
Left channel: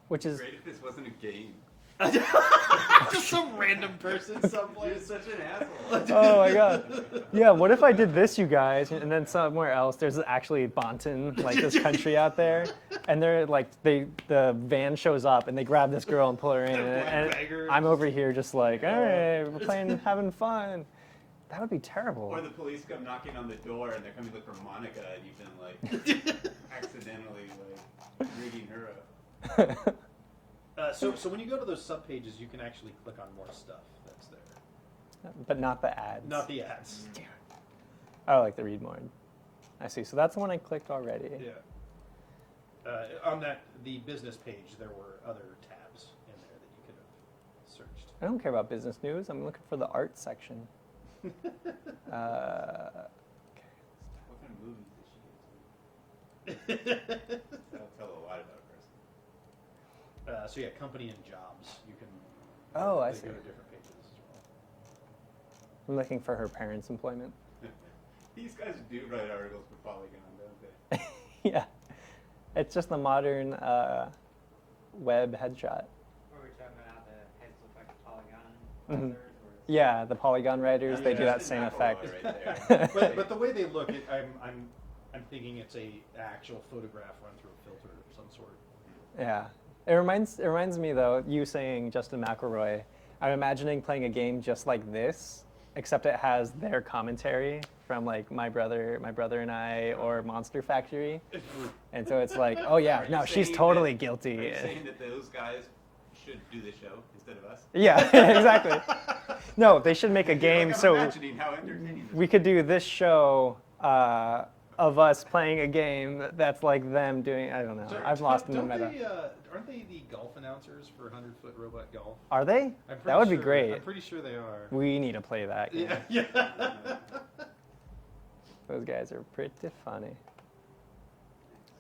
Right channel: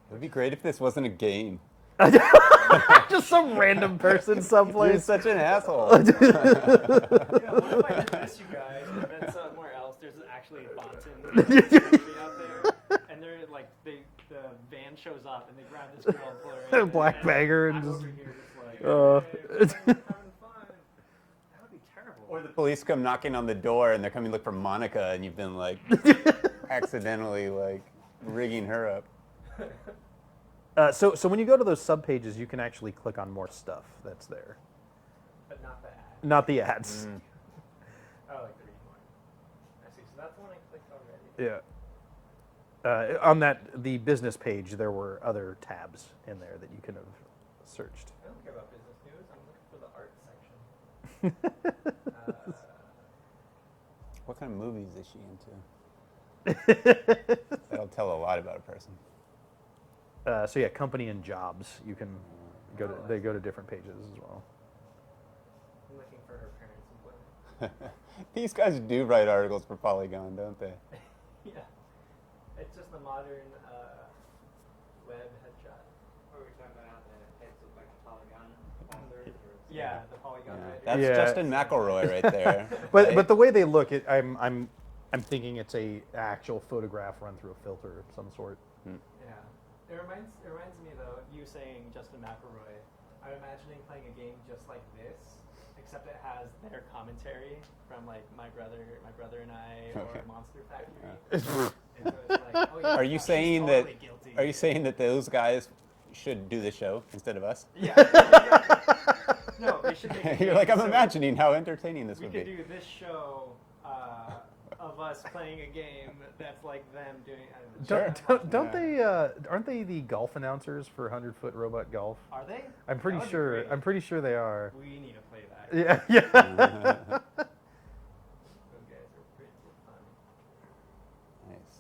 which It'd be is great if this wasn't a game. just some random person You're someplace. such an asshole. oh my god. Yeah, what if I did this, you guys, and then somewhere else there's actually Bonton, like this country out there, and they're like the van shows up and they grab this girl and pull her in. Black and bagger I'm and- over here just like, Oh. hey, we're playing, having fun. That would be terrible. Or the police come knocking on the door and they're coming to look for Monica and you've been like accidentally like rigging her up. So when you go to those sub pages, you can actually click on more stuff that's there, But not the ads. not the ads. I like the read more. I see. So that's the one I clicked already. Yeah. On the business page, there were other tabs in there that you could have searched. I don't care about business news. I'm looking for the art section. What kind of movies is she into? That'll tell a lot about a person. So yeah, company and jobs. You can. Oh, I they see. go to different pages as well. I'm looking for her parents' employment. These guys do write articles for Polygon, don't they? Yeah. It's just the modern web headshot. Or we're talking about how the heads look like a polygon. Mhm. Or it's- Yeah, the polygon writers. That's Yeah. Justin Same McElroy effect. right there. But the way they look, I'm thinking it's a actual photograph run through a filter of some sort. Yeah. It reminds me though, you saying Justin McElroy, I'm imagining playing a game just like this, except it has their commentary from like my brother and I or Monster Factory. And so it's like, oh yeah, Are you no, saying she's totally that- guilty. Are you saying that those guys should do the show instead of us? Yeah, exactly. No, they should make a You're game like, I'm so imagining how entertaining this we would could be. do this show of us playing a game that's like them doing. I don't know. I've lost. Don't the meta. they? Aren't they the golf announcers for 100-foot robot golf? Are they? I'm pretty that would sure. be great. I'm pretty sure they are. We need to play that. Yeah, yeah. Those guys are pretty funny. Nice.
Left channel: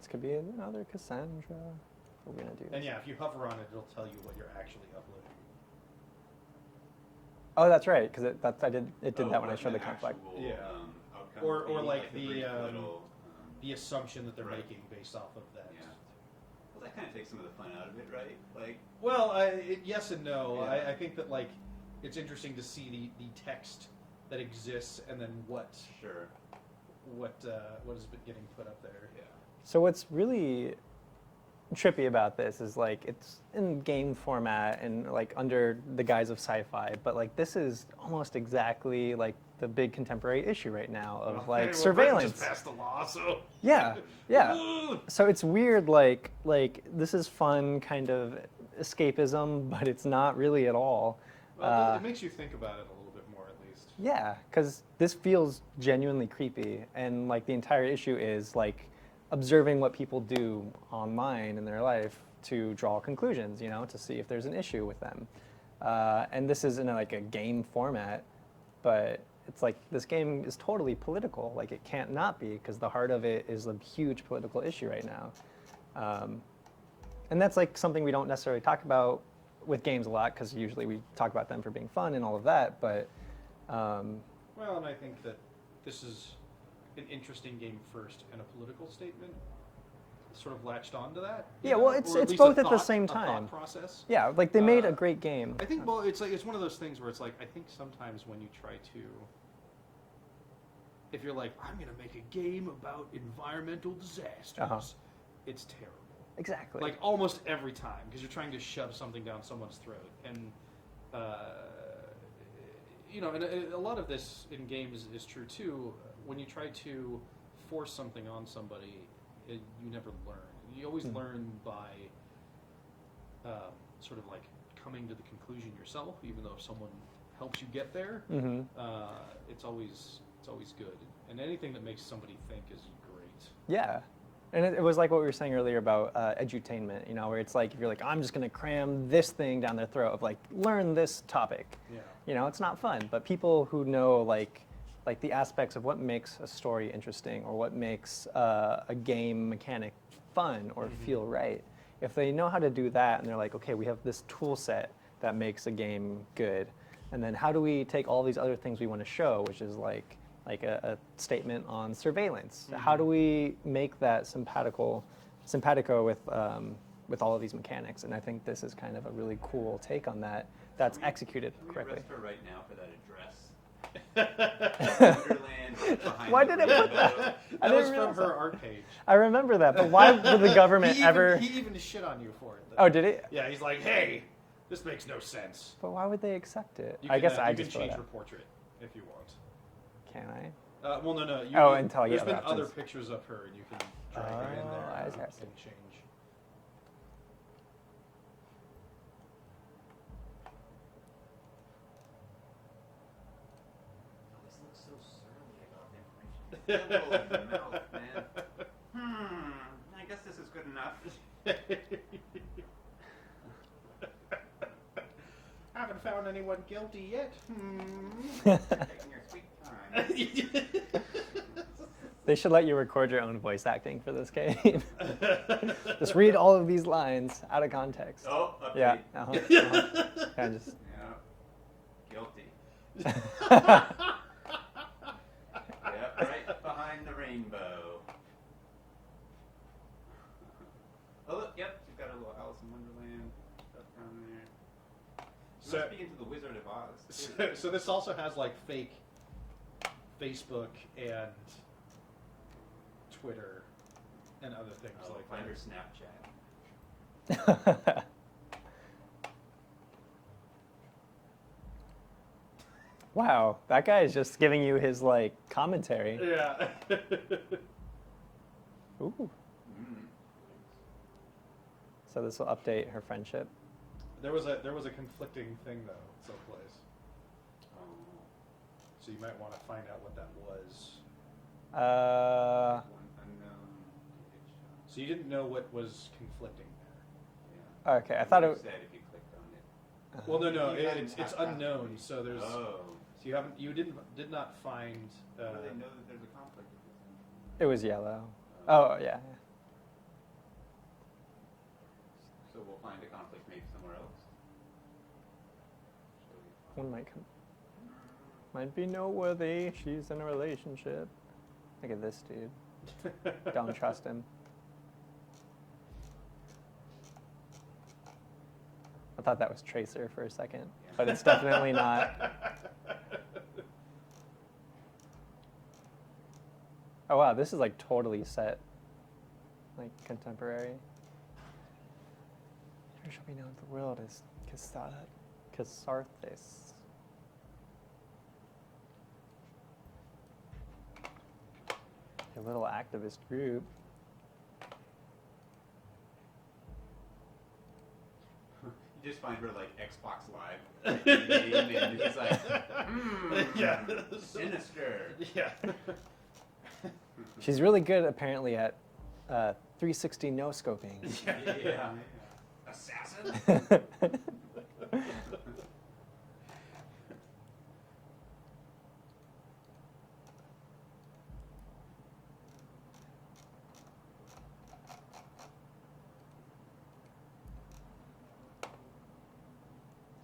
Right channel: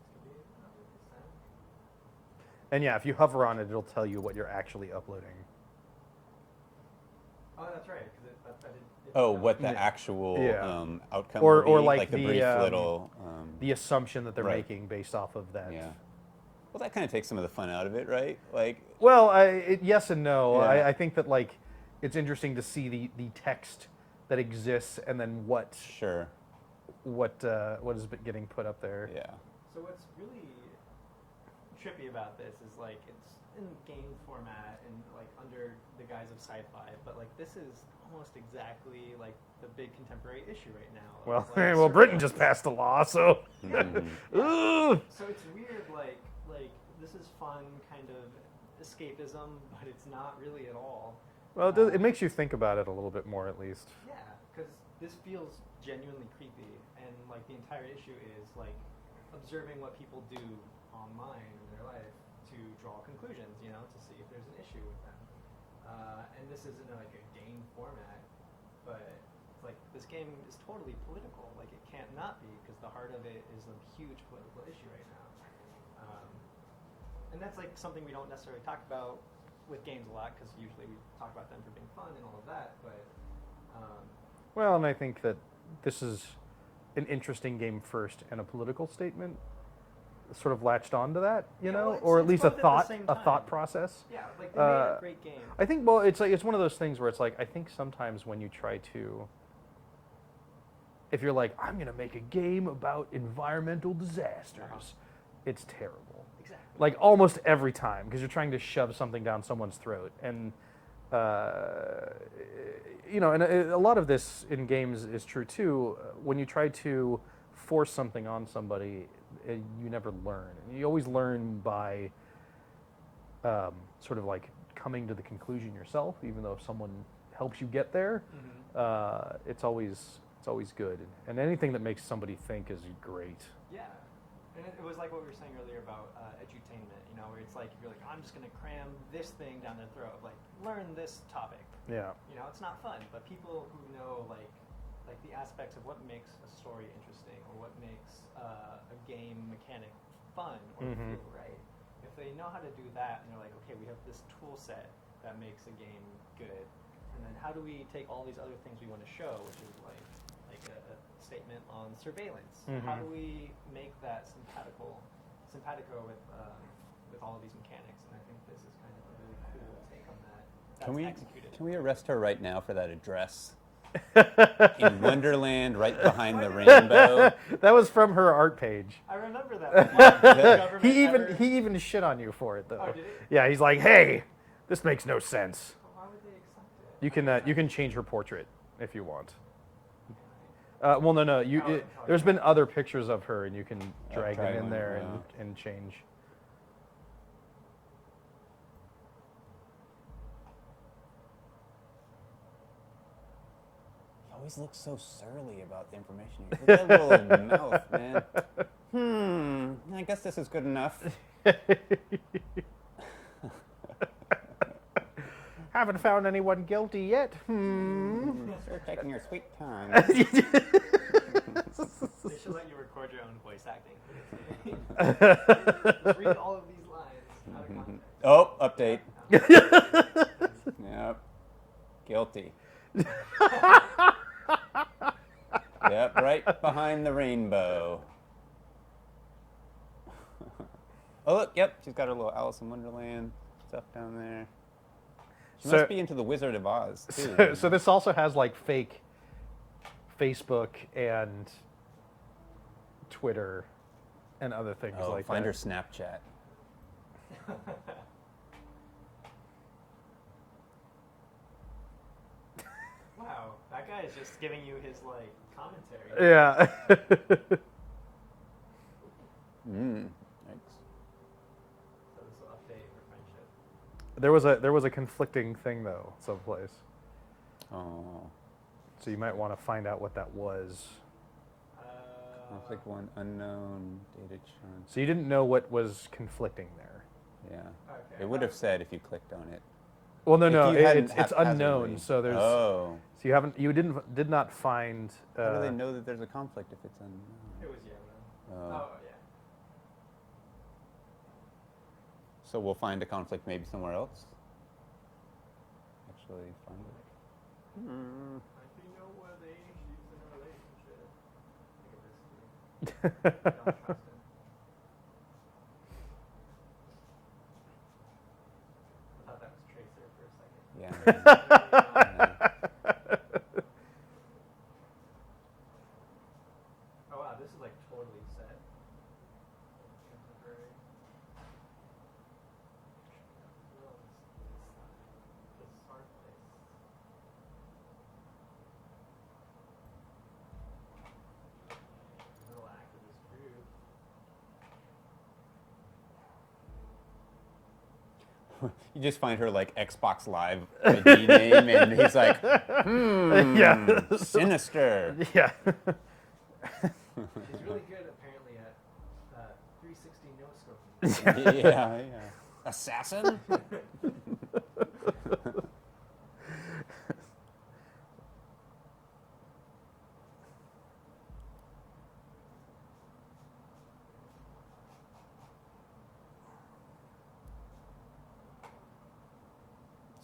This could be another Cassandra. What are we gonna do? And yeah, if you hover on it, it'll tell you what you're actually uploading. Oh, that's right. Because I did. It did Oh, that what one. the It did actual Yeah. outcome Or- will or be, like the the, brief little, little. The assumption that they're Right. making based off of that. Yeah. Well, that kind of takes some of the fun out of it, right? Like, Well, yes and no. Yeah. I think that like it's interesting to see the text that exists and then what sure. is getting put up there. Yeah. So what's really trippy about this is like it's in game format and like under the guise of sci-fi, but like this is almost exactly like the big contemporary issue right now of like Britain surveillance. just passed a law, so Yeah, yeah. Ugh. So it's weird, like this is fun kind of escapism, but it's not really at all. Well, it makes you think about it a little bit more, at least. Yeah, because this feels genuinely creepy, and like the entire issue is like observing what people do online in their life to draw conclusions, you know, to see if there's an issue with them. And this is in like a game format, but it's like this game is totally political. Like it can't not be, because the heart of it is a huge political issue right now. And that's like something we don't necessarily talk about with games a lot, because usually we talk about them for being fun and all of that, but Well, and I think that this is an interesting game first and a political statement. sort of latched onto that. You Yeah, know? well, it's- or at it's least both a at the thought, same a thought time. process. Yeah, like they made a Uh, great game. I think, well, it's like it's one of those things where it's like I think sometimes when you try to, if you're like, I'm gonna make a game about environmental disasters, it's terrible. Exactly. Like almost every time, because you're trying to shove something down someone's throat, and you know, and a lot of this in games is true too. When you try to force something on somebody, you never learn. You always learn by sort of like coming to the conclusion yourself, even though if someone helps you get there, it's always good. And anything that makes somebody think is great. Yeah. And it was like what we were saying earlier about edutainment, you know, where it's like, if you're like, I'm just going to cram this thing down their throat of like, learn this topic. Yeah. You know, it's not fun. But people who know like the aspects of what makes a story interesting or what makes a game mechanic fun or feel right, if they know how to do that and they're like, okay, we have this tool set that makes a game good, and then how do we take all these other things we want to show, which is like a statement on surveillance. How do we make that simpatico with all of these mechanics? And I think this is kind of a really cool take on that. That's executed. Can we correctly. arrest her right now for that address? In Wonderland, right behind Why the did I- rainbow. That was from her art page. I remember that, but why did the government he even, ever? He even shit on you for it, though. Oh, did he? Yeah, he's like, hey, this makes no sense. But why would they accept it? You I can guess I you can just change wrote her it. portrait if you want. Can I? Well, no. You, Oh, you- and tell you there's been about other this. pictures of her, and you can drag right. them in there Oh, and, okay. and change. Always looks so surly about the information. Look at that little mouth, man. I guess this is good enough. Haven't found anyone guilty yet. Taking your sweet time. They should let you record your own voice acting for this game. Just read all of these lines out of context. Oh, Yeah. update. Yeah, just- Yep. Guilty. Yep, right behind the rainbow. Oh, look, yep, she's got her little Alice in Wonderland stuff down there. She So- must be into the Wizard of Oz, too. So this also has like fake Facebook and Twitter and other things Oh, like find that. her Snapchat. Wow, that guy is just giving you his like commentary. Yeah. Ooh. Thanks. So this will update her friendship. there was a conflicting thing though, someplace. Oh. So you might want to find out what that was. Pick one unknown data chunk. So you didn't know what was conflicting there. Yeah. Okay, I It thought would have it. said if you clicked on it. Well, no, If no, you it, hadn't it's unknown. haphazardly- So there's. Oh. So you did not find. How do they know that there's a conflict if it's unknown? It was yellow. Oh. Oh yeah. So we'll find a conflict maybe somewhere else. Actually, One find- might come. Might be noteworthy. She's in a relationship. Look at this dude. Don't trust him. I thought that was Tracer for a second, Yeah. but it's definitely not. Oh wow, this is like totally set, like contemporary. Here shall we know the world is Catharthis. A little activist group. You just find her like Xbox Live ID name, and he's like, Yeah. sinister. Yeah. She's really good apparently at 360 no scoping. Yeah. Assassin?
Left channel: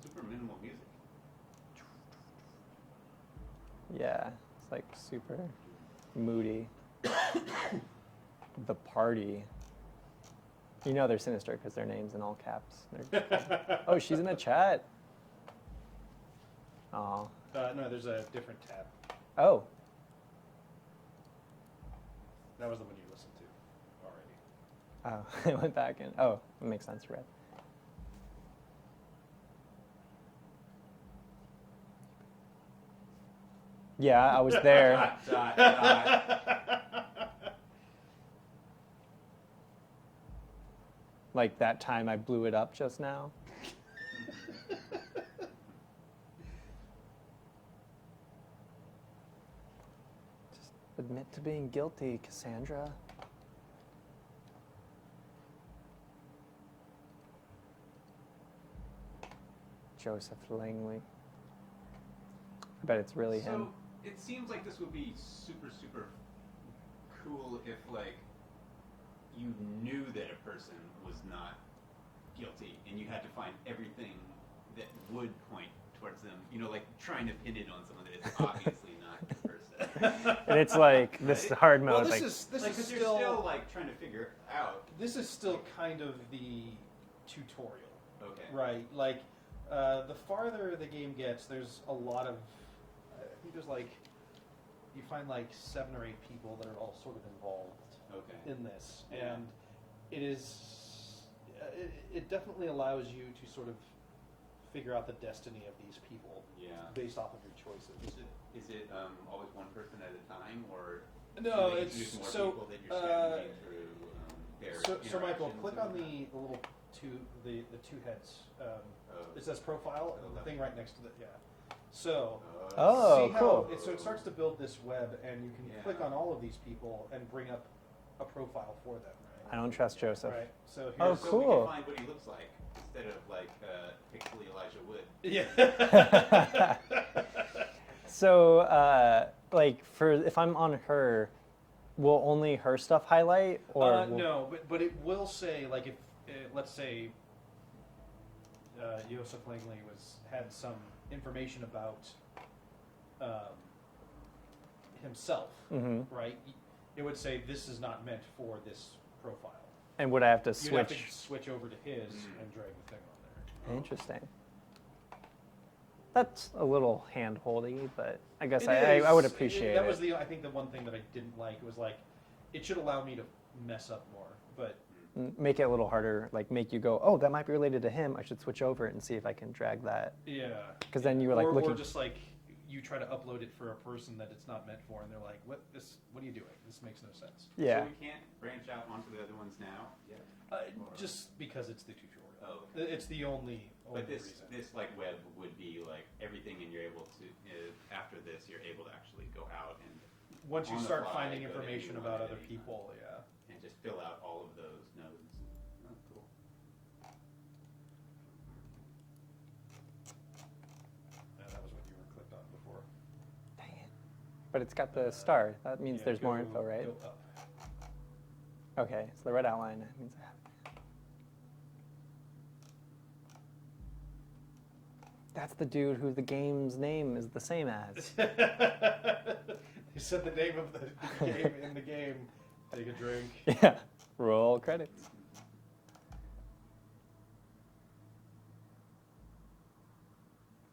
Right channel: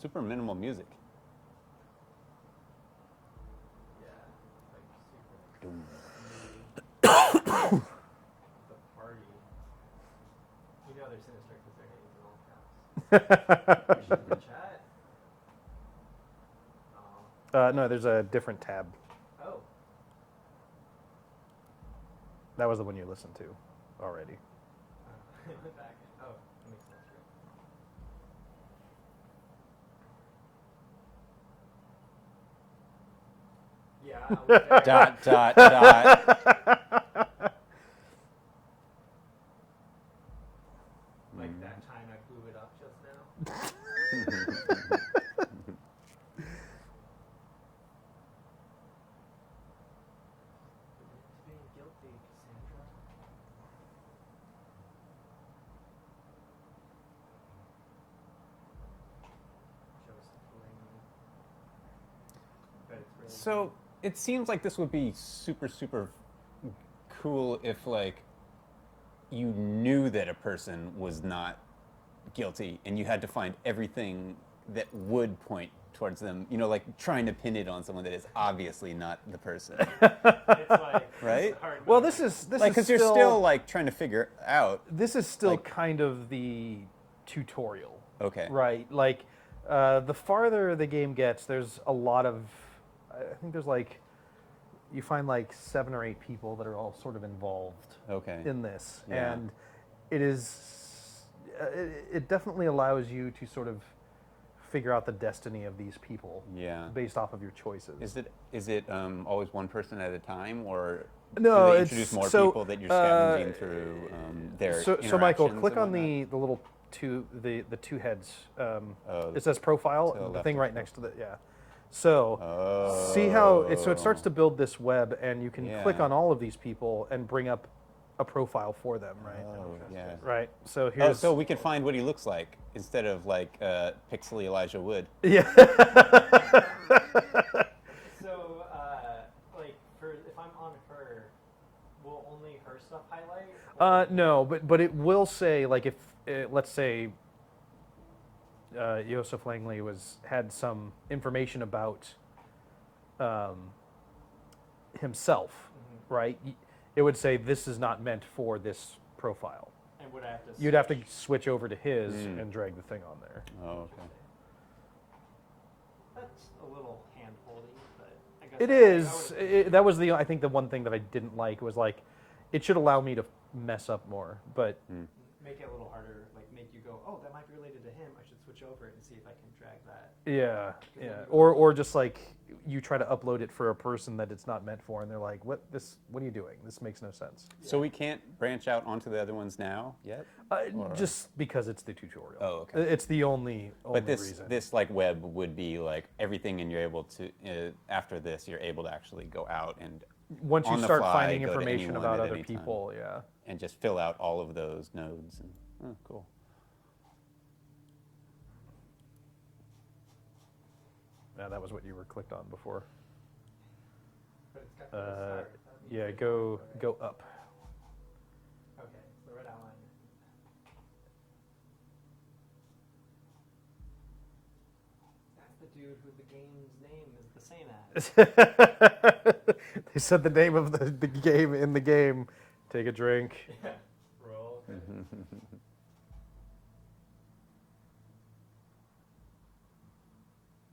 Super minimal music. Yeah, it's like super moody. The party. You know they're sinister because their name's in all caps. Oh, she's in the chat. Oh. No, there's a different tab. Oh. That was the one you listened to already. Oh, I went back and oh, it makes sense, right? Yeah, I was there. dot. Like that time I blew it up just now. Just admit to being guilty, Cassandra. Joseph Langley. Bet it's really him. So it seems like this would be super, super cool if like you knew that a person was not guilty and you had to find everything that would point towards them. You know, like trying to pin it on someone that is obviously not the person. And it's like this Right? hard mode. Well, this like, is Like, because you're still like trying to figure out. this is still like- kind of the tutorial, Okay. right? Like the farther the game gets, there's a lot of. I think there's like you find like 7 or 8 people that are all sort of involved Okay. in this, Yeah. and it is it definitely allows you to sort of figure out the destiny of these people Yeah. based off of your choices. Is it always one person at a time, or No, do they it's- introduce more so, people that you're scavenging through their So Michael, interactions click and on whatnot? the little the two heads. Oh, It says profile, to the the left thing of right it. next to the So Oh. see how it starts to build this web, and you can click Yeah. on all of these people and bring up a profile for them, right? I don't trust yeah. Joseph. Right. So Oh, here's so we can find what he looks like instead of like pixely Elijah Wood. yeah. So, like, for if I'm on her, will only her stuff highlight? Or will- No, but it will say like if let's say Joseph Langley had some information about himself, Mhm. right? It would say this is not meant for this profile. And would I have to switch? You'd have to switch over to his Mm. and drag the thing on there. Oh, okay. Interesting. That's a little hand-holdy, but I guess It I is. would appreciate it. That was I think the one thing that I didn't like was like, it should allow me to mess up more, but Make it a little harder, like make you go, oh, that might be related to him. I should switch over and see if I can drag that. yeah. 'Cause then yeah. you were, like, or looking- just like you try to upload it for a person that it's not meant for, and they're like, what are you doing? This makes no sense. Yeah. So we can't branch out onto the other ones now yet. Or- Just because it's the tutorial. Oh, okay. It's the only But this reason. this like web would be like everything, and you're able to after this you're able to actually go out and Once you on the start fly, finding go to information anyone about at other any time. people, yeah. and just fill out all of those nodes. And, oh, cool. Yeah, that was what you were clicked on before. Dang it. But it's got the star. That means yeah, there's go, more info, right? Go up. Okay, so the red outline means I have. That's the dude who the game's name is the same as. They said the name of the game in the game. Take a drink. Yeah. Roll credits.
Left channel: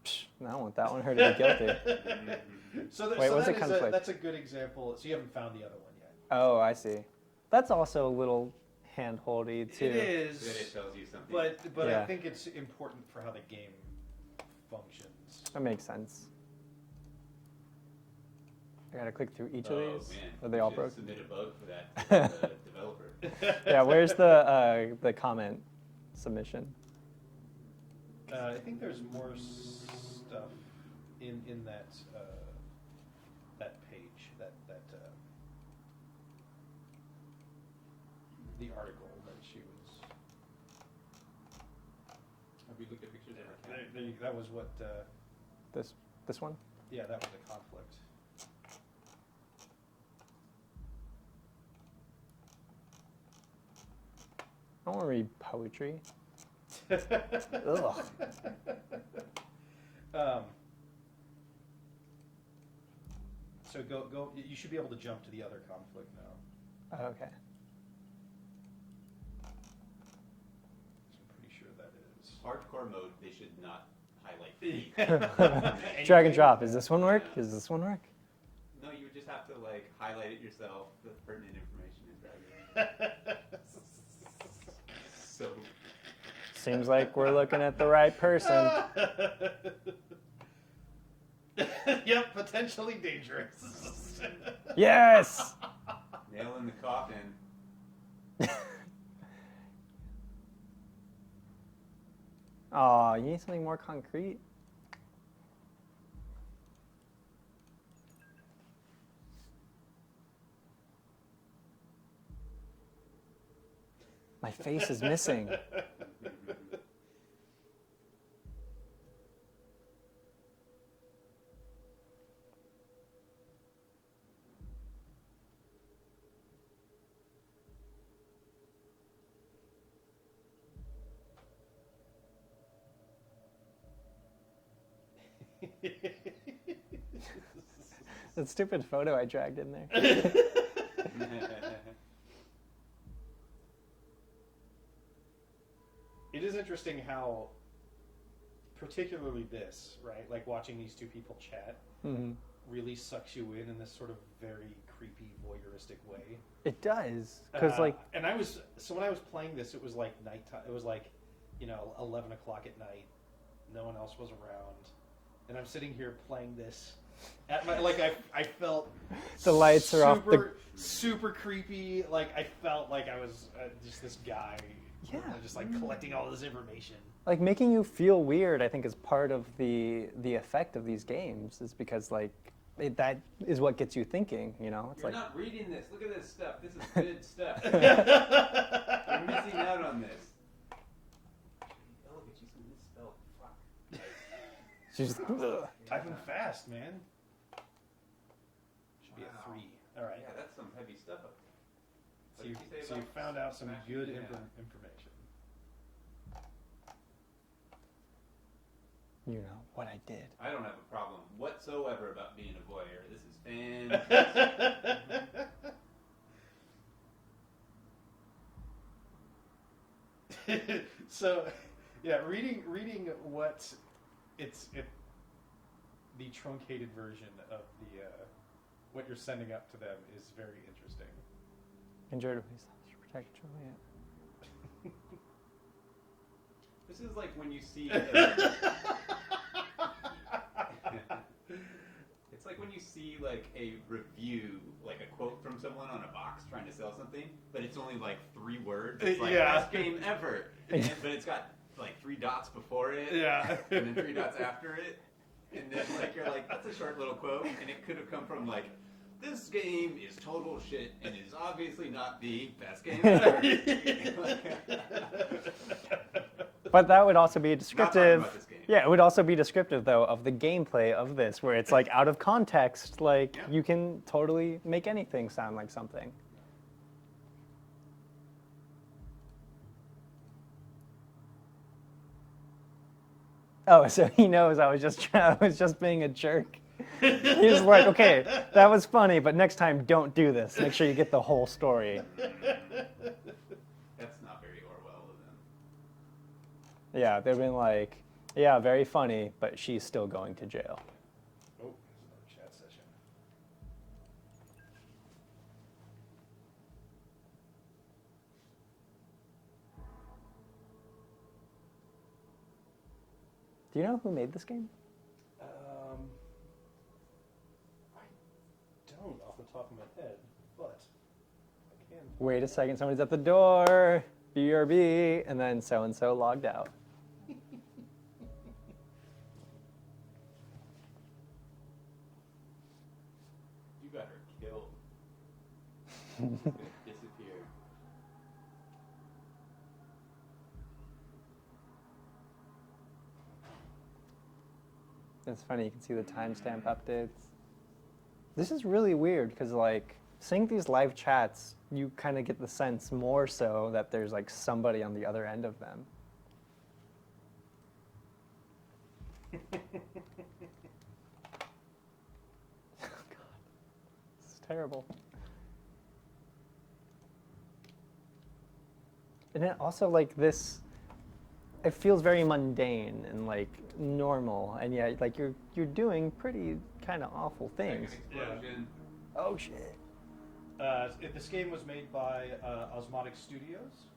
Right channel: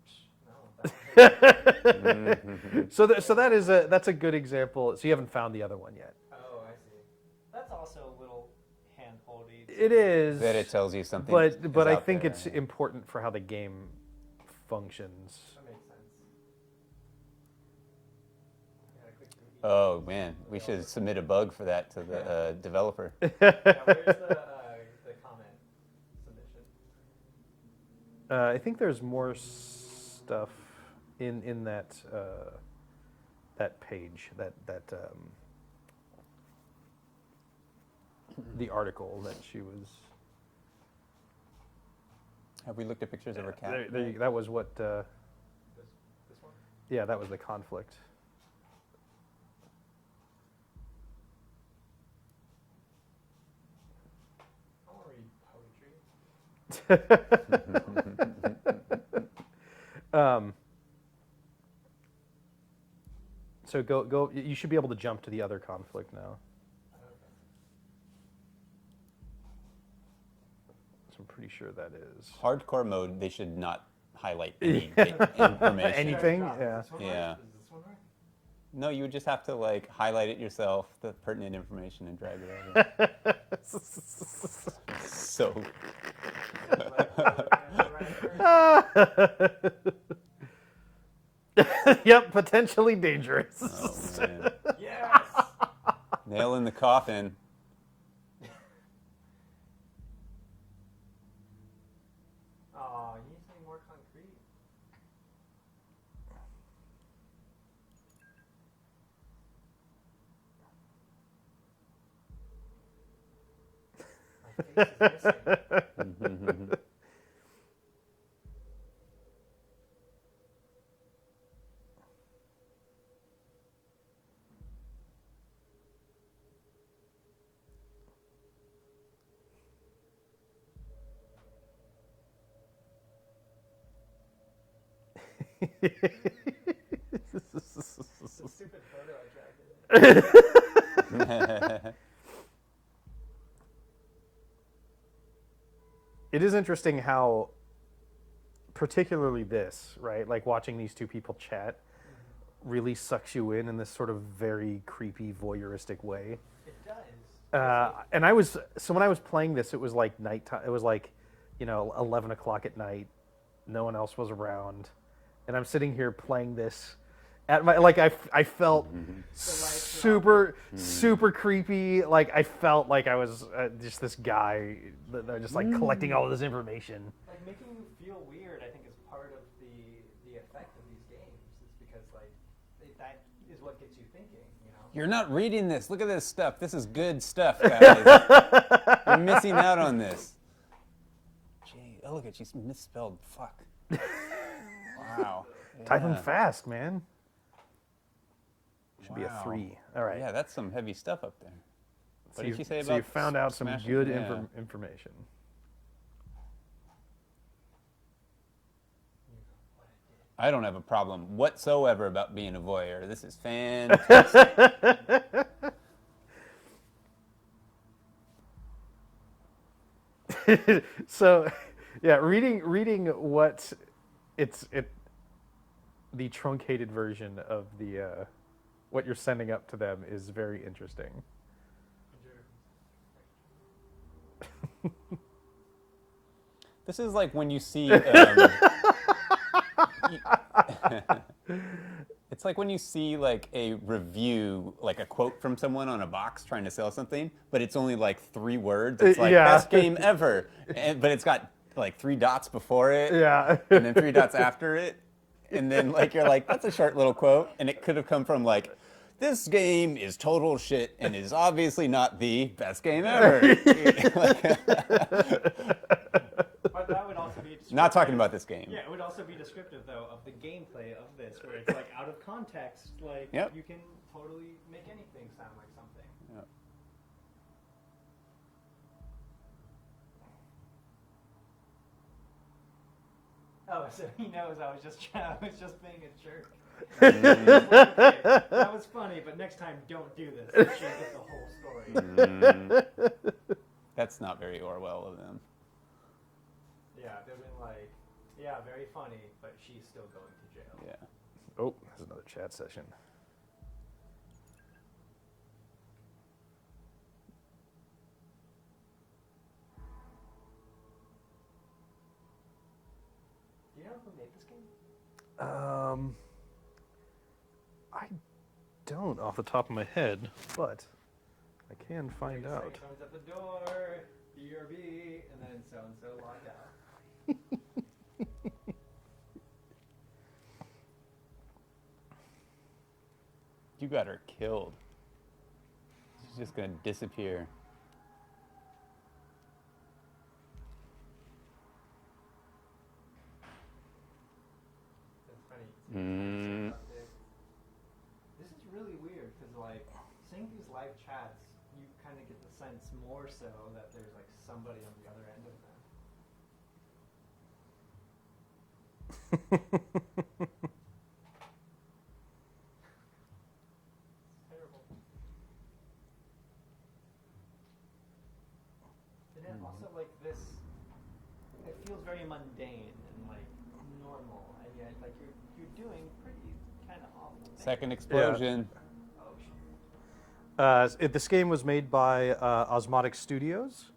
Psh, I don't want that one. Heard you So, Wait, so what's that the is conflict? that's a good example. So you haven't found the other one yet. Oh, I see. That's also a little hand-holdy too. It is. That it tells you something. But I about think the- it's important for how the game functions. That makes sense. I gotta click through each Oh of these. man, Are we they all should broken? submit a bug for that to the developer. Yeah, where's the comment submission? I think there's more stuff in that that page that the article that she was. Have we looked at pictures of her cat? That was what. This one? Yeah, that was the conflict. I don't want to read poetry. So go. You should be able to jump to the other conflict now. Okay. sure that is. Hardcore mode, they should not highlight any information. Drag and drop. yeah. Does this one work? Yeah. Does this one work? No, you would just have to like highlight it yourself, the pertinent information, and drag it over. So Seems like we're looking at the right person. Yep, potentially dangerous. oh, man. Yes. Nail in the coffin. Aw, you need something more concrete. My face is missing. That stupid photo I dragged in there. It is interesting how, particularly this, right? Like watching these two people chat really sucks you in this sort of very creepy, voyeuristic way. It does. 'Cause, like, And I was, so when I was playing this, it was like nighttime. It was like, 11 o'clock at night. No one else was around. And I'm sitting here playing this at my, like, I felt the lights are off. super creepy. Like, I felt like I was just this guy just like collecting all of this information. Like making you feel weird, I think, is part of the effect of these games. Is because like that is what gets you thinking. You know. You're not reading this. Look at this stuff. This is good stuff, guys. You're missing out on this. Gee, oh look at she's misspelled. Fuck. She's typing fast, man. Should be a Wow. 3. All right. Yeah, that's some heavy stuff up there. What So did she say so about you found out some smashing? good Yeah. information. You know what I did. I don't have a problem whatsoever about being a voyeur. This is fantastic. So, yeah, reading what the truncated version of the what you're sending up to them is very interesting. Enjoy to protect Juliet. This is like when you see. It's like when you see like a review, like a quote from someone on a box trying to sell something, but it's only like 3 words. It's like Yeah. best game ever, but it's got like 3 dots before it, Yeah. and then 3 dots after it, and then like you're like, that's a short little quote, and it could have come from like, this game is total shit and is obviously not the best game ever. But that would also be descriptive. Not talking about this game. Yeah, it would also be descriptive though of the gameplay of this, where it's like out of context, like Yep. you can totally make anything sound like something. Yep. Oh, so he knows I was just being a jerk. He's like, okay, that was funny, but next time don't do this. Make sure you get the whole story. That's not very Orwell of them. Yeah, they've been like, yeah, very funny, but she's still going to jail. Yeah. Oh, there's another chat session. Do you know who made this game? I don't off the top of my head, but I can find Wait a out. second, somebody's at the door. BRB, and then so and so logged out. You got her killed. She's just gonna disappear. It's funny, you can see the timestamp updates. This is really weird because, like, seeing these live chats, you kind of get the sense more so that there's like somebody on the other end of them. This is terrible. And then also like this it feels very mundane and like normal, and yeah, like you're doing pretty kind of awful things. Second explosion. Oh shit. This game was made by Osmotic Studios.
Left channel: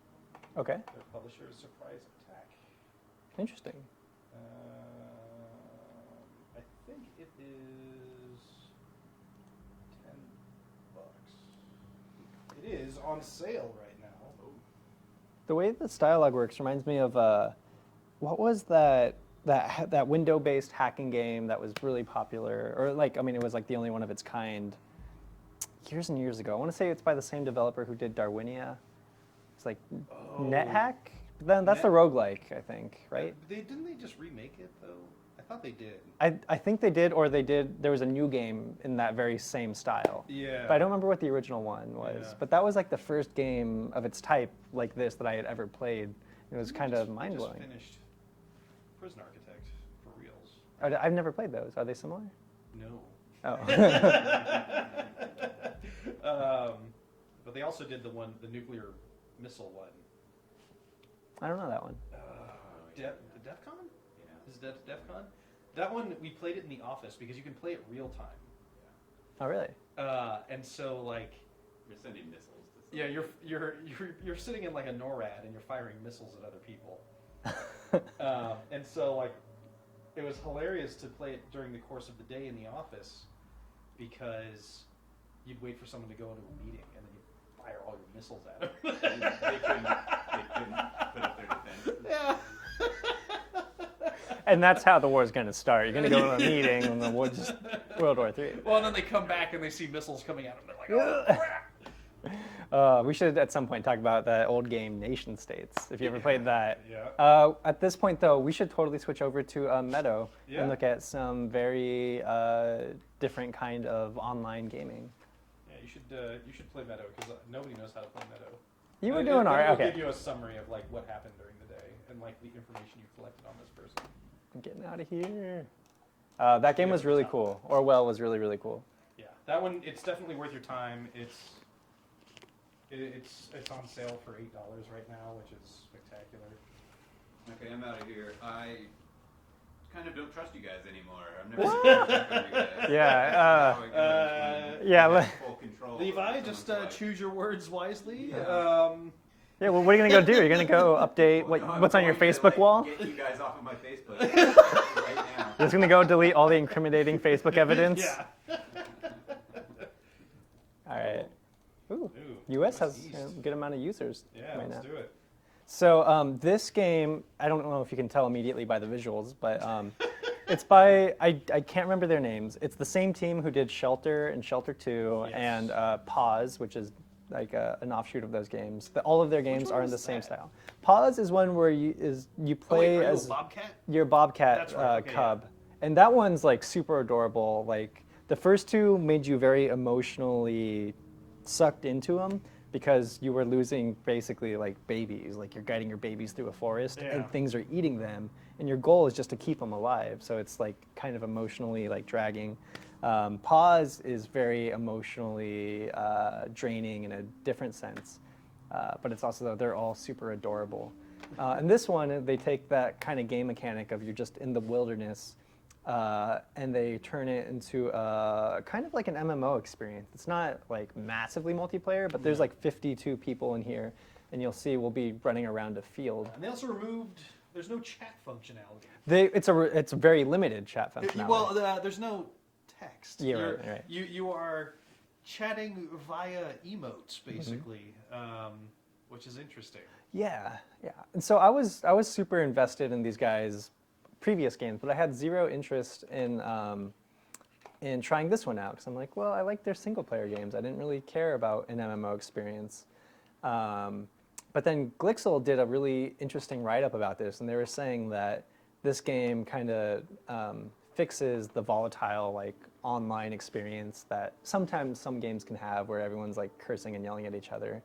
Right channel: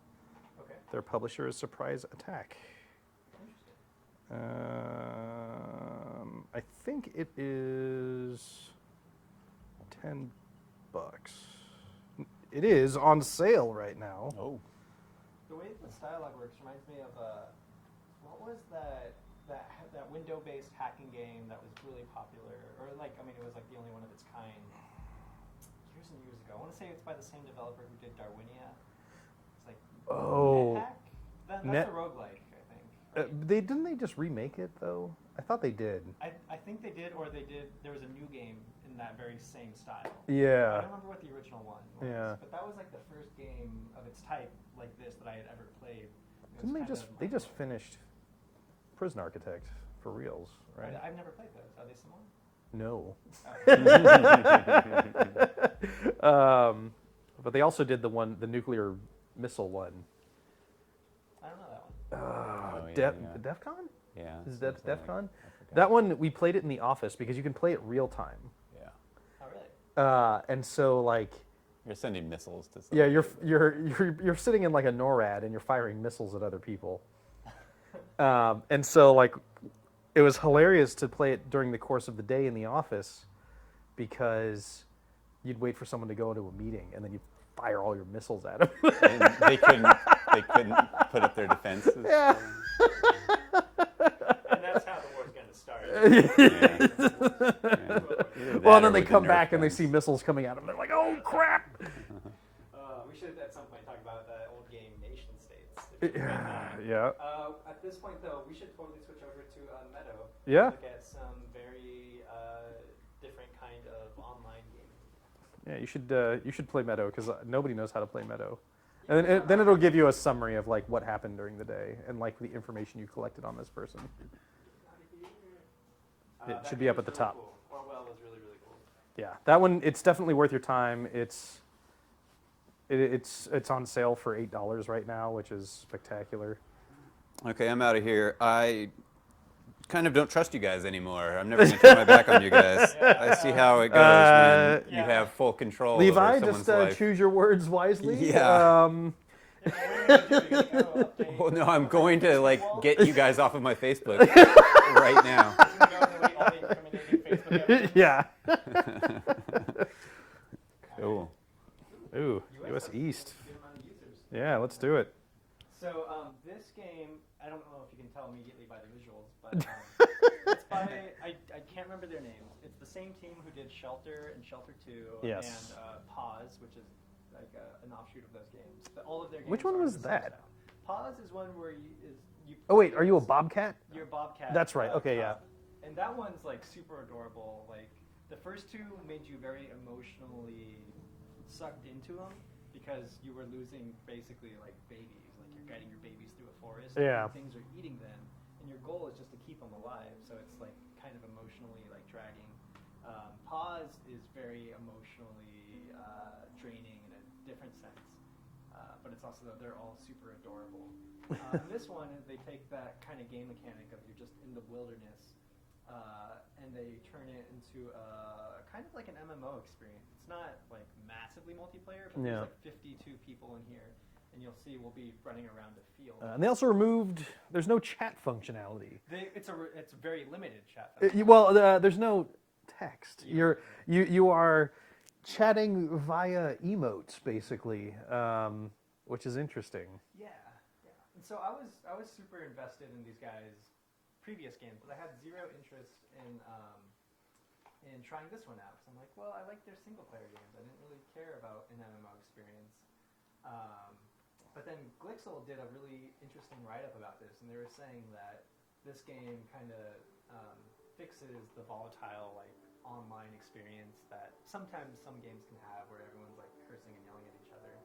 Okay, Their publisher is Surprise Attack. interesting. I think it is $10. It is on sale right now. Oh. The way the dialogue works reminds me of what was that window-based hacking game that was really popular, or like I mean it was like the only one of its kind years and years ago. I want to say it's by the same developer who did Darwinia. It's like NetHack. Then that's the roguelike, I think, right? Didn't they just remake it though? I thought they did. I think they did, or they did. There was a new game in that very same style. Yeah. But I don't remember what the original one was. Yeah. But that was like the first game of its type like this that I had ever played. It was kind of They mind just blowing. finished Prison Architect for reals. Right? I've never played those. Are they similar? No. Oh. But they also did the nuclear missile one. I don't know that one. The DEF CON? Yeah. Is that something DEF like CON? That one we played it in the office because you can play it real time. Yeah. Oh, really? And so like You're sending missiles to. yeah, you're sitting in like a NORAD and you're firing missiles at other people. And so like it was hilarious to play it during the course of the day in the office because you'd wait for someone to go into a meeting and then you'd fire all your missiles at them. And they couldn't put up their defenses. Yeah. And that's how the war's going to start. You're going to go to a meeting and the war's World War III. Well, and or then they with the come Nerf back and they guns. see missiles coming at them. They're like, oh crap! We should at some point talk about that old game Nation States, if you ever played that. Yeah. At this point, though, we should totally switch over to Meadow Yeah. and look at some very different kind of online gaming. Yeah, you should play Meadow because nobody knows how to play Meadow. You And were then, doing then all it'll right. give you a summary of like what happened during the day and like the information you collected on this person. I'm getting out of here. should That be game up was at the really top. cool. Orwell was really, really cool. Yeah, that one it's definitely worth your time. It's on sale for $8 right now, which is spectacular. Okay, I'm out of here. I kind of don't trust you guys anymore. I'm never going to turn my back on you guys. Yeah, I see how it goes when yeah, you have le- full control Levi, over just someone's life. choose your words wisely. Yeah. Yeah, well, what are you going to go do? You're going to go update Well, no, I'm what's on your going to Facebook wall? get you guys off of my Facebook right now. Just going to go delete all the incriminating Facebook evidence? Yeah. All right. Cool. Ooh, US has East. a good amount of users. Yeah, right let's now. do it. So this game, I don't know if you can tell immediately by the visuals, but it's by, I can't remember their names. It's the same team who did Shelter and Shelter 2 Yes. and Pause, which is like an offshoot of those games. All of their games one are was the same that? style. Pause is one where you play Oh wait, are you a as- bobcat? You're a bobcat That's right, okay, yeah. cub. And that one's like super adorable. Like the first two made you very emotionally sucked into them because you were losing basically like babies. Like you're guiding your babies through a forest Yeah. and things are eating them. And your goal is just to keep them alive. So it's like kind of emotionally like dragging. Pause is very emotionally draining in a different sense. But it's also, they're all super adorable. And this one, they take that kind of game mechanic of you're just in the wilderness and they turn it into kind of like an MMO experience. It's not like massively multiplayer, but there's Yeah. like 52 people in here. And you'll see we'll be running around a field. And they also removed. There's no chat functionality. It's a very limited chat functionality. Well, there's no text. Yeah, You're, right. You are chatting via emotes basically, which is interesting. Yeah. And so I was super invested in these guys' previous games, but I had zero interest in trying this one out because I'm like, well, I like their single player games. I didn't really care about an MMO experience. But then Glixel did a really interesting write-up about this, and they were saying that this game kind of fixes the volatile like online experience that sometimes some games can have where everyone's like cursing and yelling at each other.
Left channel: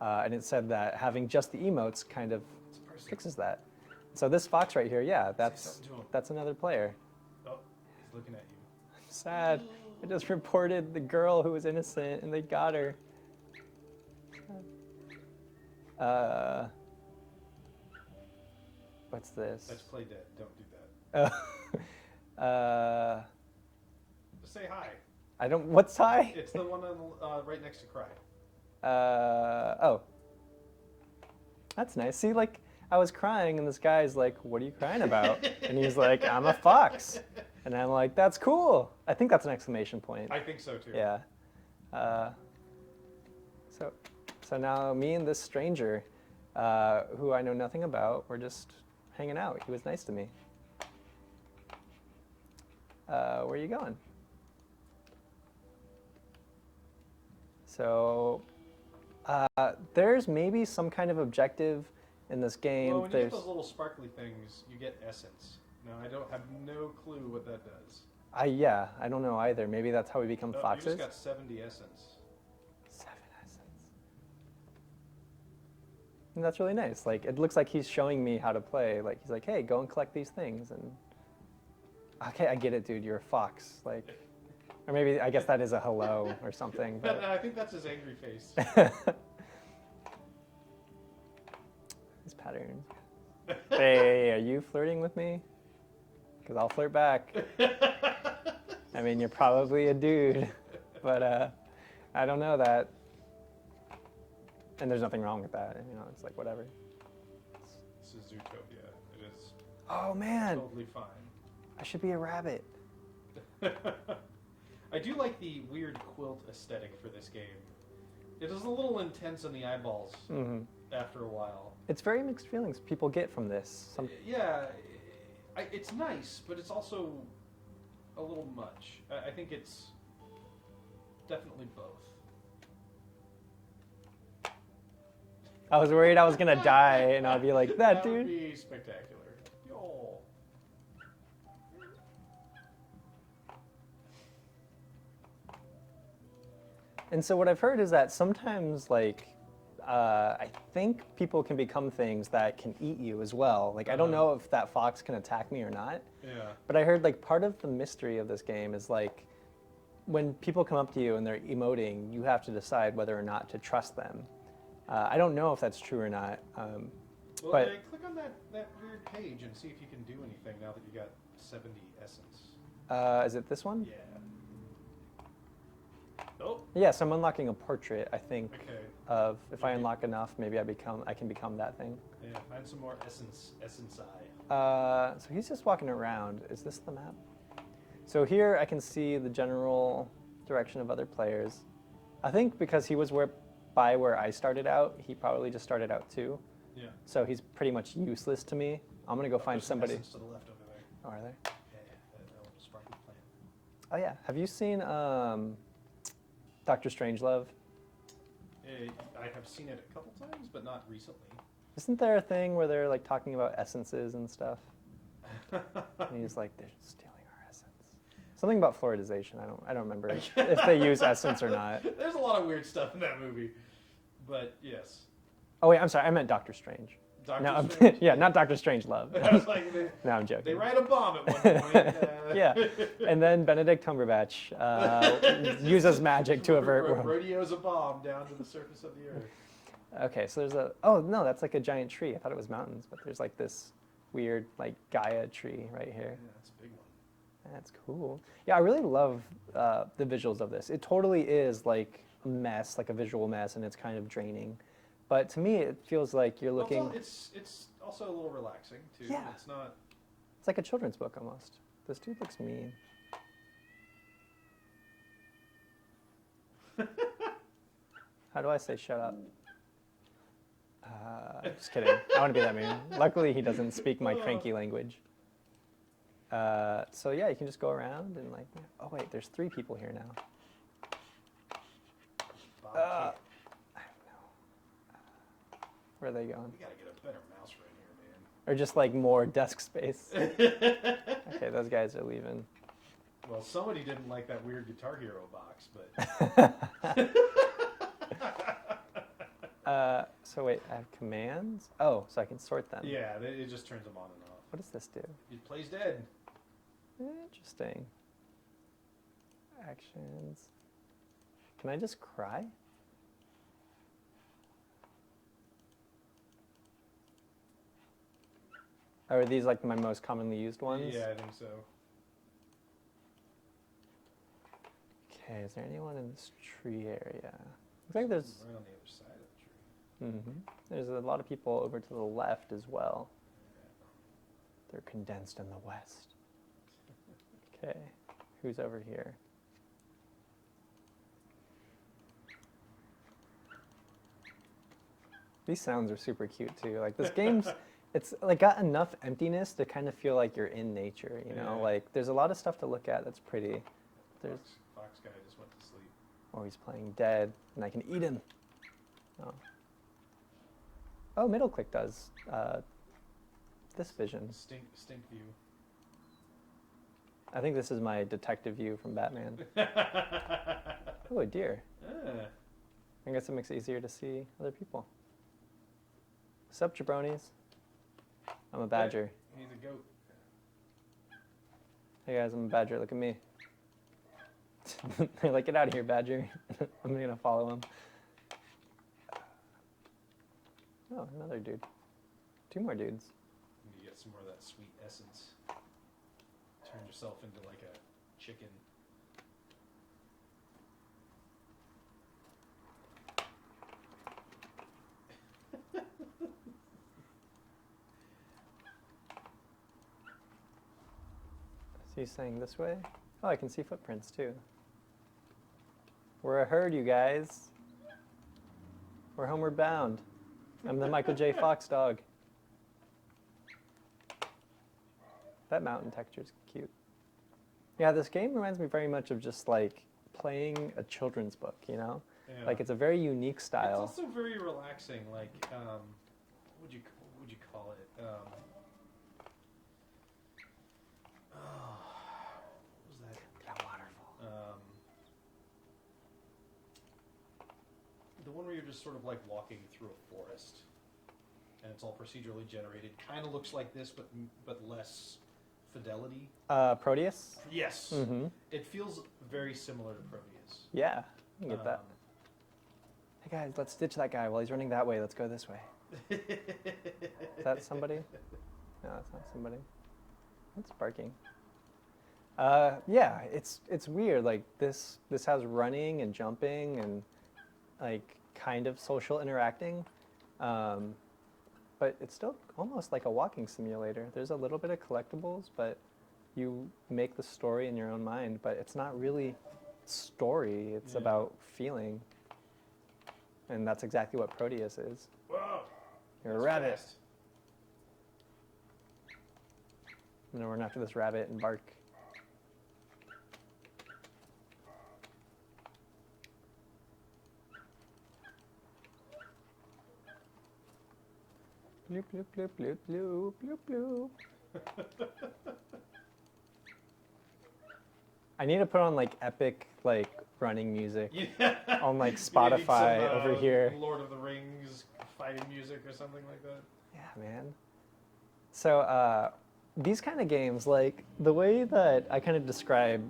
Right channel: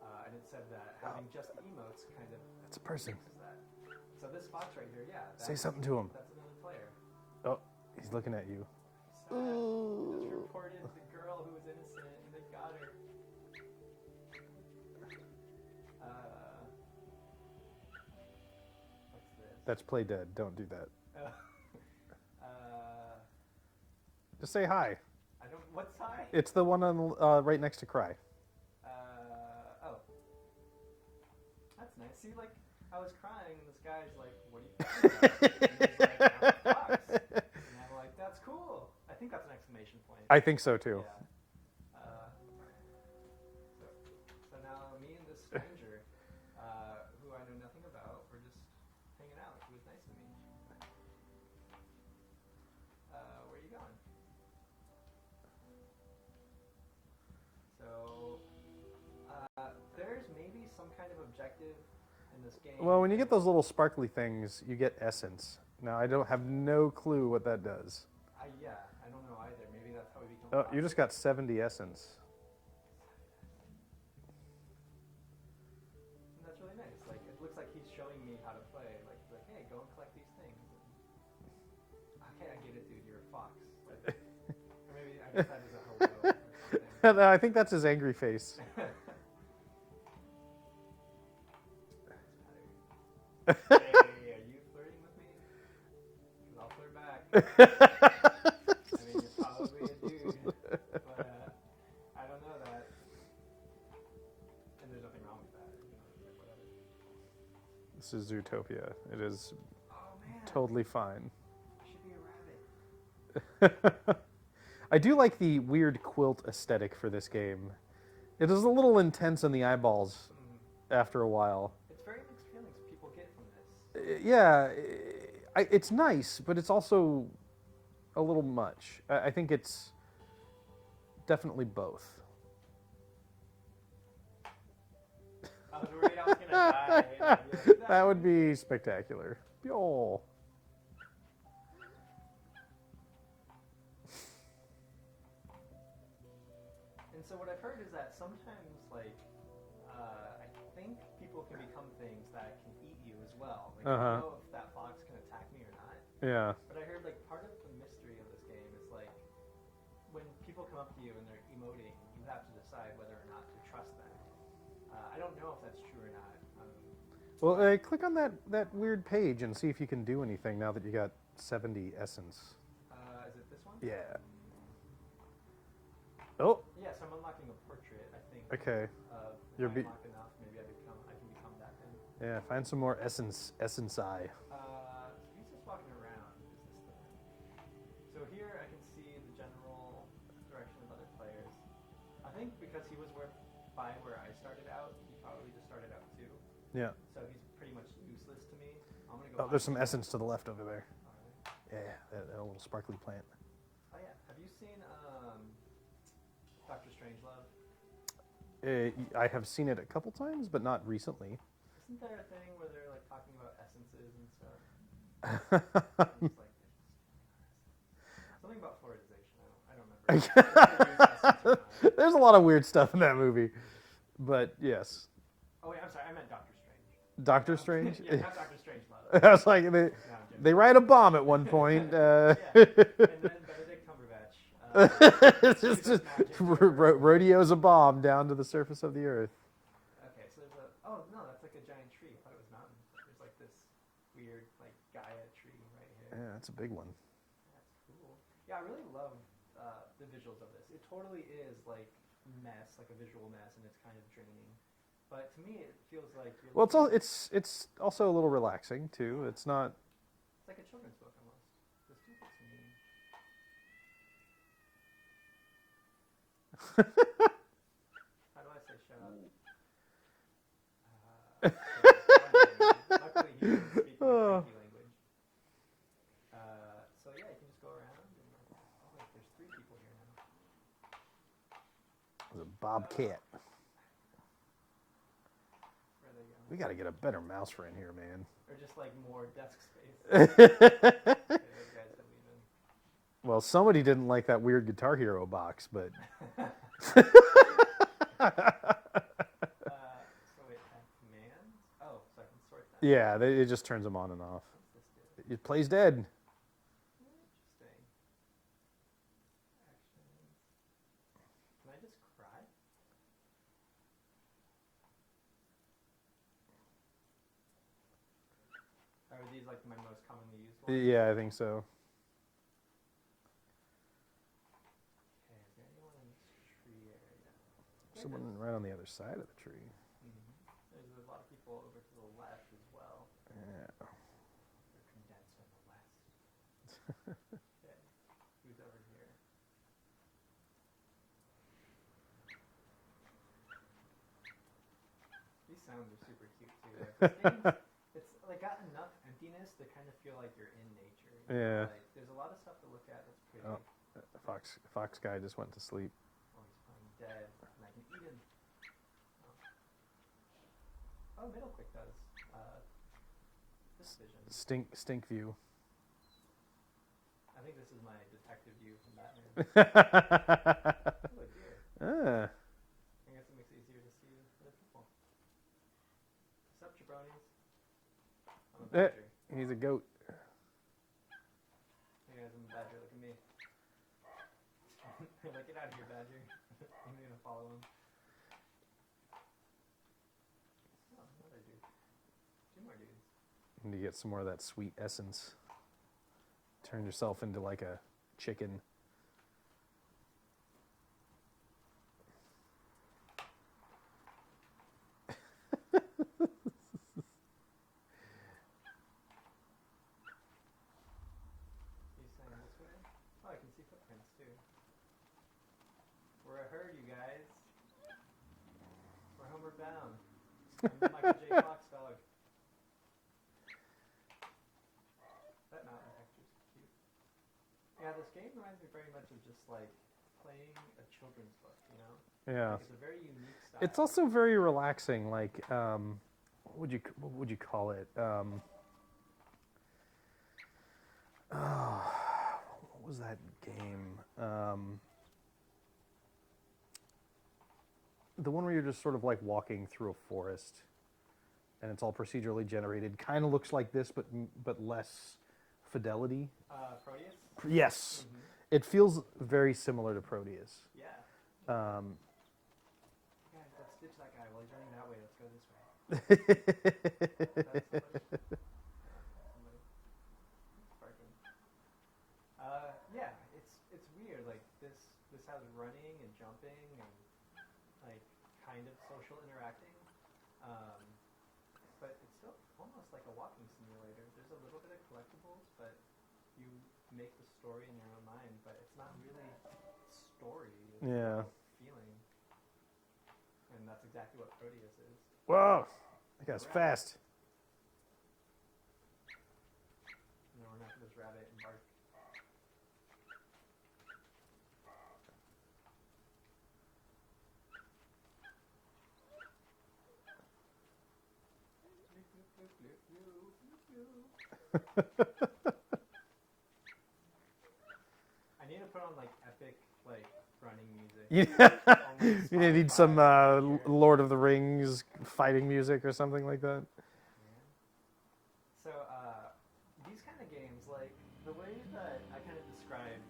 And it said that having just the emotes kind of fixes that. So this fox right here, yeah, that's something to him. That's another player. Oh, he's looking at you. Sad. I just reported the girl who was innocent, and they got her. What's this? That's Play Dead. Don't do that. Just say hi. I don't. What's hi? It's the one on right next to Cry. Oh. That's nice. See, like, I was crying, and this guy's like, "What are you crying about?" And he's like, "I'm a fox." And I'm like, "That's cool." I think that's an exclamation point. I think so too. Yeah. So now me and this stranger, who I know nothing about, we're just hanging out. He was nice to me. Where are you going? So there's maybe some kind of objective in this game. Well, when you get There's- those little sparkly things, you get essence. Now, I don't have no clue what that does. Yeah, I don't know either. Maybe that's how we become Oh, foxes. you just got 70 essence. 7 essence. And that's really nice. Like, it looks like he's showing me how to play. Like, he's like, "Hey, go and collect these things." And okay, I get it, dude. You're a fox. Like, or maybe I guess that is a hello or something. but- I think that's his angry face. His pattern. Hey, are you flirting with me? Because I'll flirt back. I mean, you're probably a dude, but I don't know that. And there's nothing wrong with that. You know, it's like whatever. This is Zootopia. It is Oh man, totally fine. I should be a rabbit. I do like the weird quilt aesthetic for this game. It is a little intense in the eyeballs after a while. It's very mixed feelings people get from this. Yeah, it's nice, but it's also a little much. I think it's definitely both. I was worried I was gonna die, and I'd be like, That dude. would be spectacular. Oh. And so what I've heard is that sometimes, like, I think people can become things that can eat you as well. Like, I don't know if that fox can attack me or not. Yeah. But I heard, like, part of the mystery of this game is, like, when people come up to you and they're emoting, you have to decide whether or not to trust them. I don't know if that's true or not. Well, but- click on that weird page and see if you can do anything now that you got 70 essence. Is it this one? Yeah. Oh, Yes, I'm unlocking a portrait, I think, okay. of if You're I be- unlock enough, maybe I can become that thing. Yeah, find some more essence eye. So he's just walking around. Is this the map? So here I can see the general direction of other players. I think because he was where I started out, he probably just started out too. Yeah. So he's pretty much useless to me. I'm gonna go Oh, find there's some somebody. essence to the left over there. Oh, are there? Yeah, that little sparkly plant. Oh yeah. Have you seen Doctor Strangelove? I have seen it a couple times, but not recently. Isn't there a thing where they're like talking about essences and stuff? And he's like, they're stealing our essence. Something about fluoridization. I don't remember if they use essence or not. There's a lot of weird stuff in that movie, but yes. Oh wait, I'm sorry. I meant Doctor Strange. Doctor No, I'm Strange? kidding. Yeah, not Doctor Strangelove. I was like, No, I'm joking. they ride a bomb at one point. Yeah, and then Benedict Cumberbatch uses magic to avert one. Rodeos a bomb down to the surface of the earth. Okay, so there's a. Oh no, that's like a giant tree. I thought it was mountains, but there's like this weird like Gaia tree right here. Yeah, that's a big one. That's cool. Yeah, I really love the visuals of this. It totally is like a mess, like a visual mess, and it's kind of draining. But to me, it feels like you're Well, looking. it's also a little relaxing too. Yeah. It's not. It's like a children's book almost. This dude looks mean. How do I say shut up? Just kidding. I want to be that mean. Luckily, he doesn't speak my cranky language. So yeah, you can just go around and like. Oh wait, there's 3 people here now. Bobcat. Where are they going? We got to get a better mouse friend here, man. Or just like more desk space. Okay, those guys are leaving. Well, somebody didn't like that weird Guitar Hero box, but So wait, I have commands? Oh, so I can sort them. yeah, it just turns them on and off. What does this do? It plays dead. Interesting. Actions. Can I just cry? Are these like my most commonly used ones? Yeah, I think so. Okay, is there anyone in this tree area? I think there's Someone right on the other side of the tree. there's a lot of people over to the left as well. Yeah. They're condensed in the west. Okay, who's over here? These sounds are super cute too. Like this game's, it's like got enough emptiness to kind of feel like you're in nature. You know, Yeah. like there's a lot of stuff to look at that's pretty. There's- Fox guy just went to sleep. Oh, he's playing dead, and I can eat him. Oh, oh middle click does this vision. Stink view. I think this is my detective view from Batman. Oh, a deer. Ah. I guess it makes it easier to see other people. Sup, jabronis? I'm a badger. He's a goat. Hey guys, I'm a badger. Look at me. They're like, get out of here, badger. I'm gonna follow him. Oh, another dude. 2 more dudes. And you get some more of that sweet essence. Turn yourself into like a chicken. So he's saying this way? Oh, I can see footprints too. We're a herd, you guys. We're homeward bound. I'm the Michael J. Fox dog. That mountain texture's cute. Yeah, this game reminds me very much of just like playing a children's book, you know? Yeah. Like it's a very unique style. It's also very relaxing. Like, what would you call it? Oh, what was that game? The one where you're just sort of like walking through a forest, and it's all procedurally generated. Kind of looks like this, but less fidelity. Proteus? Yes, Mm-hmm. it feels very similar to Proteus. Yeah, I can get that. Um, Hey guys, let's ditch that guy while he's running that way. Let's go this way. Is that somebody? No, that's not somebody. It's barking. Yeah, it's weird. Like this has running and jumping and like kind of social interacting, but it's still almost like a walking simulator. There's a little bit of collectibles, but you make the story in your own mind. But it's not really story. It's Yeah. about feeling, and that's exactly what Proteus is. Whoa, You're a that's rabbit. fast. And then we're going after this rabbit and bark. Bloop, bloop, bloop, bloop, bloop, bloop, bloop. I need to put on like epic like running music on like Spotify You need some over here. Lord of the Rings fighting music or something like that. Yeah, man. So these kind of games, like the way that I kind of describe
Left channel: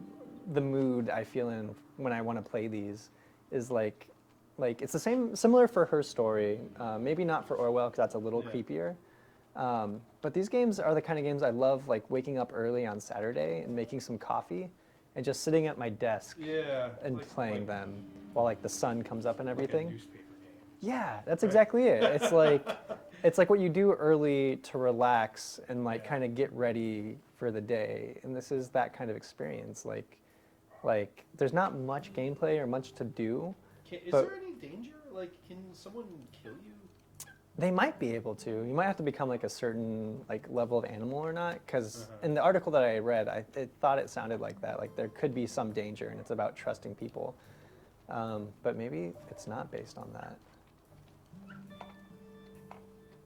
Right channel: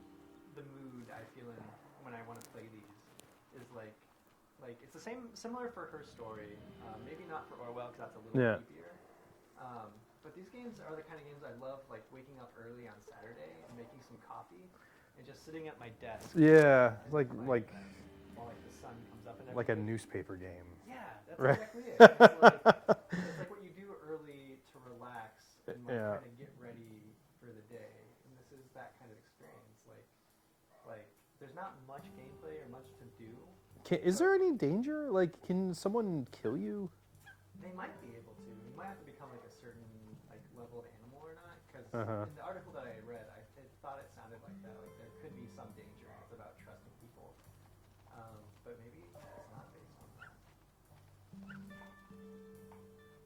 the mood I feel in when I want to play these is like it's the same, similar for Her Story. Maybe not for Orwell because that's a little Yeah. creepier. But these games are the kind of games I love, like waking up early on Saturday and making some coffee and just sitting at my desk Yeah, and playing them while like the sun comes up and like everything. a newspaper game. Yeah, that's exactly it. It's like what you do early to relax and like Yeah. kind of get ready for the day. And this is that kind of experience. Like there's not much gameplay or much to do. Is But- there any danger? Like, can someone kill you? They might be able to. You might have to become like a certain like level of animal or not. Because Uh-huh. in the article that I read, I thought it sounded like that. Like there could be some danger, and it's about trusting people. But maybe it's not based on that.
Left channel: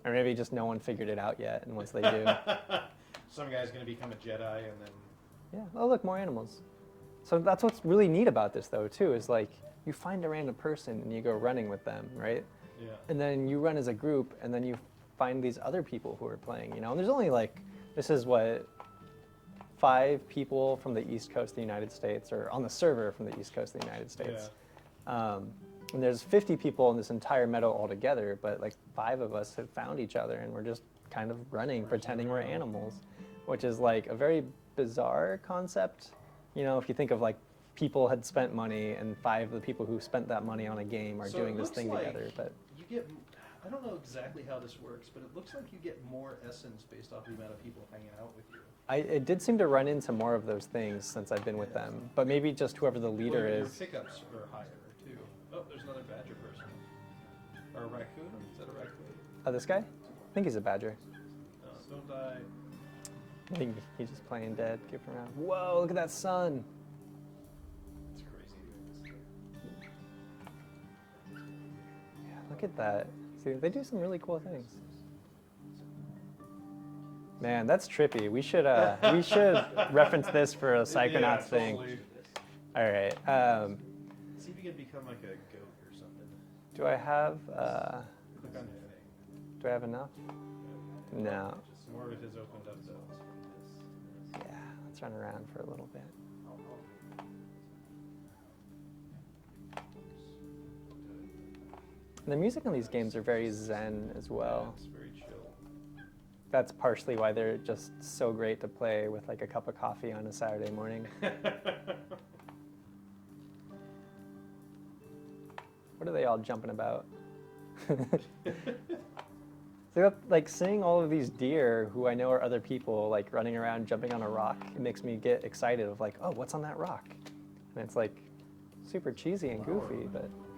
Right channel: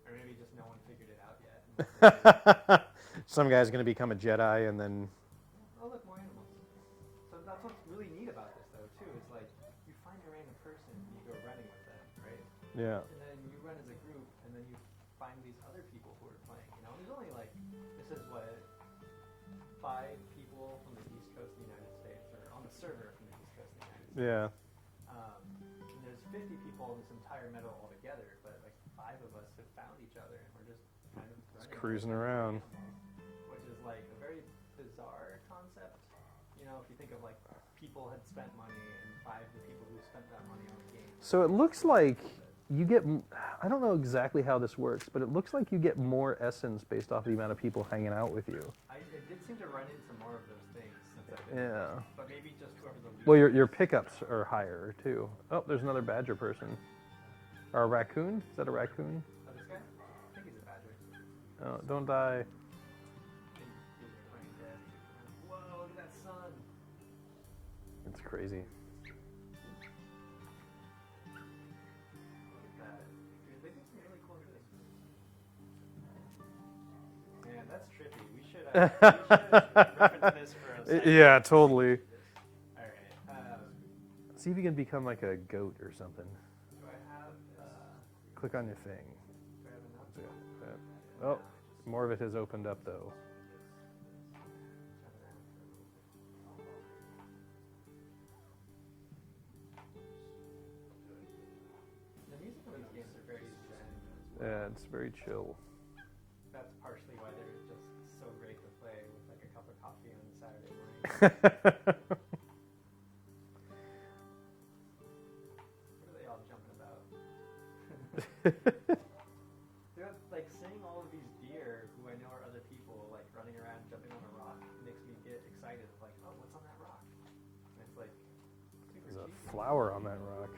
Or maybe just no one figured it out yet, and once they do, Some guy's gonna become a Jedi and then. yeah. Oh, look, more animals. So that's what's really neat about this, though, too, is like you find a random person and you go running with them, right? Yeah. And then you run as a group, and then you find these other people who are playing, you know? And there's only like, this is what, 5 people from the East Coast of the United States, or on the server from the East Coast of the United States. And there's 50 people in this entire meadow altogether, but like 5 of us have found each other, and we're just kind of running, Cruising pretending we're around. animals, which is like a very bizarre concept. You know, if you think of like people had spent money and 5 of the people who spent that money on a game are So doing it this looks thing like together, but you get, I don't know exactly how this works, but it looks like you get more essence based off the amount of people hanging out with you. it did seem to run into more of those things since I've been with them. Yeah. But maybe just whoever the leader Well, is. your pickups are higher too. Oh, there's another badger person. Or a raccoon? Is that a raccoon? This guy? I think he's a badger. Oh, don't die. I think he's just playing dead, goofing around. Whoa, look at that sun. It's crazy. Yeah, look at that. See, they do some really cool things. Man, that's trippy. We should reference this for a second. Yeah, totally. All right. See if you can become like a goat or something. Do I have Click on your thing. do I have enough? Oh, No. more of it has opened up though. Yeah, let's run around for a little bit. The music in these games are very zen as well. Yeah, it's very chill. That's partially why they're just so great to play with like a cup of coffee on a Saturday morning. What are they all jumping about? So like seeing all of these deer who I know are other people like running around jumping on a rock, it makes me get excited of like, oh, what's on that rock? And it's like super cheesy and Flower goofy, on that but rock.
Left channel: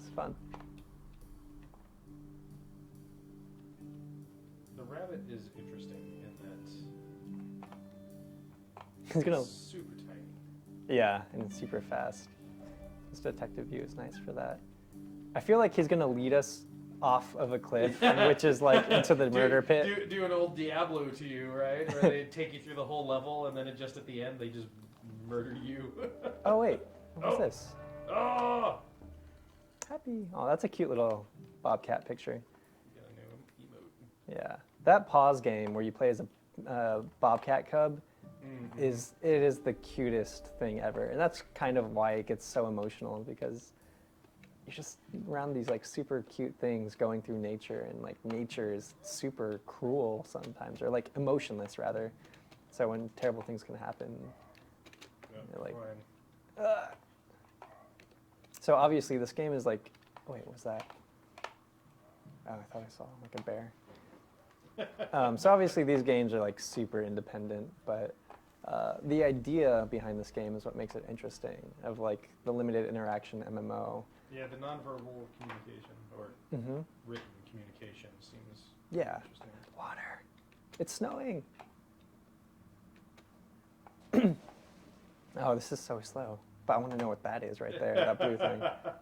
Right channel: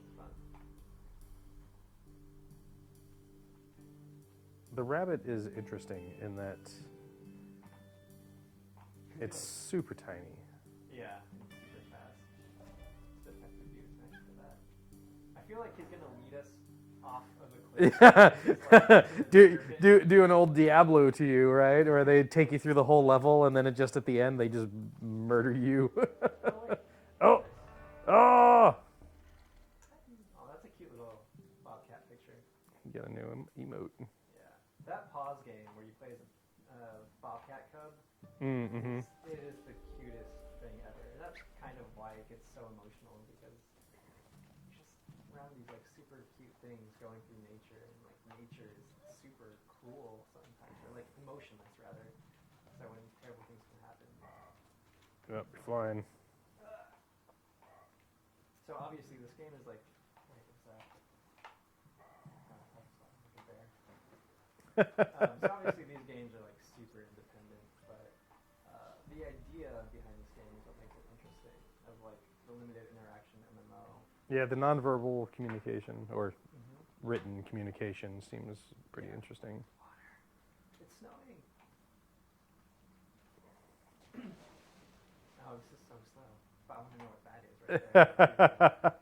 it's fun. The rabbit is interesting in that He's it's gonna, super tiny. yeah, and it's super fast. This detective view is nice for that. I feel like he's gonna lead us off of a cliff, which is like into the murder pit. Do an old Diablo to you, right? Or they take you through the whole level and then it just at the end they just murder you. Oh wait, Oh. what's this? Oh! Happy. Oh, that's a cute little bobcat picture. Get a new emote. Yeah, that pause game where you play as a bobcat cub Mm-hmm. is the cutest thing ever, and that's kind of why it gets so emotional because you're just around these like super cute things going through nature, and like nature is super cruel sometimes, or like emotionless rather. So when terrible things can happen. Yep, They're like- fine. So obviously this game is like, wait, what was that? Oh, I thought I saw like a bear. So obviously these games are like super independent, but the idea behind this game is what makes it interesting, of like the limited interaction MMO. Yeah, the nonverbal communication or Mm-hmm. written communication seems pretty Yeah. interesting. Water. It's snowing. Oh, this is so slow. But I want to know what that is right there, that blue thing.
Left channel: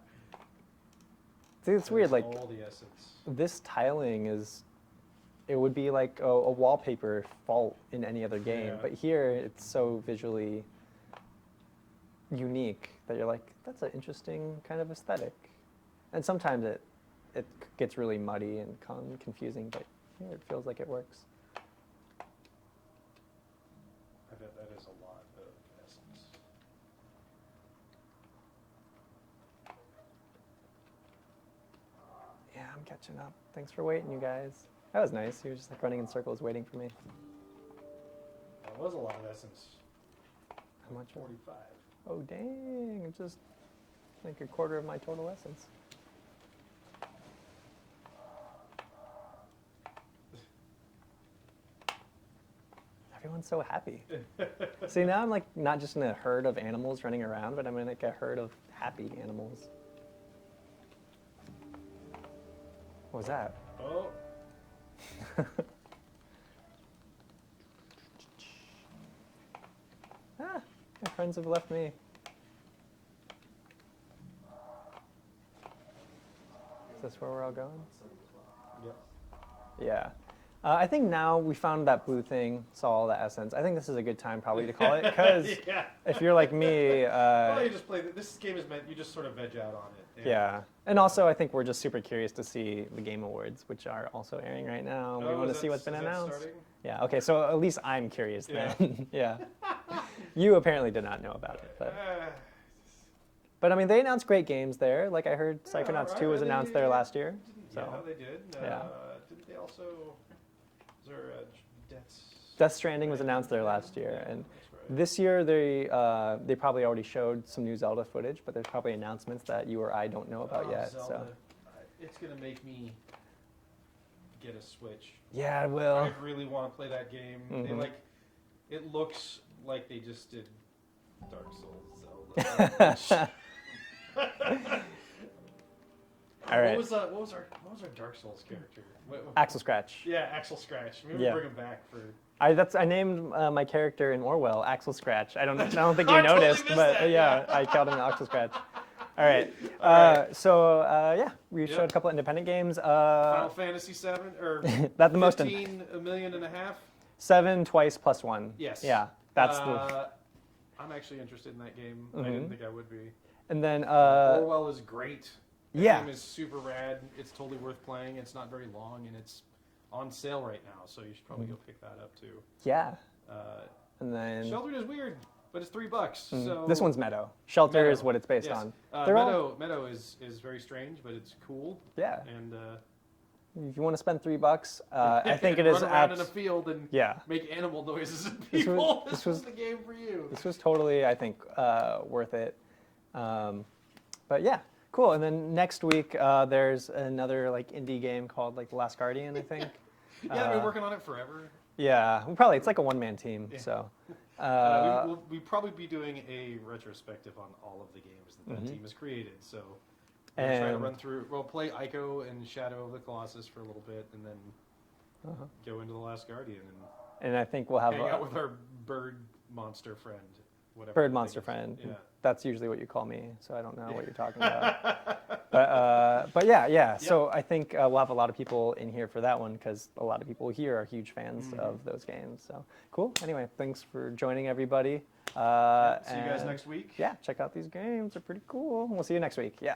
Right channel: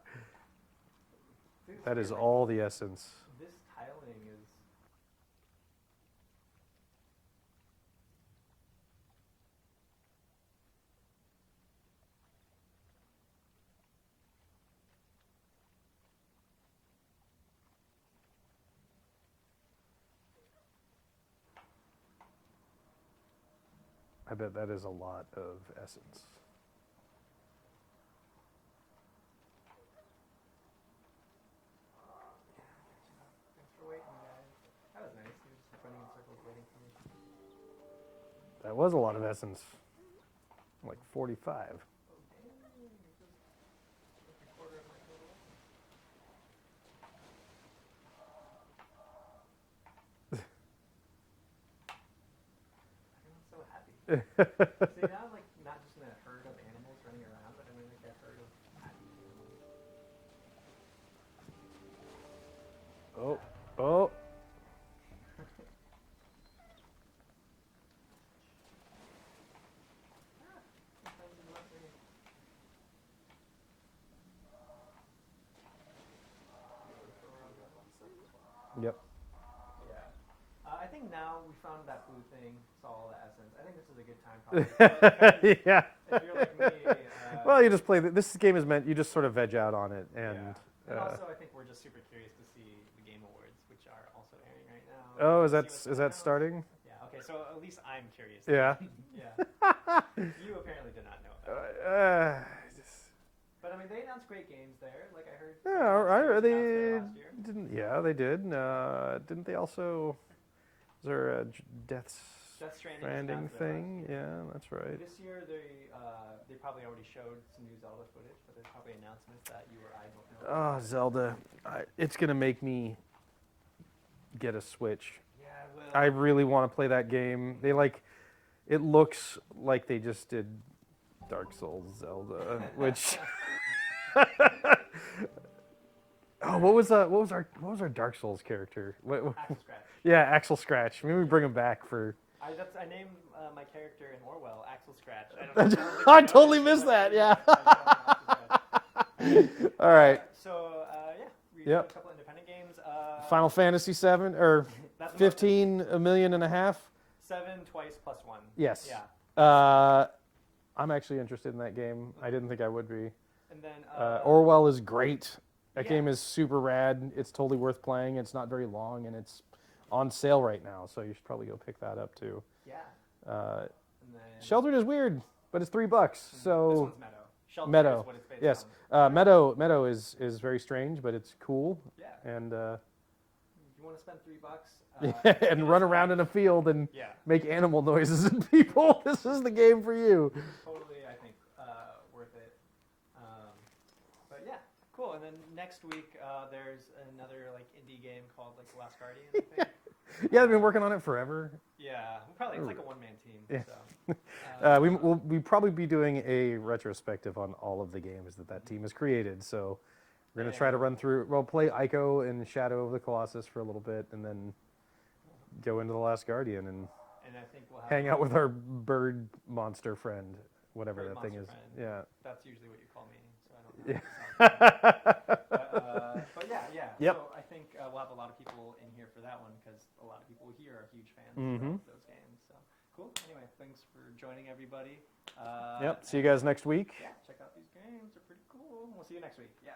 See, it's That weird, is like all the essence. this tiling is, it would be like a wallpaper fault in any other game, Yeah. but here it's so visually unique that you're like, that's an interesting kind of aesthetic. And sometimes it gets really muddy and confusing, but here it feels like it works. I bet that is a lot of essence. Yeah, I'm catching up. Thanks for waiting, you guys. That was nice. You were just like running in circles waiting for me. That was a lot of essence. How Like much? 45. Oh, dang. Just like a quarter of my total essence. Everyone's so happy. See, now I'm like not just in a herd of animals running around, but I'm in like a herd of happy animals. What was that? Oh, Ah, my friends have left me. Is this where we're all going? yep. Yeah. I think now we found that blue thing, saw all the essence. I think this is a good time probably to call it, because Yeah. if you're like me, Well, you just play. This game is meant. You just sort of veg out on it. And, yeah. And also, I think we're just super curious to see the Game Awards, which are also airing right now. We Oh, wanna is that see what's been is that announced. starting? Yeah. Okay. So at least I'm curious. Yeah. then. Yeah. You apparently did not know about it. but- But I mean, they announced great games there. Like I heard Psychonauts 2 was announced there last year. Yeah, they did. Yeah. Didn't they also? Was there a Death Stranding was announced there last year. Yeah, and that's right. This year they probably already showed some new Zelda footage, but there's probably announcements that you or I don't know about yet. Zelda. It's gonna make me get a Switch. Yeah, it will. I really want to play that game. They it looks like they just did Dark Souls Zelda. Which, what was our Dark Souls character? Axel Scratch. Yeah, Axel Scratch. Maybe we Yeah. bring him back for. I named my character in Orwell Axel Scratch. I don't think you I noticed. totally missed but, that, yeah. I called him Axel Scratch. All right. All right. So we Yep. showed a couple independent games. Final Fantasy 7 or That's the most 15, $1.5 million. 7 twice plus 1. Yes. Yeah. That's I'm actually interested in that game. I didn't think I would be. and then Orwell is great. That yeah. game is super rad. It's totally worth playing. It's not very long, and it's on sale right now, so you should probably go pick that up too. yeah. Uh, And then Sheltered is weird, but it's $3. So this one's Meadow. Shelter Meadow. is what it's based yes. on. They're all- Meadow is very strange, but it's cool. Yeah. And If you want to spend $3, I think and it is run around in a act- field and Yeah. make animal noises at people. This was the game for you. This was totally, I think, worth it. But yeah, cool. And then next week there's another like indie game called like The Last Guardian, I think. Yeah, I've been working on it forever. Yeah, it's like a one-man team. Yeah. So We'll probably be doing a retrospective on all of the games that team has created. So we're gonna try to And- run through. We'll play Ico and Shadow of the Colossus for a little bit, and then go into The Last Guardian and I think we'll have hang a out with our bird monster friend, whatever. bird that thing monster is. friend. Yeah. That's usually what you call me, so I don't know what you're talking about. But yeah. Yep. So I think we'll have a lot of people in here for that one because a lot of people here are huge fans of those games. So cool. Anyway, thanks for joining everybody. See you guys and next week. Yeah, check out these games. They're pretty cool. We'll see you next week. Yeah.